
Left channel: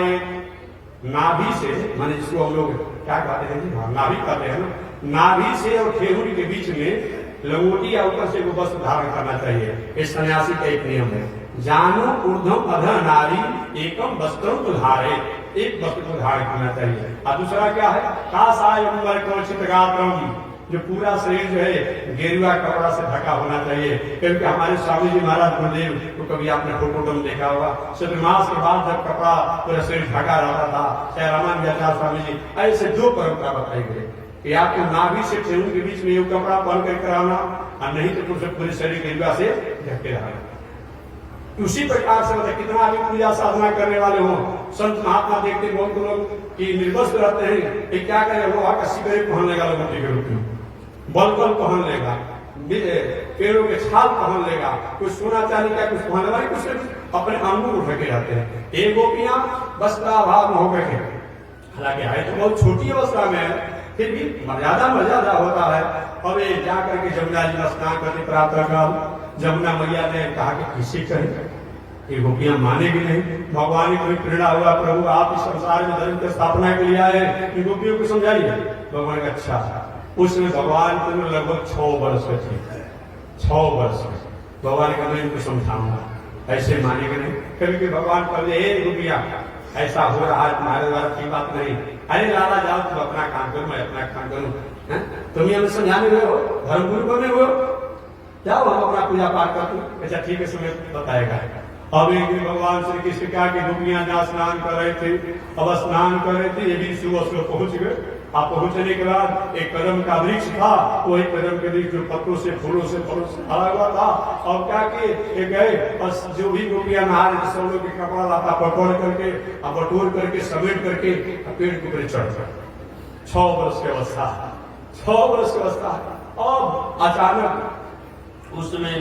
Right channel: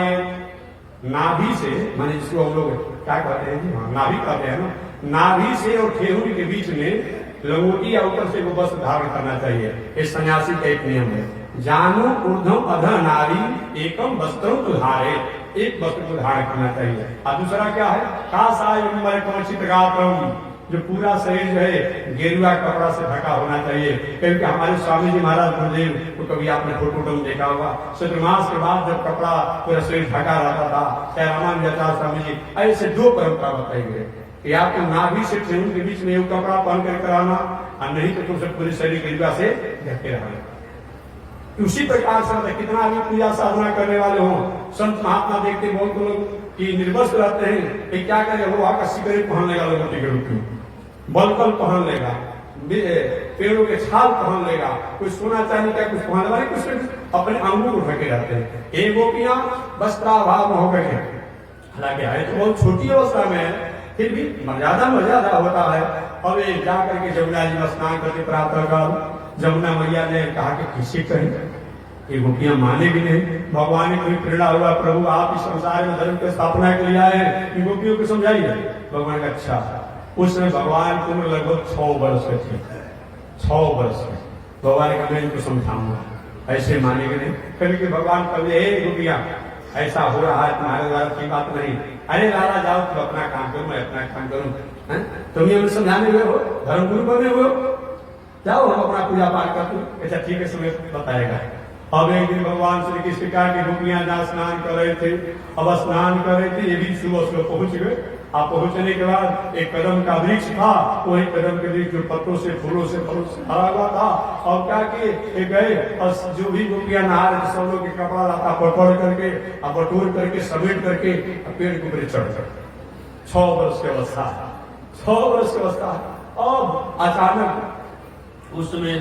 नाभि से माने जिसको हम लोग क्या कहते हैं, नाभि कहते हैं ना, नाभि से और ठेहुर के बीच में लंगोटी या ऊपर से वो वस्त्र धारण करना चाहिए। ये सन्यासी का एक नियम है। जानो ऊर्ध्वम अधः नारी एकम वस्त्रम तुधारे, एक वस्त्र को धारण करना चाहिए। और दूसरा क्या है, कासायंबर कवचित गात्रम, जो पूरा शरीर जो है गेरुआ कपड़ा से ढका होना चाहिए। क्योंकि हमारे स्वामी जी महाराज गुरुदेव तो कभी आपने फोटो में देखा होगा, चतुर्मास के बाद जब कपड़ा पूरा शरीर ढका रहता था, चाहे रामानुजाचार्य स्वामी जी, ऐसे दो परंपरा बताई गई कि आपको नाभि से ठेहुन के बीच में एक कपड़ा पहन कर कराना, और नहीं तो तुम सब पूरे शरीर गेरुआ से ढके रहना। उसी प्रकार से मतलब कितना भी पूजा साधना करने वाले हों, संत महात्मा देखते बहुत लोग कि निर्वस्त्र रहते हैं, कि क्या करें, लोहा का सिगरेट पहन लेगा, लोगों के रूप में बलकल पहन लेगा, पेड़ों के छाल पहन लेगा, कुछ सोना चांदी का कुछ पहन वाली, कुछ अपने अंगों को ढके रहते हैं। एक गोपियां वस्त्राभाव में होकर के, हालांकि है तो बहुत छोटी अवस्था में है, फिर भी मर्यादा होता है। अब ये जाकर के जमुना जी में स्नान करते प्रातः काल, जमुना मैया ने कहा कि किसी कहें, ये गोपियां मानेगी नहीं। भगवान ने कोई प्रेरणा हुआ, प्रभु आप इस संसार में धर्म की स्थापना के लिए आए हैं, इन गोपियों को समझाइए। भगवान का अच्छा, उस समय भगवान को लगभग 6 वर्ष के थे, 6 वर्ष के। भगवान का मैं इनको समझाऊंगा, ऐसे मानेंगे नहीं। कभी भगवान कभी हे गोपियां ऐसा हो रहा है तुम्हारे द्वारा की बात नहीं, अरे लाला जाओ तुम अपना काम करो, मैं अपना काम करूं, तुम हमें समझाने हुए हो, धर्मगुरु बने हुए हो, जाओ हम अपना पूजा पाठ कर दो। अच्छा ठीक है, समय बताएगा। अब एक दिन भगवान श्री कृष्ण का की गोपियां जहाँ स्नान कर रहे थे, अब स्नान कर रहे थे, ये भी सुबह सुबह पहुंच गए। आप पहुंचने के बाद एक कदम का वृक्ष था, वही कदम के वृक्ष जो पत्तों से फूलों से भरा हुआ था। और क्या किए गए, और जो भी गोपियां नहा रहे थे सब लोग कपड़ा लाता पकड़ करके और बटोर करके समेट करके पेड़ के ऊपर चढ़ गए। 6 वर्ष की अवस्था, 6 वर्ष की अवस्था। अब अचानक उसमें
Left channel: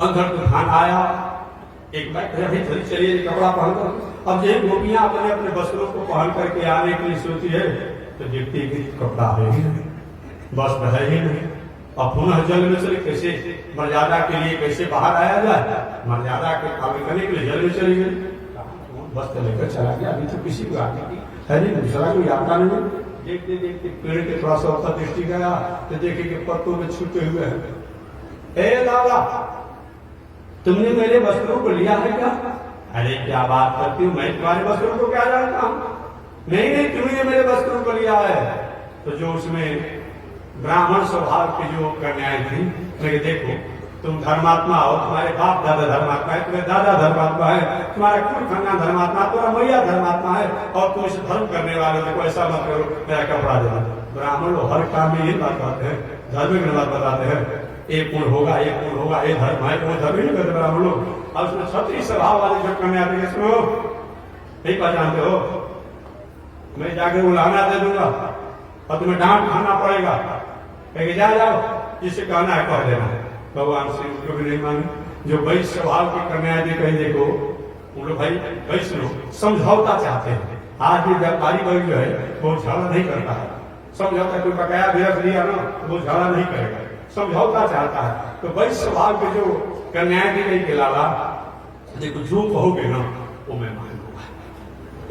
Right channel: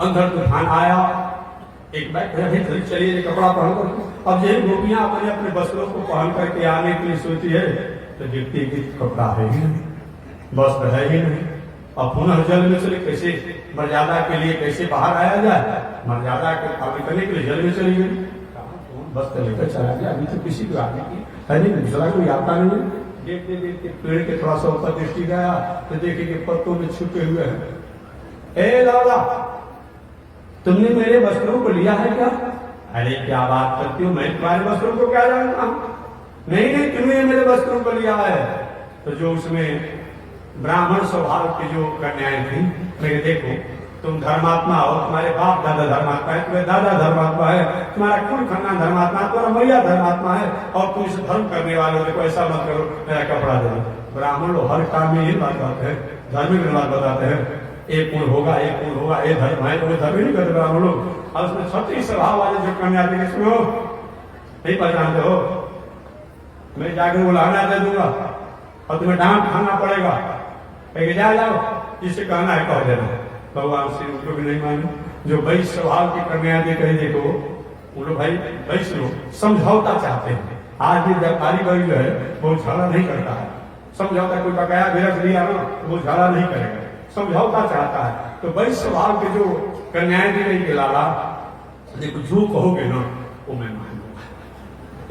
अंदर तूफान आया, एक बाइक जल्दी चलिए कपड़ा पहनकर। अब यही गोपियां अपने अपने वस्त्रों को पहन करके आने के लिए सोची है, तो देखते कि कपड़ा है ही नहीं, वस्त्र है ही नहीं। अब पुनः जल में चले, कैसे मर्यादा के लिए कैसे बाहर आया जाए, मर्यादा के पालन करने के लिए जल में चले गए, वस्त्र लेकर चला गया। अभी तो किसी को आने की है नहीं, दूसरा कोई आता नहीं। देखते देखते पेड़ के थोड़ा सा ऊपर दृष्टि गया तो देखे कि पत्तों में छुपे हुए हैं। ए लाला, तुमने मेरे वस्त्रों को लिया है क्या? अरे क्या बात करती हो, मैं तुम्हारे वस्त्रों को क्या जानता हूं? नहीं, तुमने मेरे वस्त्रों को लिया है। तो जो उसमें ब्राह्मण स्वभाव की जो कन्याएं थी, उन्हें देखो तुम धर्मात्मा हो, तुम्हारे बाप दादा धर्मात्मा है, तुम्हारे दादा धर्मात्मा है, तुम्हारा कुल खानदान धर्मात्मा, तुम्हारा मैया धर्मात्मा है, और तुम इसे धर्म करने वाले हो, देखो ऐसा मत करो, मेरा कपड़ा दे दो। ब्राह्मण लोग हर काम में यही बात बताते हैं, धर्म की बात बताते हैं, एक कुल होगा, एक कुल होगा, ये धर्म है, वो धर्म ही नहीं करते ब्राह्मण लोग। और उसमें क्षत्रिय स्वभाव वाले जो कन्या थे, सुनो नहीं पहचानते हो, मैं जाके वो लहना दे दूंगा और तुम्हें डांट खाना पड़ेगा, लेकिन जा जाओ, जिसे कहना है कह देना। भगवान श्री उनको भी नहीं माने। जो वैश्य स्वभाव की कन्या दे कहीं देखो, उन लोग भाई वैश्य लोग समझौता चाहते हैं। आज ये व्यापारी वर्ग जो है वो झगड़ा नहीं करता है, समझौता कोई बकाया भी रख दिया ना वो झगड़ा नहीं करेगा, समझौता चाहता है। तो वैश्य स्वभाव के जो कन्याएं दी गई के लाला, देखो जो कहोगे ना वो मैं मान लूंगा,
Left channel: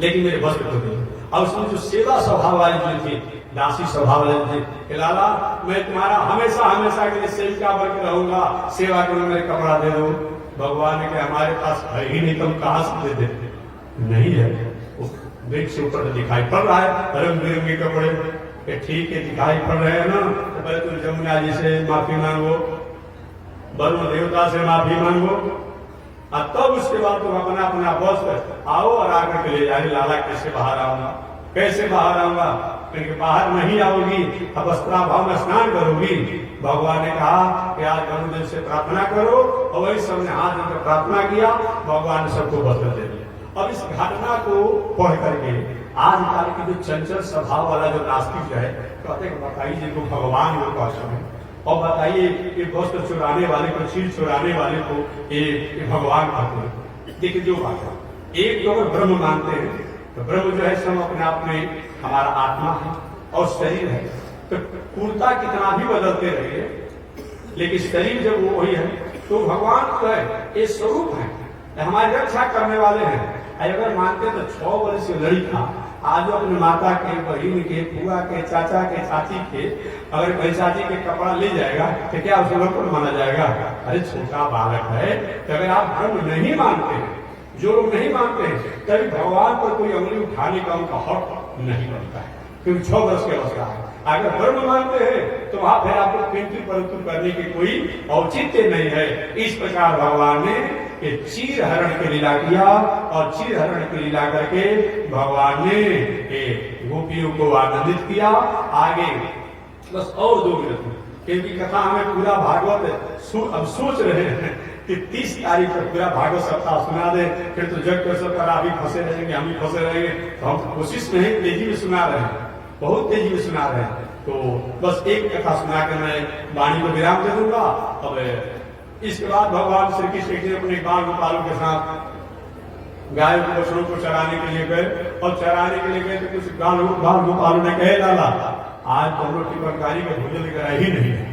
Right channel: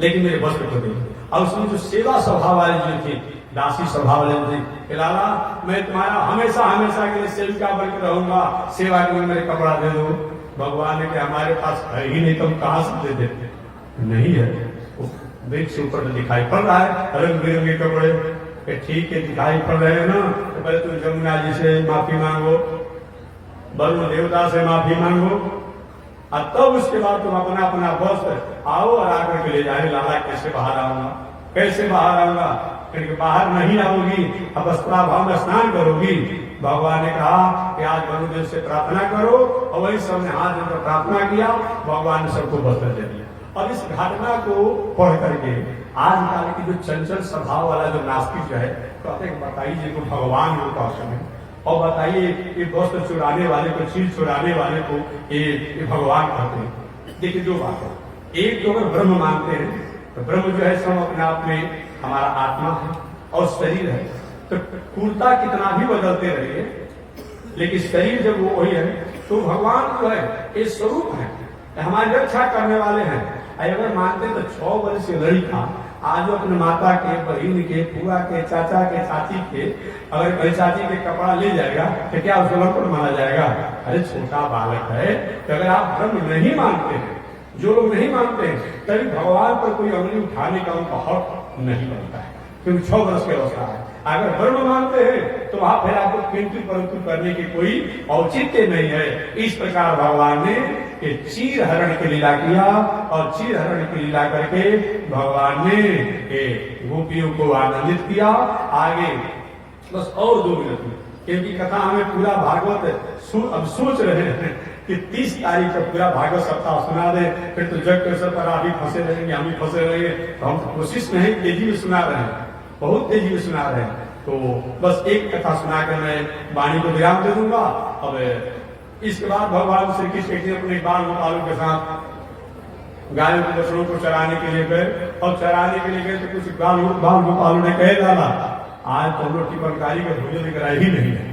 लेकिन मेरे वस्त्र को दे। और उसमें जो सेवा स्वभाव वाली जो थी, दासी स्वभाव वाले थे, लाला मैं तुम्हारा हमेशा हमेशा के लिए सेविका बनकर रहूंगा, सेवा के लिए मेरे कपड़ा दे दो। भगवान ने कहा हमारे पास है ही नहीं, तुम कहां से दे देते? नहीं है, वृक्ष से ऊपर दिखाई पड़ रहा है रंग बिरंगे कपड़े, ठीक है दिखाई पड़ रहे हैं ना, तो पहले तुम जमुना जी से माफी मांगो, वरुण देवता से माफी मांगो, और तब उसके बाद तुम अपना अपना वस्त्र आओ और आकर के ले जाए। लाला कैसे बाहर आऊंगा, कैसे बाहर आऊंगा? क्योंकि बाहर नहीं आओगी, अब वस्त्राभाव में स्नान करोगी। भगवान ने कहा कि आज गुरुदेव से प्रार्थना करो, और वही सबने हाथ जोड़कर प्रार्थना किया, भगवान ने सबको वस्त्र दे दिया। अब इस घटना को पढ़ करके आज काल की जो चंचल स्वभाव वाला जो नास्तिक जो है, कहते हैं बताइए जिनको भगवान वो कहते हैं, और बताइए कि वस्त्र चुराने वाले को, चीज चुराने वाले को ये भगवान कहते हैं। देखिए दो बात है, एक तो अगर ब्रह्म मानते हैं तो ब्रह्म जो है सब अपने आप में हमारा आत्मा है और शरीर है, तो कुलता कितना भी बदलते रहिए, लेकिन शरीर जब वो वही है, तो भगवान जो है ये स्वरूप है, हमारी रक्षा करने वाले हैं। अगर मानते तो 6 वर्ष से लड़ी था, आज अपने माता के, बहन के, बुआ के, चाचा के, चाची के, अगर कहीं चाची के कपड़ा ले जाएगा तो क्या उसको लंपट माना जाएगा? अरे छोटा बालक है। तो अगर आप धर्म नहीं मानते हैं, जो लोग नहीं मानते हैं, तभी भगवान पर कोई अंगुली उठाने का उनका हक नहीं बनता है, क्योंकि 6 वर्ष की अवस्था है। अगर धर्म मानते हैं तो वहां फिर आपको किंतु परंतु करने की कोई औचित्य नहीं है। इस प्रकार भगवान ने ये चीर हरण की लीला किया, और चीर हरण की लीला करके भगवान ने गोपियों को आनंदित किया। आगे बस और 2 मिनट, क्योंकि कथा हमें पूरा भागवत अब सोच रहे हैं कि 30 तारीख तक पूरा भागवत सप्ताह सुना दे, फिर तो जग के पर आप ही फंसे रहेंगे, हम ही फंसे रहेंगे। तो हम कोशिश में है, तेजी में सुना रहे हैं, बहुत तेजी में सुना रहे हैं। तो बस एक कथा सुनाकर मैं वाणी को विराम दे दूंगा। अब इसके बाद भगवान श्री कृष्ण ने अपने बाल गोपालों के साथ गायों के बछड़ों को चराने के लिए गए, और चराने के लिए गए तो कुछ बाल गोपालों ने कह डाला, आज तो हम लोग टिकटकारी का भोजन लेकर आए ही नहीं है,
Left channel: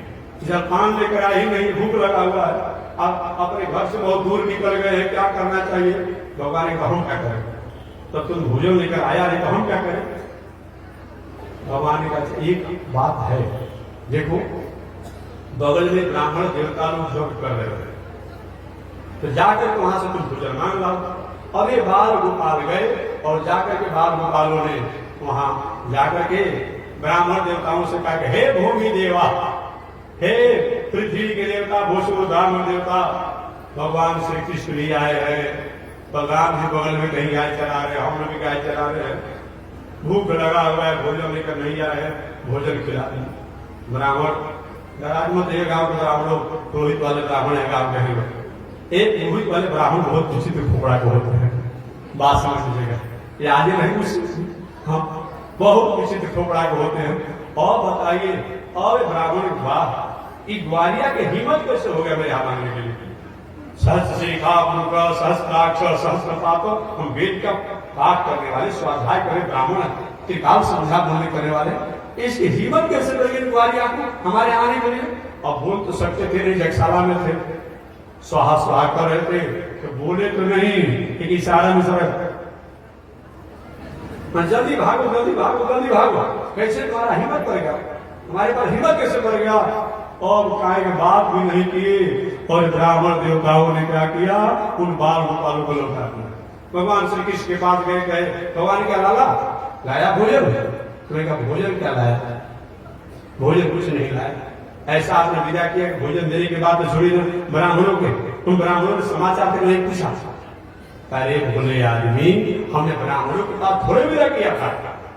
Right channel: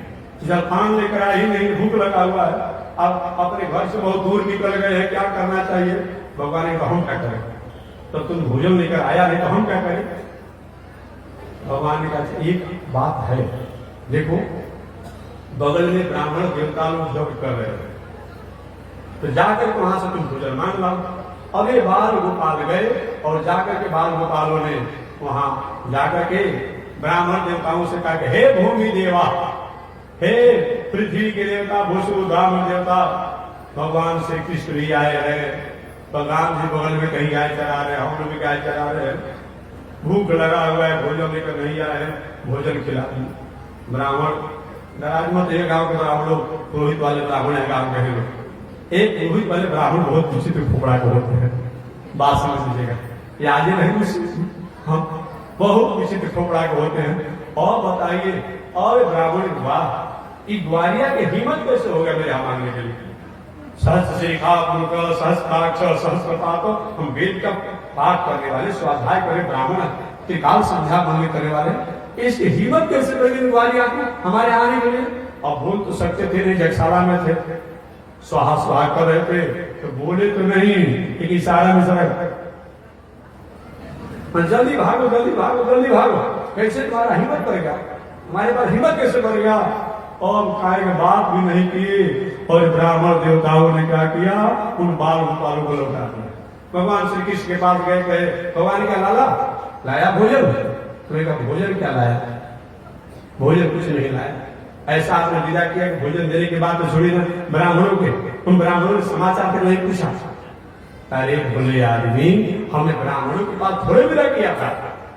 जलपान लेकर आए ही नहीं, भूख लगा हुआ है, अब अपने घर से बहुत दूर निकल गए हैं, क्या करना चाहिए? भगवान ने कहा हम क्या करें, तब तुम भोजन लेकर आया नहीं तो हम क्या करें? भगवान ने कहा एक बात है, देखो बगल में ब्राह्मण देवता लोग जब कर रहे थे, तो जाकर वहां से तुम भोजन मांग लाओ। अब ये बाल गोपाल गए, और जाकर के बाल गोपालों ने वहां जाकर के ब्राह्मण देवताओं से कहा कि हे भूमि देवा, हे पृथ्वी के देवता, भूषु ब्राह्मण देवता, भगवान श्री कृष्ण भी आए हैं, बलराम जी बगल में कहीं गाय चरा रहे हैं, हम लोग भी गाय चरा रहे हैं, भूख लगा हुआ है, भोजन लेकर नहीं आ रहे हैं, भोजन खिला। ब्राह्मण नाराज मत, एक गांव के ब्राह्मणों, पुरोहित वाले ब्राह्मण है गांव के लोग, एक पुरोहित वाले ब्राह्मण बहुत विचित्र फोपड़ा के होते हैं, बात समझ लीजिएगा, ये आगे नहीं, हम बहुत विचित्र फोपड़ा के होते हैं। और बताइए, और ब्राह्मण वाह, ग्वालिया की हिम्मत कैसे हो गया मेरे यहाँ मांगने के लिए? सहस्त्र शिखा पुरुष सहस्त्राक्ष सहस्त्रपात, हम वेद का पाठ करने वाले, स्वाध्याय करे ब्राह्मण, त्रिकाल संध्या बोलने करने वाले, इसकी हिम्मत कैसे बनी ग्वालिया को हमारे आने के लिए? अब बोल तो सकते थे नहीं, जगशाला में थे, स्वाहा स्वाहा कर रहे थे, तो बोले तो नहीं, एक इशारा में सर जल्दी भागो जल्दी भागो जल्दी भागो, कैसे तुम्हारा हिम्मत करेगा, हमारे पास हिम्मत कैसे करेगा? और काय के बात भी नहीं किए, और ब्राह्मण देवताओं ने क्या किया, उन बाल गोपालों को लौटा दिया। भगवान श्री कृष्ण के पास गए, कहे भगवान क्या लाला लाया भोजन? तुम्हें कहा भोजन क्या लाया? भोजन कुछ नहीं लाया। ऐसा आपने विदा किया कि भोजन देने के बाद तो छोड़ी ना ब्राह्मणों के, उन ब्राह्मणों ने समाचार तक नहीं पूछा। अरे भोले आदमी, हमने ब्राह्मणों के पास थोड़े विदा किया था,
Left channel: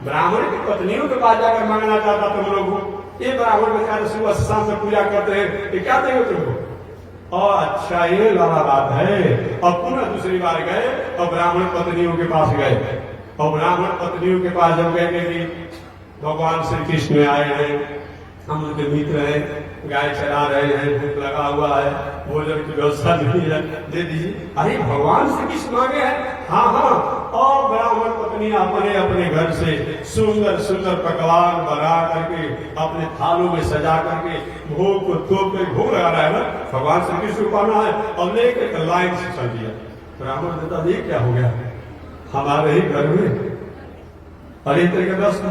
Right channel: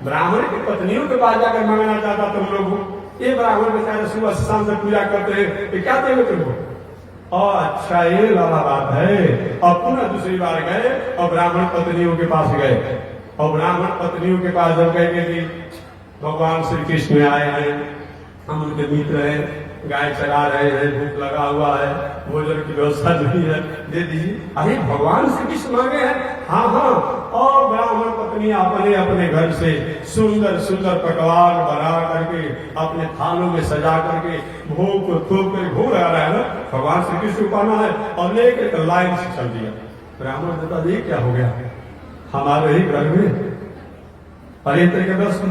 ब्राह्मण की पत्नियों के पास जाकर मांगना चाहता तुम लोगों। ये ब्राह्मण बेचारे सुबह शाम से पूजा करते हैं, तो क्या देंगे तुमको? और अच्छा ये लाला बात है। और पुनः दूसरी बार गए और ब्राह्मण पत्नियों के पास गए, और ब्राह्मण पत्नियों के पास जब गए कि भगवान श्री कृष्ण आए हैं, हम उनके मित्र हैं, गाय चरा रहे हैं, भूख लगा हुआ है, भोजन की व्यवस्था नहीं है, दे दीजिए। अरे भगवान श्री कृष्ण मांगे हैं? हाँ हाँ। और ब्राह्मण पत्नी अपने अपने घर से सुंदर सुंदर पकवान बना करके अपने थालों में सजा करके भोग को थोप कर भोग लगा रहा है ना, भगवान श्री कृष्ण को पाना है, और लेकर लाइन से चल दिया। ब्राह्मण देता ये क्या हो गया हमारे ही घर में? अरे तरीके 10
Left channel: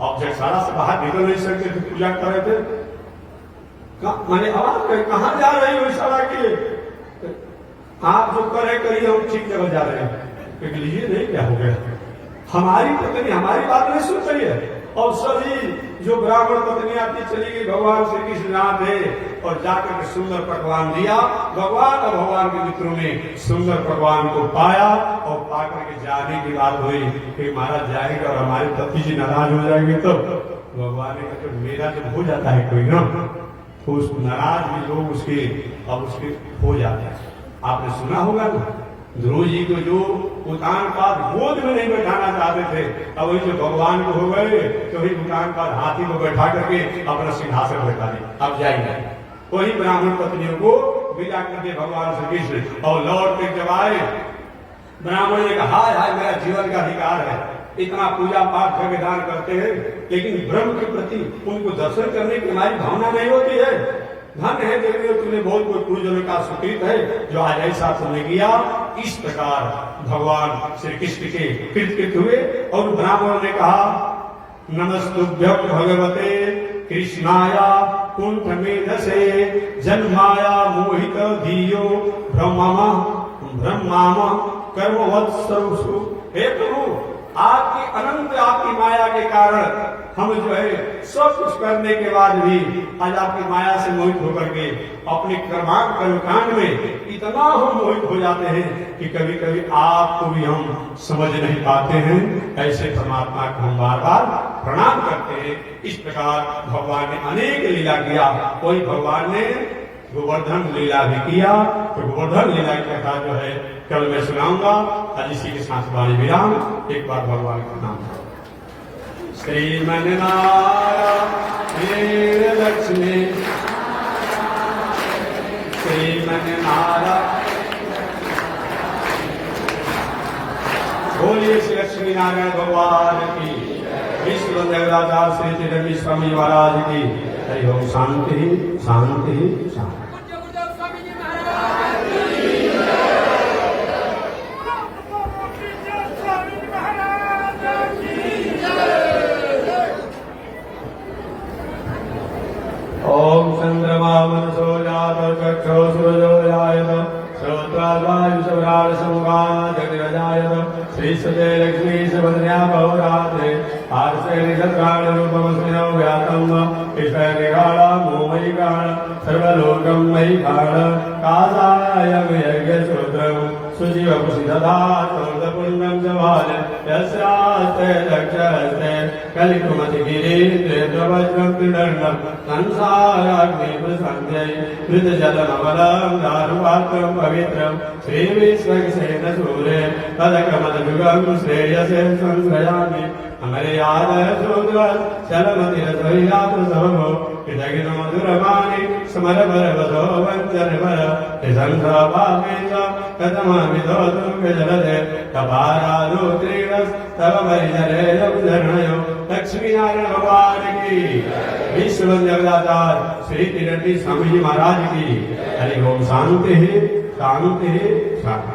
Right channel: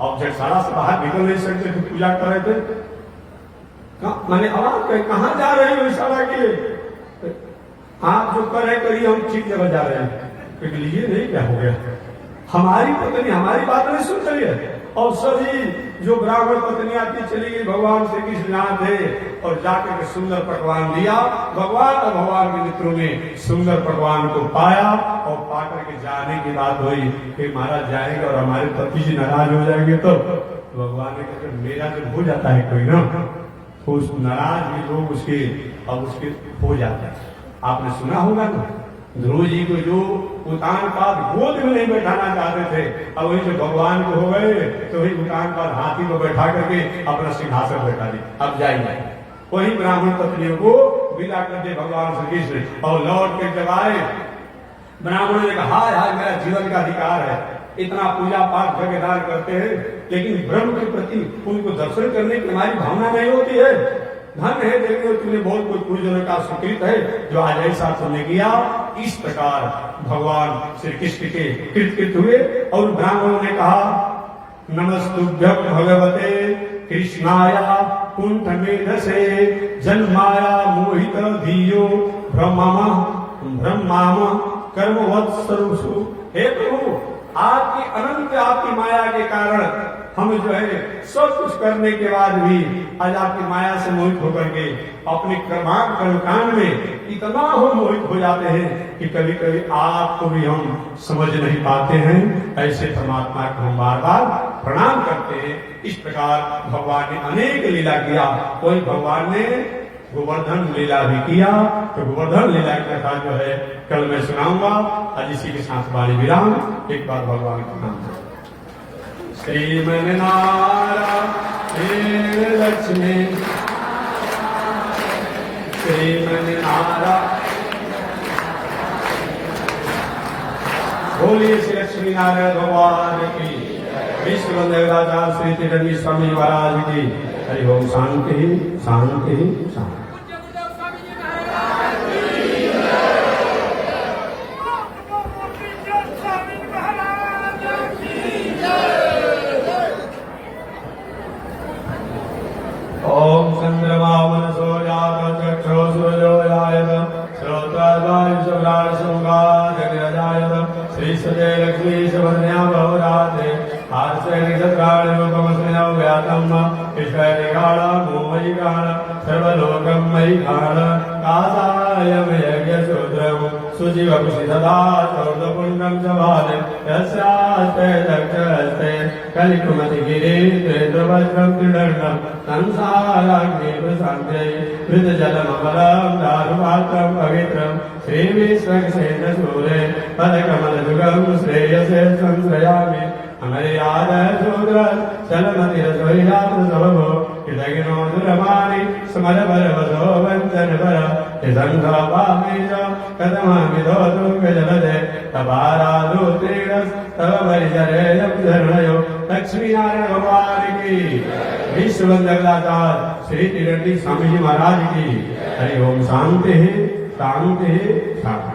ऑब्जेक्ट सारा से बाहर निकल नहीं सकते थे, पूजा कर रहे थे। मैंने आवाज कहाँ जा रही हो इशारा के? आप जो कर रहे करिए, हम ठीक जगह जा रहे हैं। ये नहीं क्या हो गया, हमारी पत्नी हमारी बात नहीं सुन चली है। और सभी जो ब्राह्मण पत्नियां थी चली गई, भगवान श्री कृष्ण यहाँ थे, और जाकर के सुंदर पकवान दिया। भगवान और भगवान के मित्रों ने सुंदर पकवान को पाया, और पाकर के जाने की बात हुई कि महाराज जाएंगे और हमारे पति जी नाराज हो जाएंगे, तो भगवान ने कहा मेरा जब हो जाता है कोई ना, तो उस नाराज भी लोग उसके अब उसके हो जाते हैं। आपने सुना होगा ना, ध्रुव जी को जो उतान पाद गोद में नहीं बैठाना चाहते थे, अब वही जो भगवान को हो गए तो वही उतान पाद हाथी को बैठा करके अपना सिंहासन बैठा दे, अब जाएंगे। वही ब्राह्मण पत्नियों को विदा कर दे भगवान श्री कृष्ण, और लौट के जब आए ब्राह्मण ने कहा हाय हाय मेरा जीवन का अधिकार है, इतना पूजा पाठ जगह दान करते हैं, लेकिन ब्रह्म के प्रति उनको दर्शन करने की हमारी भावना नहीं होती है। धन है देखते तुमने बहुत कोई पूजन का सुकृत है जो आज ऐसा तुमने किया, इस प्रकार भगवान श्री कृष्ण के कृतकृत हुए और ब्राह्मणों ने कहा नमस्तुभ्यं भगवते कृष्णाया कुंठ मेधसे जन्माया मोहित धियो ब्रह्माम कर्मवत्सु। हे प्रभु, आपकी अनंत आपकी माया के कारण हम जो है सब कुछ करने के बाद भी आज आपकी माया से मोहित होकर के अपने कर्मकांड में इतना हम मोहित हो जाते हैं कि कभी कभी आपको भी हम समझ नहीं पाते हैं। ऐसे परमात्मा को हम बार बार प्रणाम करते हैं। इस प्रकार भगवान ने अनेक लीला किया। कोई भगवान ने गोवर्धन लीला भी किया, तो गोवर्धन लीला की कथा जो है कल मैं सुनाऊंगा। आज इसी के साथ वाणी विराम। एक बार भगवान का नाम श्रीमन नारायण लक्ष्मी श्रीमन नारायण। बोलिए श्री लक्ष्मी नारायण भगवान की, विश्व देवराजा श्री त्रिरंगी स्वामी महाराज की। हरि ओम। शांति शांति शांति। ओम चंद्रमा मनसो जात चक्षो सूर्यो जायत श्रोत्राद्वायुषवराण समगा जगजायत श्री सदे लक्ष्मी सुभद्रया बहुराते आर्से नक्षत्राणि रूपमस्मिनो व्यातम् ईश्वरिगाळ मोमयि गाळ सर्वलोकं मयि गाळ कासाय यज्ञसूत्रम् सुजीवपुषि दधा चौदपुण्डं च बाले यस्यास्ते दक्षस्ते कलिकुमतिगिरीन्द्रेन्द्रवज्रं त्रिदण्डं संसाराग्नि प्रशान्त्यै हृतजलमबलं दारुपात्रं पवित्रं श्रीविश्वक्सेन सूरे पदकमलयुगं श्रेयसे संश्रयामि अमर्यादशूद्र चलमतिरसोयातु सबभो कृतघ्नो दुरमाणि स्मरपरवसो वञ्चनपर त्रिसन्धाभागे च कथमामिधोतु गजलजे तपारादो त्रीणस् तव परिचरेयं शरणयो। लक्ष्मी नारायण भगवान की, विश्व जगदाता श्री त्रिरंगी स्वामी जी महाराज की। हरि ओम। शांति शांति शांति।